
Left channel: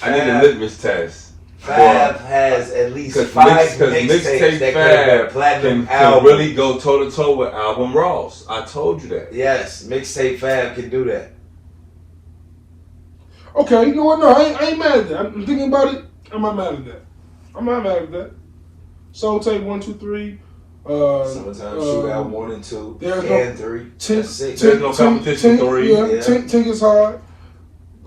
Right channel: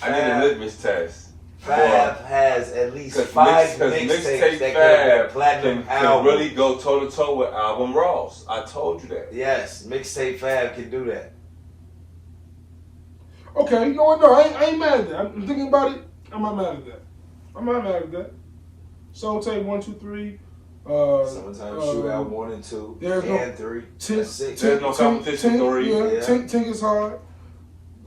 I need a litmus test. Fab has at least 5 mixtapes that could be platinum can really go toe to toe with Album Ross. I told you that. Yes, mixtape Fab can do that. Okay, you know what? No, I ain't mad at that. I'm thinking about it. I'm not mad at that. Soul Tape 1, 2, 3. Summertime Shootout 1 and 2. And 3. There's no competition 3. Yeah, Tink is hard.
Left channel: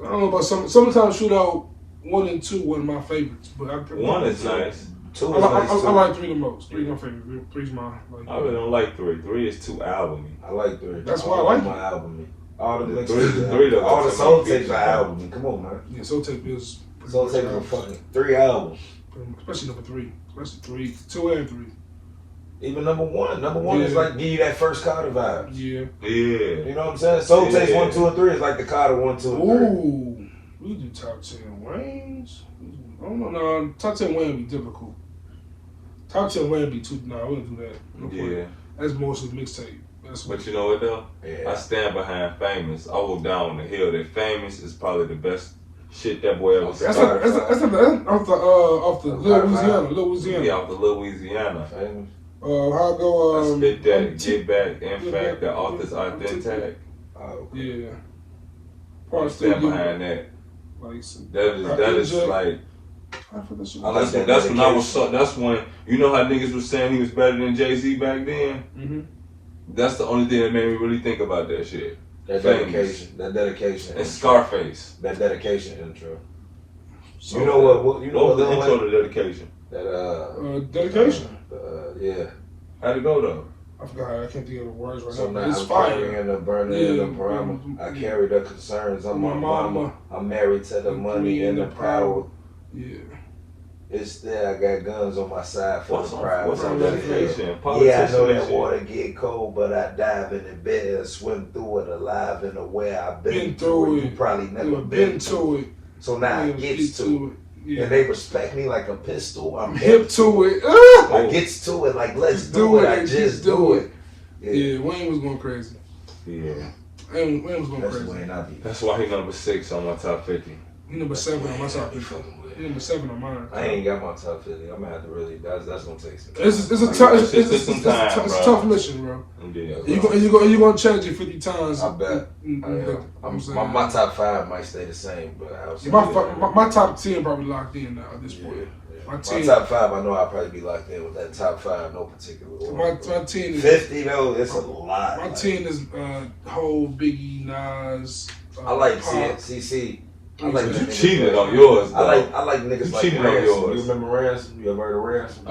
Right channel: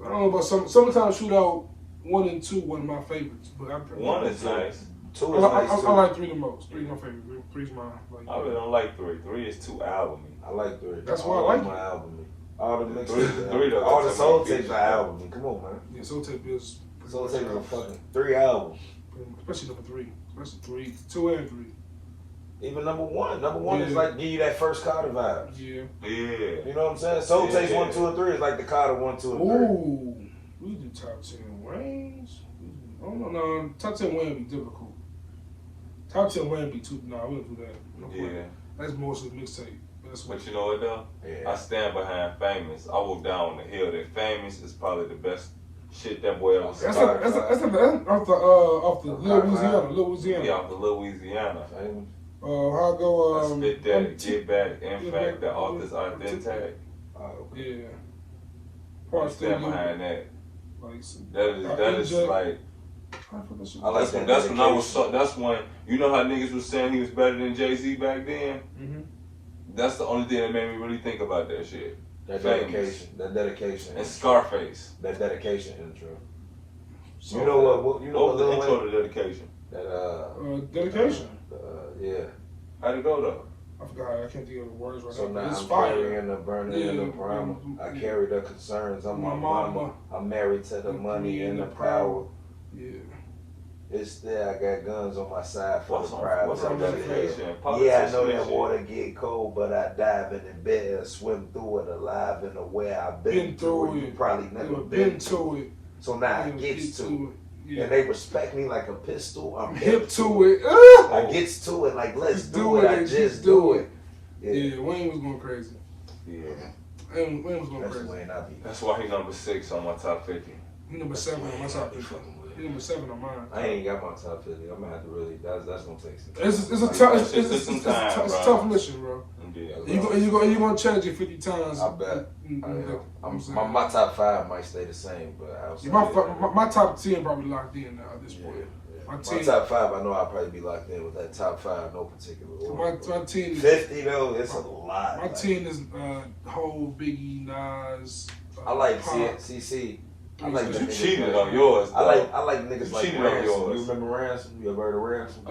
I don't know about Summertime Shootout 1 and 2 wasn't my favorites, but 1 is nice. 2 is nice. I like 3 the most. 3 my favorite. 3's my. I really don't like 3. 3 is too albumy. I like 3. That's why I like my album. All the mixtapes, all the Soul Tapes are album. Come on, man. Yeah, Soul Tape is. Soul Tape is fucking 3 albums. Especially number 3. Especially 3, 2 and 3. Even number 1. Number 1 is like give you that first Carter vibe. Yeah. You know what I'm saying? Soul Tapes 1, 2, and 3 is like the Carter 1, 2, and 3. Ooh. We do top 10 Wayne's. I don't know. No, top 10 Wayne would be difficult. Top 10 Wayne would be too. Nah, we don't do that. Yeah. That's mostly mixtape. But you know what though? Yeah. I stand behind Famous. I will down on the hill that Famous is probably the best shit that boy ever That's started. off the Louisiana. Yeah, off the Louisiana. How go? I spit that, get back, in fact, the author's authentic. Yeah. I stand behind that. That is like. I like that. That's when I was. That's when you know how niggas was saying he was better than Jay-Z back then. Mm-hmm. That's the only thing that made me really think about that shit. That dedication. And intro. Scarface. That dedication intro. So you know what? You know what the intro to dedication? That dedication. Yeah. How'd it go though? I forgot. I can't think of the words right so now. now It's I'm fire. In the burning in the primer. I carry the concerns. I'm my mama. I'm married to the money and the power. Yeah. It's there. I got guns on my side for the crowd. What's on dedication? Yeah, I know that water get cold, but I dive in the bed and swim through it alive and aware I've been through it. You probably never been to it. So now I gets to it. Yeah. And they respect me like a pistol. I'm hip to it. I gets to it like let's do it. I just do it. Yeah, Wayne was going crazy. Yeah. Wayne was going crazy. That's why he number 6 on my top 50. He number 7 on my top 50. He number 7 on mine. I ain't got my top 50. I'm gonna have to really. That's gonna take some time. It's a tough mission, bro. Yeah. You gonna change it 50 times. I bet. My top 5 might stay the same, but my top 10 probably locked in now at this point. My top 5, I know I'll probably be locked in with that top 5, no particular order. My 10 is 50 though. It's a lot. My 10 is whole Biggie, Nas. I like CC. I like you cheated on yours. Though. I like niggas like Ransom. You remember Ransom? You ever heard of Ransom? I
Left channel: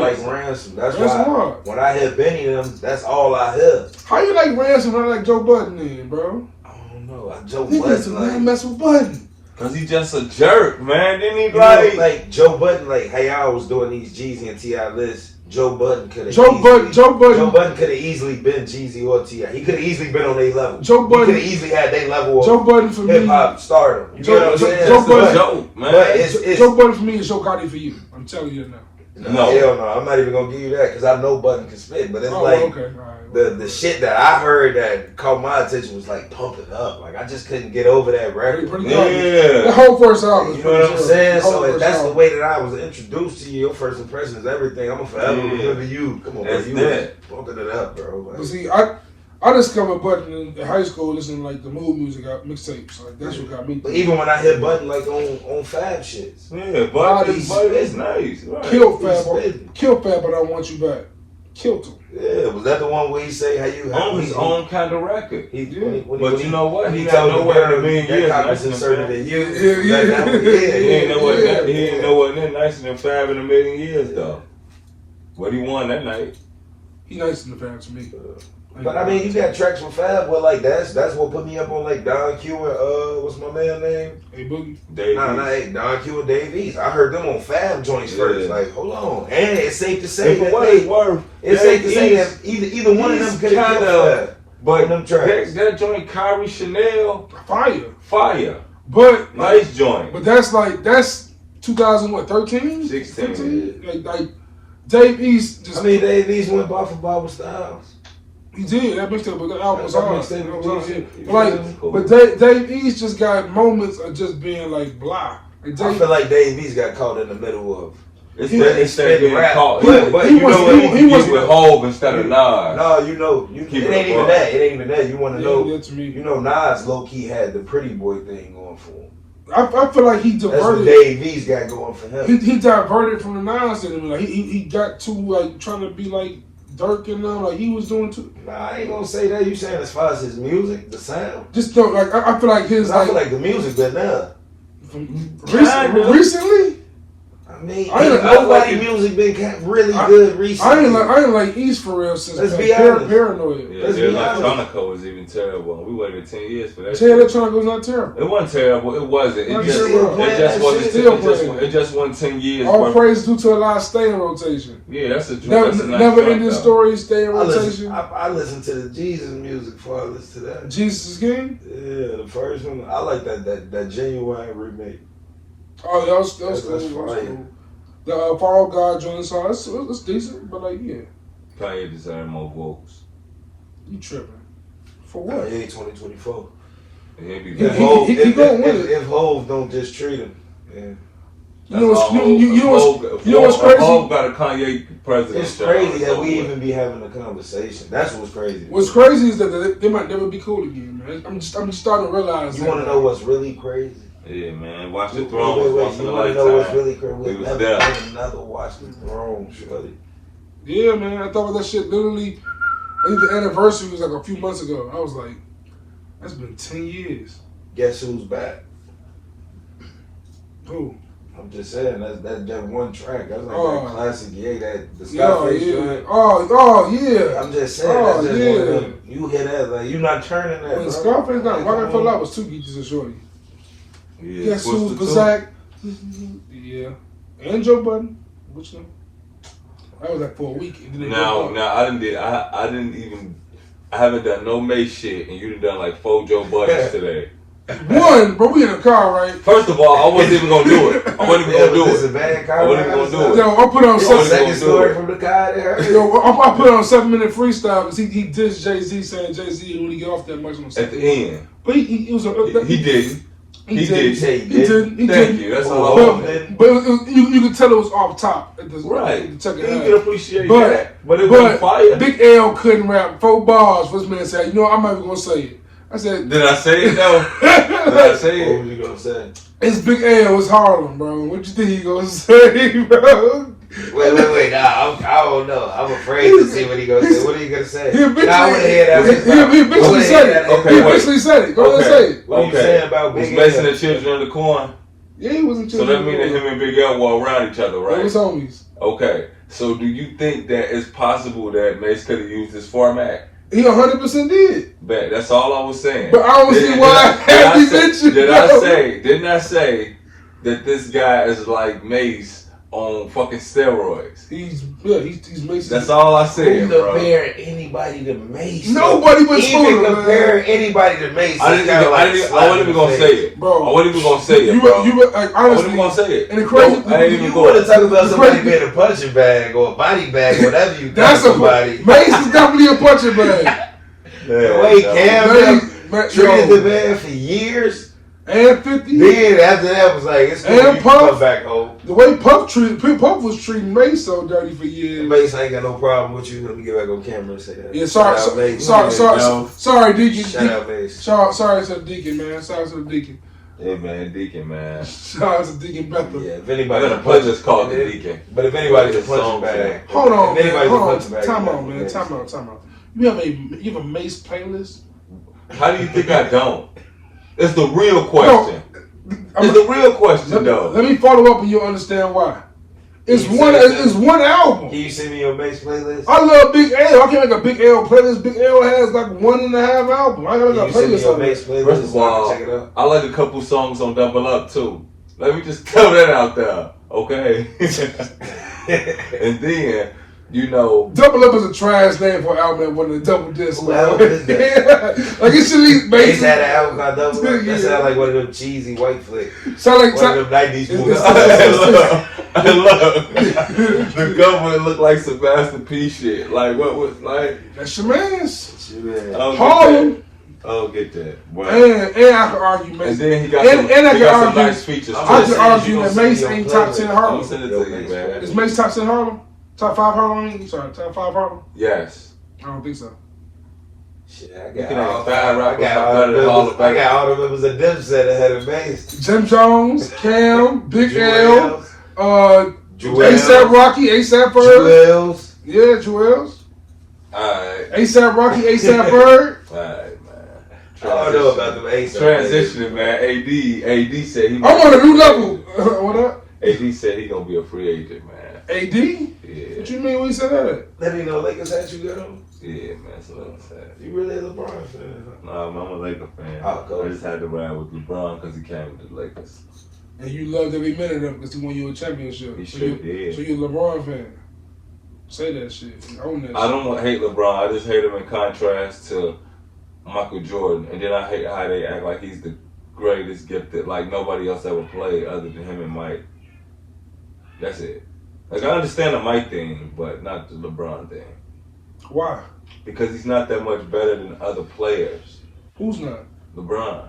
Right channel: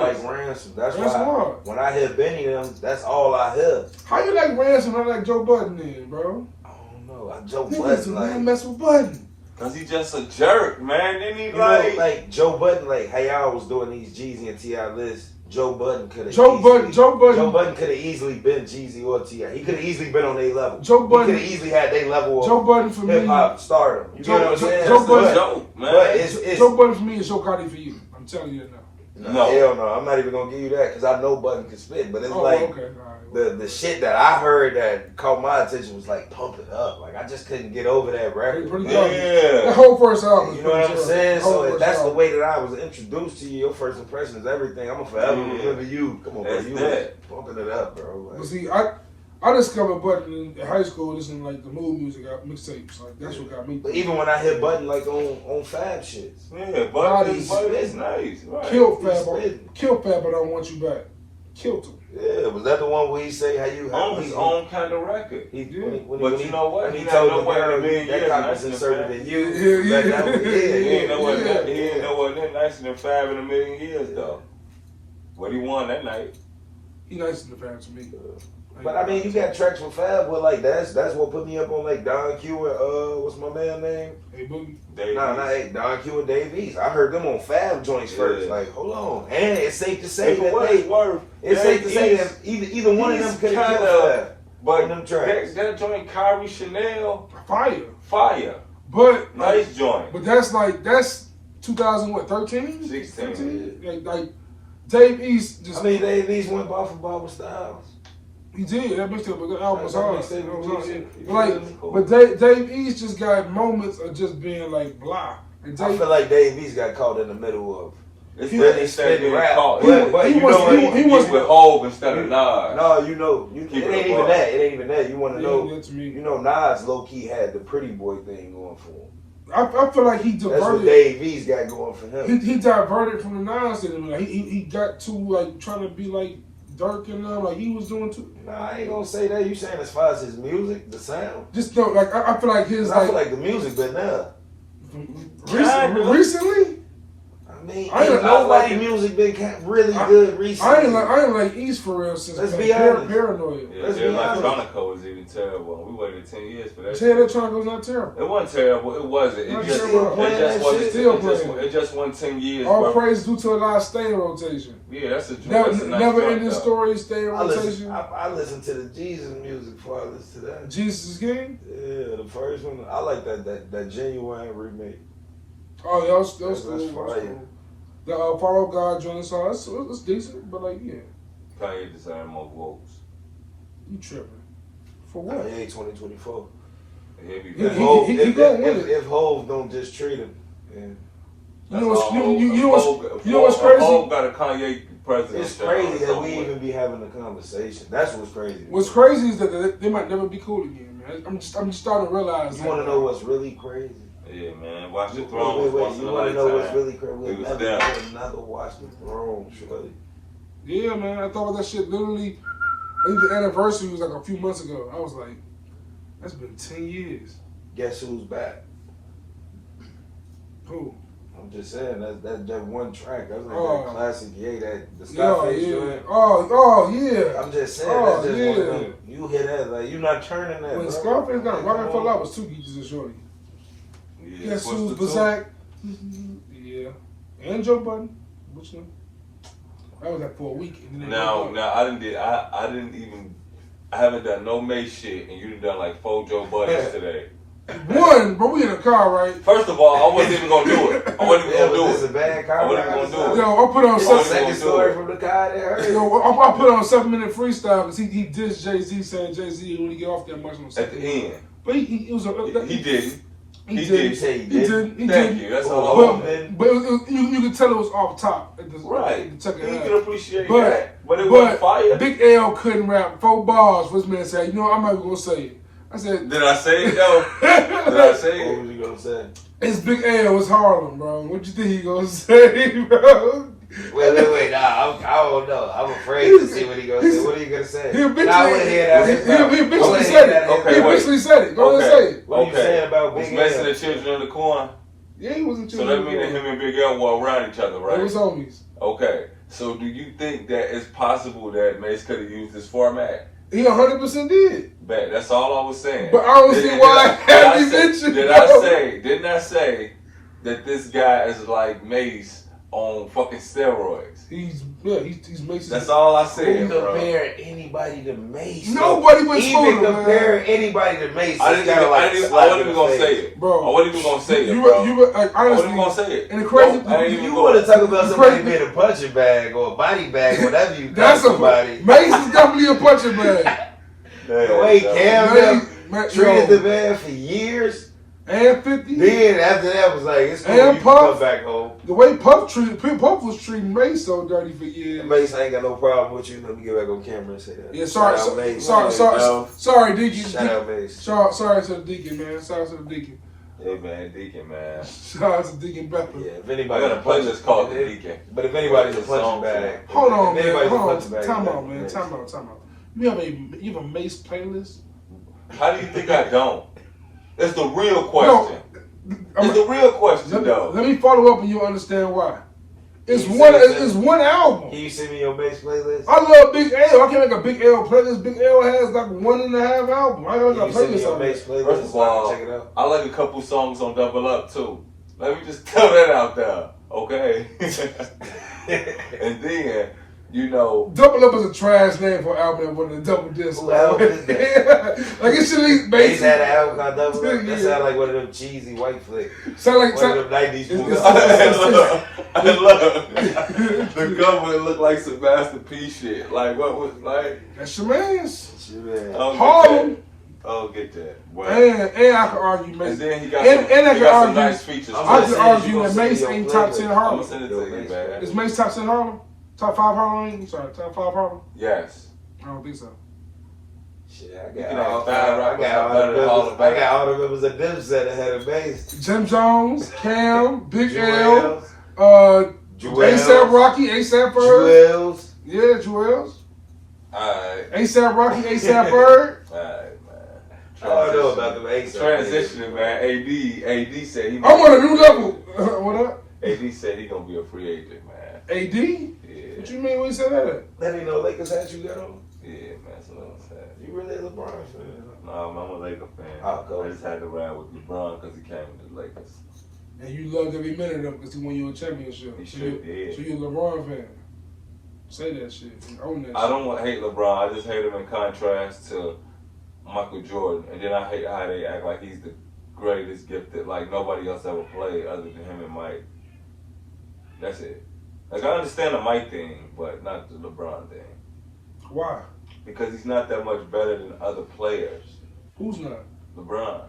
like Ransom. That's why when I hear Benny them, that's all I hear. How you like Ransom? I like Joe Budden then, bro. I don't know. Joe Budden like mess with Budden. Cause he just a jerk, man. Didn't he like Joe Budden? Like hey, I was doing these Jeezy and T.I lists. Joe Budden could have. Joe Budden could have easily been Jeezy or T.I. He could have easily been on their level. Joe Budden could have easily had their level of Joe Budden for hip hop stardom. You know what I'm saying? Joe Budden for me is Joe Gotti for you. I'm telling you now. No, hell no. I'm not even gonna give you that because I know Budden can spit, but it's the shit that I heard that caught my attention was like pumping up. Like I just couldn't get over that record. The whole first album. You know what I'm saying? So if that's the way that I was introduced to you, your first impression is everything. I'm gonna forever remember you. Come on, bro. You pumping it up, bro. Like, see, I discovered Budden in high school listening to like the mood music mixtapes. Like that's what got me. But even when I hit Budden like on Fab shits. Yeah, Budden is nice. Right. Kill Fab, but I want you back. Killed him. Yeah, was that the one where he say how you on his own kind of record? But you know what? He not nowhere in a million years nicer than Fab. He ain't nowhere near nicer than Fab in a million years though. What he won that night? He nicer than Fab to me. But I mean, you got tracks with Fab. Well, like that's what put me up on like Don Q and what's my man name? Hey Boogie. Don Q and Dave East. I heard them on Fab joints first. Like, hold on, and it's safe to say it's safe to say that either one of them could have Fab. But them tracks, that joint Kyrie Chanel, fire. But nice joint. But that's 2013, 16. Like Dave East just. Dave East went by for Barbara Styles. He did. That mixtape, but the album was hard. But Dave East just got moments of just being like blah. I feel like Dave East got caught in the middle of. Instead of getting caught. But he was with Hov instead of Nas. No, it ain't even that. It ain't even that. You want to know? You know, Nas low key had the pretty boy thing going for him. I feel like he diverted. That's what Dave East got going for him. He diverted from the Nas thing. Like he got too like trying to be like Dirk and them, like he was doing too. Nah, I ain't gonna say that. You saying as far as his music, the sound? Just don't like. I feel like his. I feel like the music good now. Recently. I mean, nobody music been really good recently. I ain't like East for real since. Let's be honest. Paranoid. Yeah, Electronica was even terrible. We waited 10 years for that. Electronica was not terrible. It wasn't terrible. It wasn't. It just wasn't 10 years. All praise due to a lot of stay in rotation. Yeah, that's a never ending story. Stay in rotation. I listen to the Jesus music before I listen to that. Jesus is King. Yeah, the first one. I like that Genuine remake. Oh, yeah, that's cool. The Fall God joint song, it's decent, but like, yeah. Kanye deserve more vocals. You tripping. For what? Kanye 2024. If Hov don't just treat him, yeah. You know what's crazy? Hov got a Kanye president. It's crazy that we even be having a conversation. That's what's crazy. What's crazy is that they might never be cool again, man. I'm just starting to realize. You want to know what's really crazy? Yeah, man. Watch the Throne. Throne. You want to know what's really crazy? We never watch the Throne, shorty. Yeah, man. I thought that shit literally. I think the anniversary was like a few months ago. I was like, that's been 10 years. Guess who's back? Who? I'm just saying, that's that one track. That's like that classic, the Scarface joint. Yeah. I'm just saying, that's just one of them. You hear that, like, you not turning that, when Scarface got Rockin' for Love was 2 Geeches and Shorty. Yeah, Guess who's Bazak? Yeah. And Joe Budden. Which one? That was like for a week. Now I haven't done no Mace shit, and you done like 4 Joe Buddens today. One, bro, we in a car, right? First of all, I wasn't even gonna do it. I wasn't even gonna do It's a bad car. I wasn't even gonna do it. Yo, I put on second story from the car there. Yo, I put on a 7-minute freestyle because he dissed Jay-Z, saying Jay-Z didn't really get off that much on the at the end. But he was a... He didn't. He did. Thank you. That's all. But you could tell it was off top. At the, right. The you can appreciate that. But it was fire. Big L couldn't rap 4 bars. First man said, you know, I'm not even going to say it. I said... Did I say it, though? Did I say it? What was you going to say? It's Big L. It's Harlem, bro. What you think he going to say, bro? Wait. Nah, I don't know. I'm afraid to see what he going to say. What are you going to say? He eventually said it. Okay, he eventually said it. Go ahead and say it. What are you saying about Big L? Was Mason the children of the corn? Yeah, he wasn't So that means that him and Big L were around each other, right? They was homies. Okay. So do you think that it's possible that Mace could have used this format? He 100% did. Bet. That's all I was saying. But I don't see why he mentioned it. Didn't I say that this guy is like Mace on fucking steroids? He's Mason. That's all I said, bro. bro. Compare anybody to Mace. Nobody but Smooda. Compare anybody to Mace. I wasn't even gonna say it, bro. I wasn't even gonna say it, bro. Honestly, I wasn't even gonna say it. And the crazy, you want to talk about somebody being a punching bag or a body bag, whatever you think somebody. Mace is definitely a punching bag. The way Cam treated the man for years. And 50. Then after that was like, it's time to come back home. The way Puff was treating Mace so dirty for years. Mace ain't got no problem with you. Let me get back on camera and say that. Yeah, sorry, Deacon. Shout out, Mace. Sorry to the Deacon, man. Shout out to the Deacon. Hey, man, Deacon, man. Shout out to Deacon Bethel. Yeah, if anybody the players called the Deacon. But if anybody's a punching bag. Hold on, man. Time out, man. Time out. You have a Mace playlist? How do you think I don't? It's the real question. It's the real question, though. Let me follow up and you'll understand why. It's one album. Can you send me your Mace playlist? I love Big L. I can't make a Big L playlist. Big L has like 1.5 albums. I gotta make a playlist on Mace playlist. First of all, check it out. I like a couple songs on Double Up too. Let me just throw that out there, okay? And then, you know, Double Up is a trash name for an album that wasn't a double disc. What is that? Like it should be Mace had an album called Double Up. That sound like one of them cheesy white flicks. Sound like one of them 90s movies. Look, the government looked like some Master P shit. Like what was like? That's your man's. Harlem. Oh, get that. Well, and I can argue Mace. And then he got some nice features. I can argue that Mace ain't top 10 Harlem. I'm sending it to you, man. Is Mace top 10 Harlem? Top 5 Harlem? Top 5 Harlem? Yes. I don't think so. Shit, I got all the members of Dipset ahead of Mace. Jim Jones, Cam, Big L, ASAP Rocky, ASAP Ferg. Jewels. Yeah, Jewels. Alright. ASAP Rocky, ASAP Ferg. Alright, man. I don't know about them ASAP. Transitioning, man. AD said he. I'm on a new level. What up? AD said he gonna be a free agent, man. AD? Yeah. What you mean when you said that? Let me know Lakers had you got him. Yeah, man. So what I'm saying. You really a LeBron fan? Nah, I'm a Laker fan. Oh, cool. I just had to ride with LeBron because he came with the Lakers. And you loved every minute of him because he won you a championship. He sure did. So you're a LeBron fan. Say that shit. Own that shit. I don't hate LeBron. I just hate him in contrast to Michael Jordan. And then I hate how they act like he's the greatest gifted, like nobody else ever played other than him and Mike. That's it. Like, I understand the Mike thing, but not the LeBron thing. Why? Because he's not that much better than other players. Who's not? LeBron.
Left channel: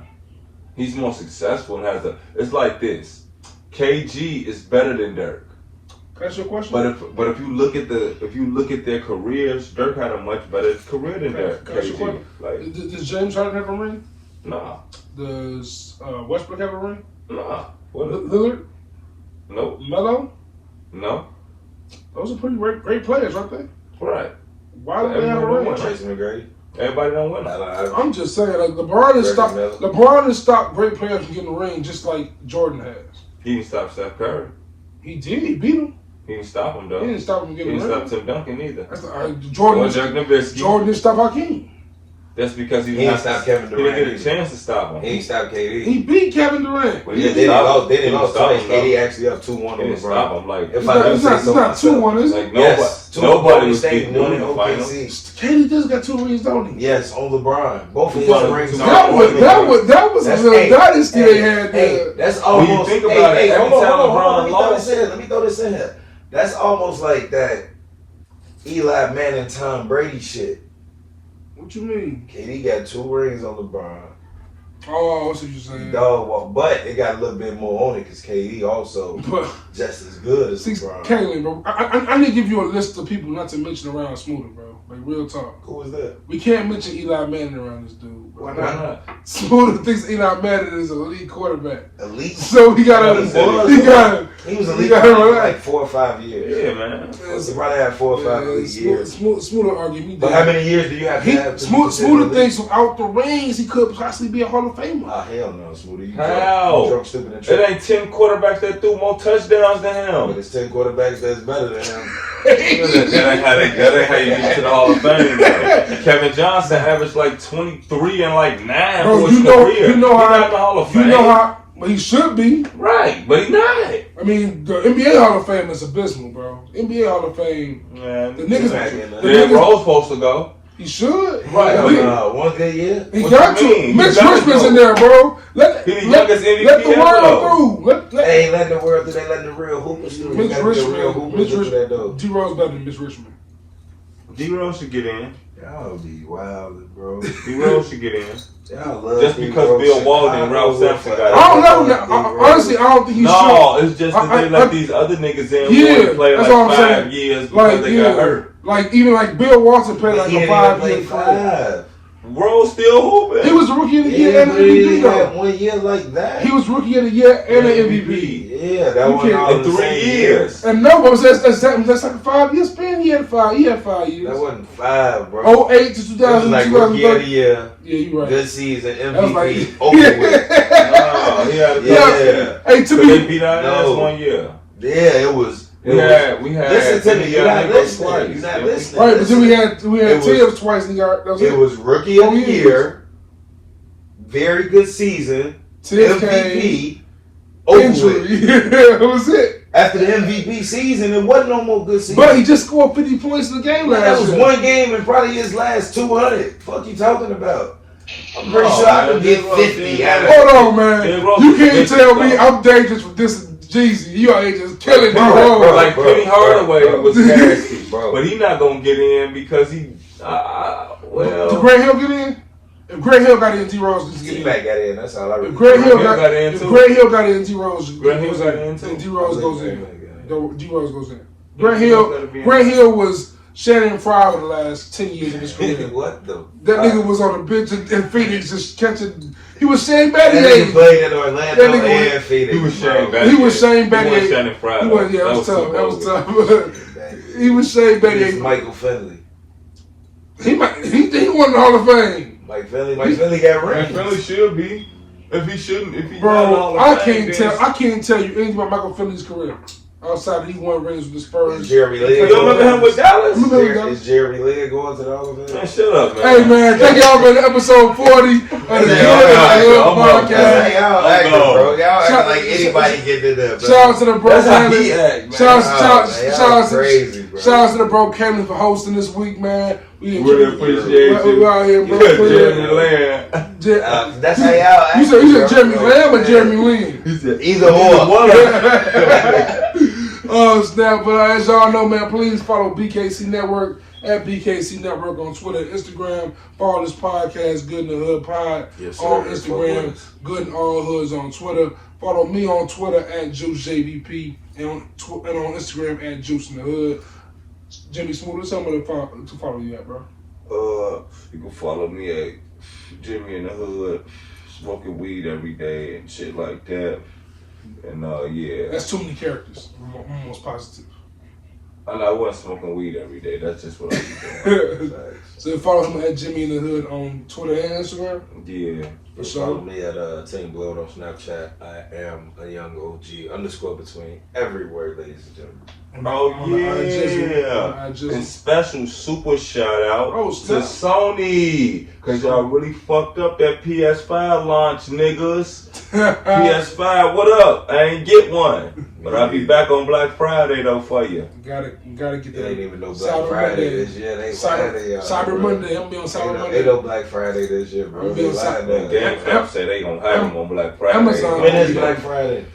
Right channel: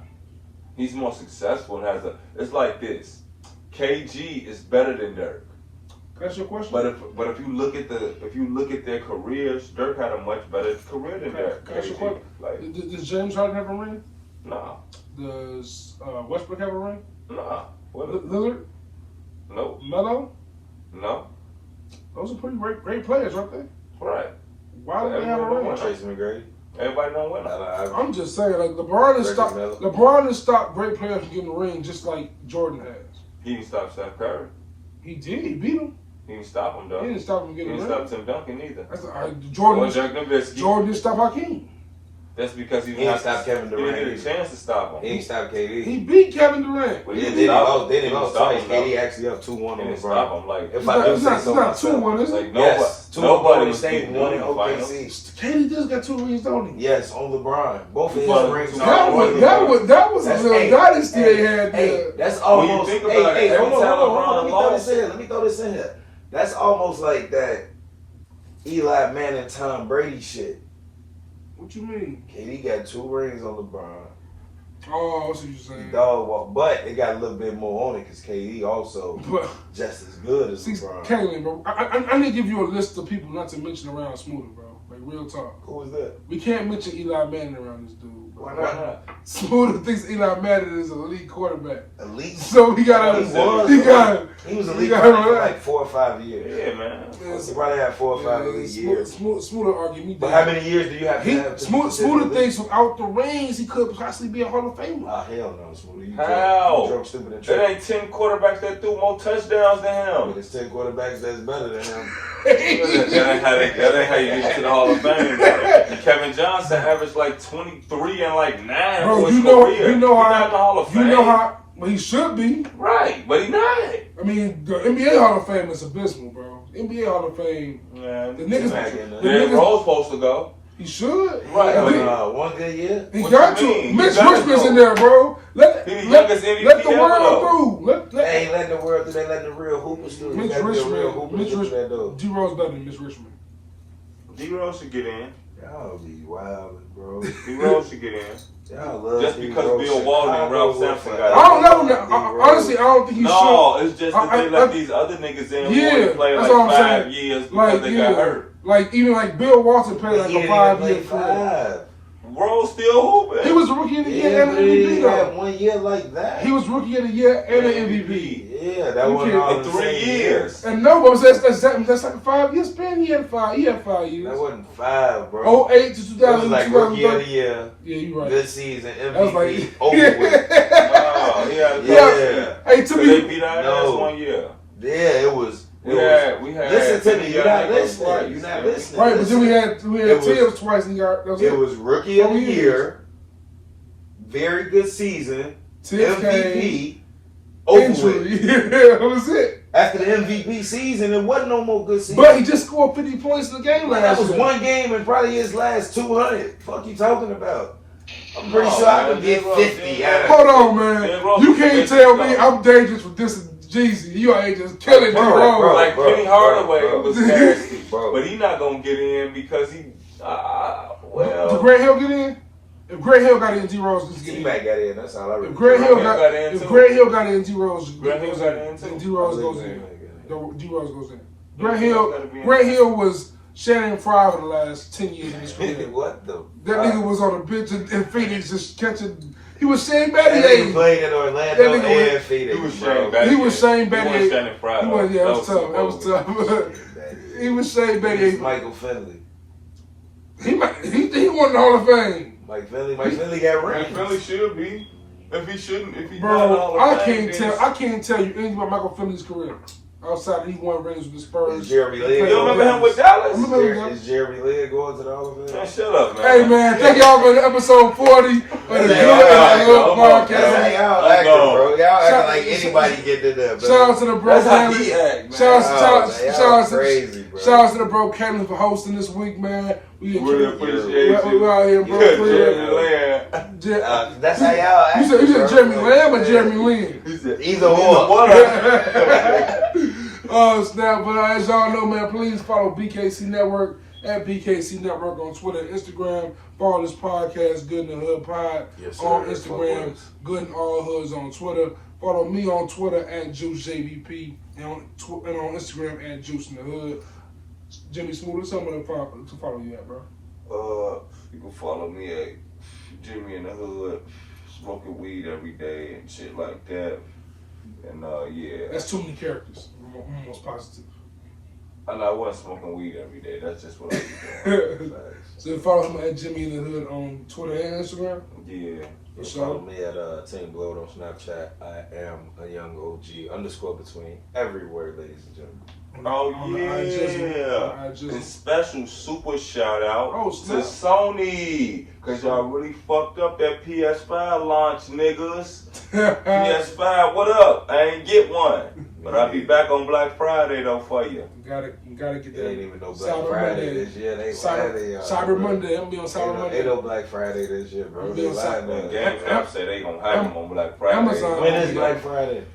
He's more successful and has a. It's like this. KG is better than Dirk. That's your question. But if you look at their careers, Dirk had a much better career than Dirk. KG. Like, does James Harden have a ring? Nah. Does Westbrook have a ring? Nah. Lillard? No. Melo? No. Those are pretty great players, aren't they? Right. Why don't they have a ring? Tracy McGrady. Everybody don't win. I'm just saying, like LeBron has stopped great players from getting the ring, just like Jordan has. He didn't stop Steph Curry. He did. He beat him. He didn't stop him though. He didn't stop him getting the ring. He didn't stop Tim Duncan either. Jordan didn't stop Hakeem. That's because he didn't stop Kevin Durant. He didn't get a chance to stop him. He didn't stop KD. He beat Kevin Durant. But yeah, they didn't lost twice. KD actually up 2-1 on LeBron. Stop him. Like, it's not 2-1, is it? Like, nobody was getting one in the finals. KD just got 2 rings, don't he? Yes, on LeBron. Both of his rings. That was a little dynasty they had there. That's almost. When you think about it, every time LeBron lost. Let me throw this in here. That's almost like that Eli Manning, Tom Brady shit. What you mean? KD got 2 rings on LeBron. Oh, I see what you're saying. No, well, but it got a little bit more on it because KD also just as good as LeBron. Kaylin, bro, I need to give you a list of people not to mention around Smooda, bro. Like, real talk. Who was that? We can't mention Eli Manning around this dude. Why not? Smooda thinks Eli Manning is an elite quarterback. Elite? So he got He was elite for like 4 or 5 years. Yeah, man. He probably had 4 or 5 elite years. Smooda argued me. But how many years do you have to have? Smooda thinks without the rings, he could possibly be a Hall of Famer. Oh, hell no, Smooda. How? Drunk, stupid, and it ain't 10 quarterbacks that threw more touchdowns than him. But it's 10 quarterbacks that's better than him. that ain't how you get to the Hall of Fame, bro. Kevin Johnson averaged like 23 and like 9 for his career. He's not in the Hall of Fame. You know how he should be. Right, but he's not. I mean, the NBA Hall of Fame is abysmal, bro. NBA Hall of Fame, man, the niggas Rose supposed to go. He should. Right. 1 good year. He got to. Mitch Richmond's in there, bro. Let the world through. They ain't letting the world through. They letting the real hoopers through. Mitch Richmond. D Rose better than Mitch Richmond. D Rose should get in. Y'all be wild, bro. D Rose should get in. Y'all love just because Bill Walton and Ralph Sampson got it. I don't know. Honestly, I don't think he should. No, it's just that they let these other niggas in who play like 5 years because they got hurt. Like, even like Bill Walton played like a 5-year career. Rose still hooping. He was the rookie of the year and an MVP, though. 1 year like that. He was rookie of the year and an MVP. Yeah, that was all in 3 years. And no, but that's like a 5-year span. He had 5 years. That wasn't 5, bro. 08 to 2000. That was like rookie of the year. Yeah, you're right. Good season, MVP, over with. Hey, to me, they beat our ass 1 year. Yeah, it was. We had. Listen to me. You're not listening. Right, but then we had Tibbs twice in the yard. It was rookie of the year. Very good season. MVP. Injury. Yeah, that was it. After the MVP season, it wasn't no more good season. But he just scored 50 points in the game last year. That was 1 game and probably his last 200. Fuck you talking about? I'm pretty sure I could get 50 out of it. Hold on, man. You can't tell me I'm dangerous for this Jeezy. You ain't just killing me, bro. Like Penny Hardaway was nasty, bro. But he not gonna get in because he. Well. Did Grant Hill get in? If Grant Hill got in, D Rose just get in. T-Mac got in. That's all I really. If Grant Hill got in, D Rose. Grant Hill got in too. D Rose goes in. D Rose goes in. Grant Hill was Shannon Fry for the last 10 years of his career. What the? That nigga was on the bench in Phoenix just catching. He was Shane Battier. That nigga played in Orlando and Phoenix. He was Shane Battier. He was Shane Battier. He was Shannon Fry. That was tough. He was Shane Battier. He was Michael Finley. He won the Hall of Fame. Mike Finley got rings. Finley should be. If he shouldn't, if he bro, I can't tell you anything about Michael Finley's career. Outside, he won rings with the Spurs. Jeremy Lin. You remember him with Dallas? Is Jeremy Lin going to the Hall of Fame? Man, shut up, man. Hey, man, thank y'all for episode 40 of the Good Podcast. Y'all acting, bro. Y'all acting like anybody getting it up. Shout out to the bro Cameron. Shout out to the bro Cameron for hosting this week, man. We really appreciate you. We out here, bro. Jeremy Lin. That's how y'all act. You said Jeremy Lamb or Jeremy Lin? Either or. Oh, snap. But as y'all know, man, please follow BKC Network at BKC Network on Twitter and Instagram. Follow this podcast, Good in the Hood Pod, on Instagram, Good in All Hoods on Twitter. Follow me on Twitter at JuiceJVP and on Instagram at Juice in the Hood. Jimmie Smooda, tell me to follow you at, bro. You can follow me at Jimmie in the Hood, smoking weed every day and shit like that. And yeah. That's too many characters. I'm almost positive. I wasn't smoking weed every day. That's just what I was doing. So follow him at Jimmie in the Hood on Twitter and Instagram. Yeah. Follow me at Team Blood on Snapchat. I am a young OG _ between every word, ladies and gentlemen. Oh yeah! And special super shout out to Sony, cause y'all really fucked up that PS5 launch, niggas. PS5, what up? I ain't get one, but I'll be back on Black Friday though for you. Gotta get that. Ain't even no Black Friday this year. They Cyber Monday. I'm be on Cyber Monday. Ain't no Black Friday this year, bro. I'm be on Cyber Monday. They say they gonna have them on Black Friday. Amazon. When is Black Friday?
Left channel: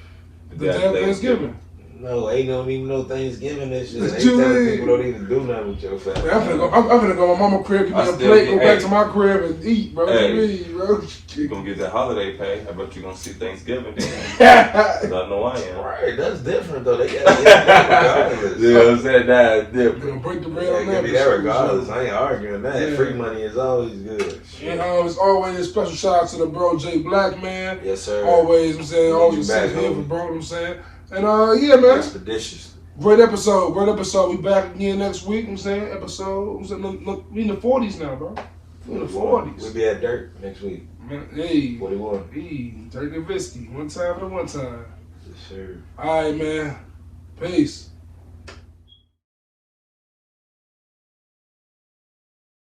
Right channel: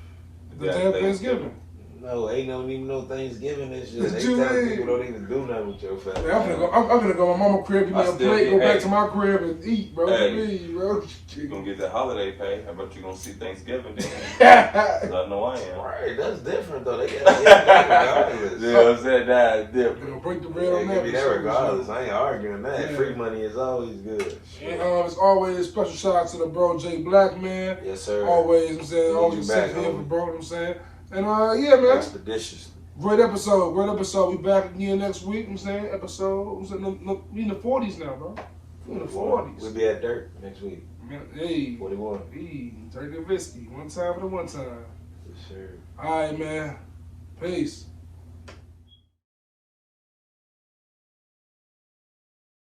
The day of Thanksgiving. No, ain't no even no Thanksgiving this shit. They tell people don't even do nothing with your family. I'm finna go to my mama's crib, get me a plate, go back to my crib and eat, bro. Hey, you gonna get that holiday pay. I bet you gonna see Thanksgiving then. I know I am. Right, that's different though. They gotta get that regardless. You know what I'm saying? That's Gonna different. break the bread on that. Give me that regardless. I ain't arguing that. Yeah. Free money is always good. And as always, special shout out to the bro J Black, man. Yes, sir. Always, I'm saying, always sitting here for bro, I'm saying. And yeah, man. Expeditious. Great episode. We back again next week. I'm saying we in the 40s now, bro. We in the 40s. We'll be at Dirt next week. Man, hey. 41. Hey, Dirt and Whiskey. One time for the one time. Yes, sir. All right, man. Peace.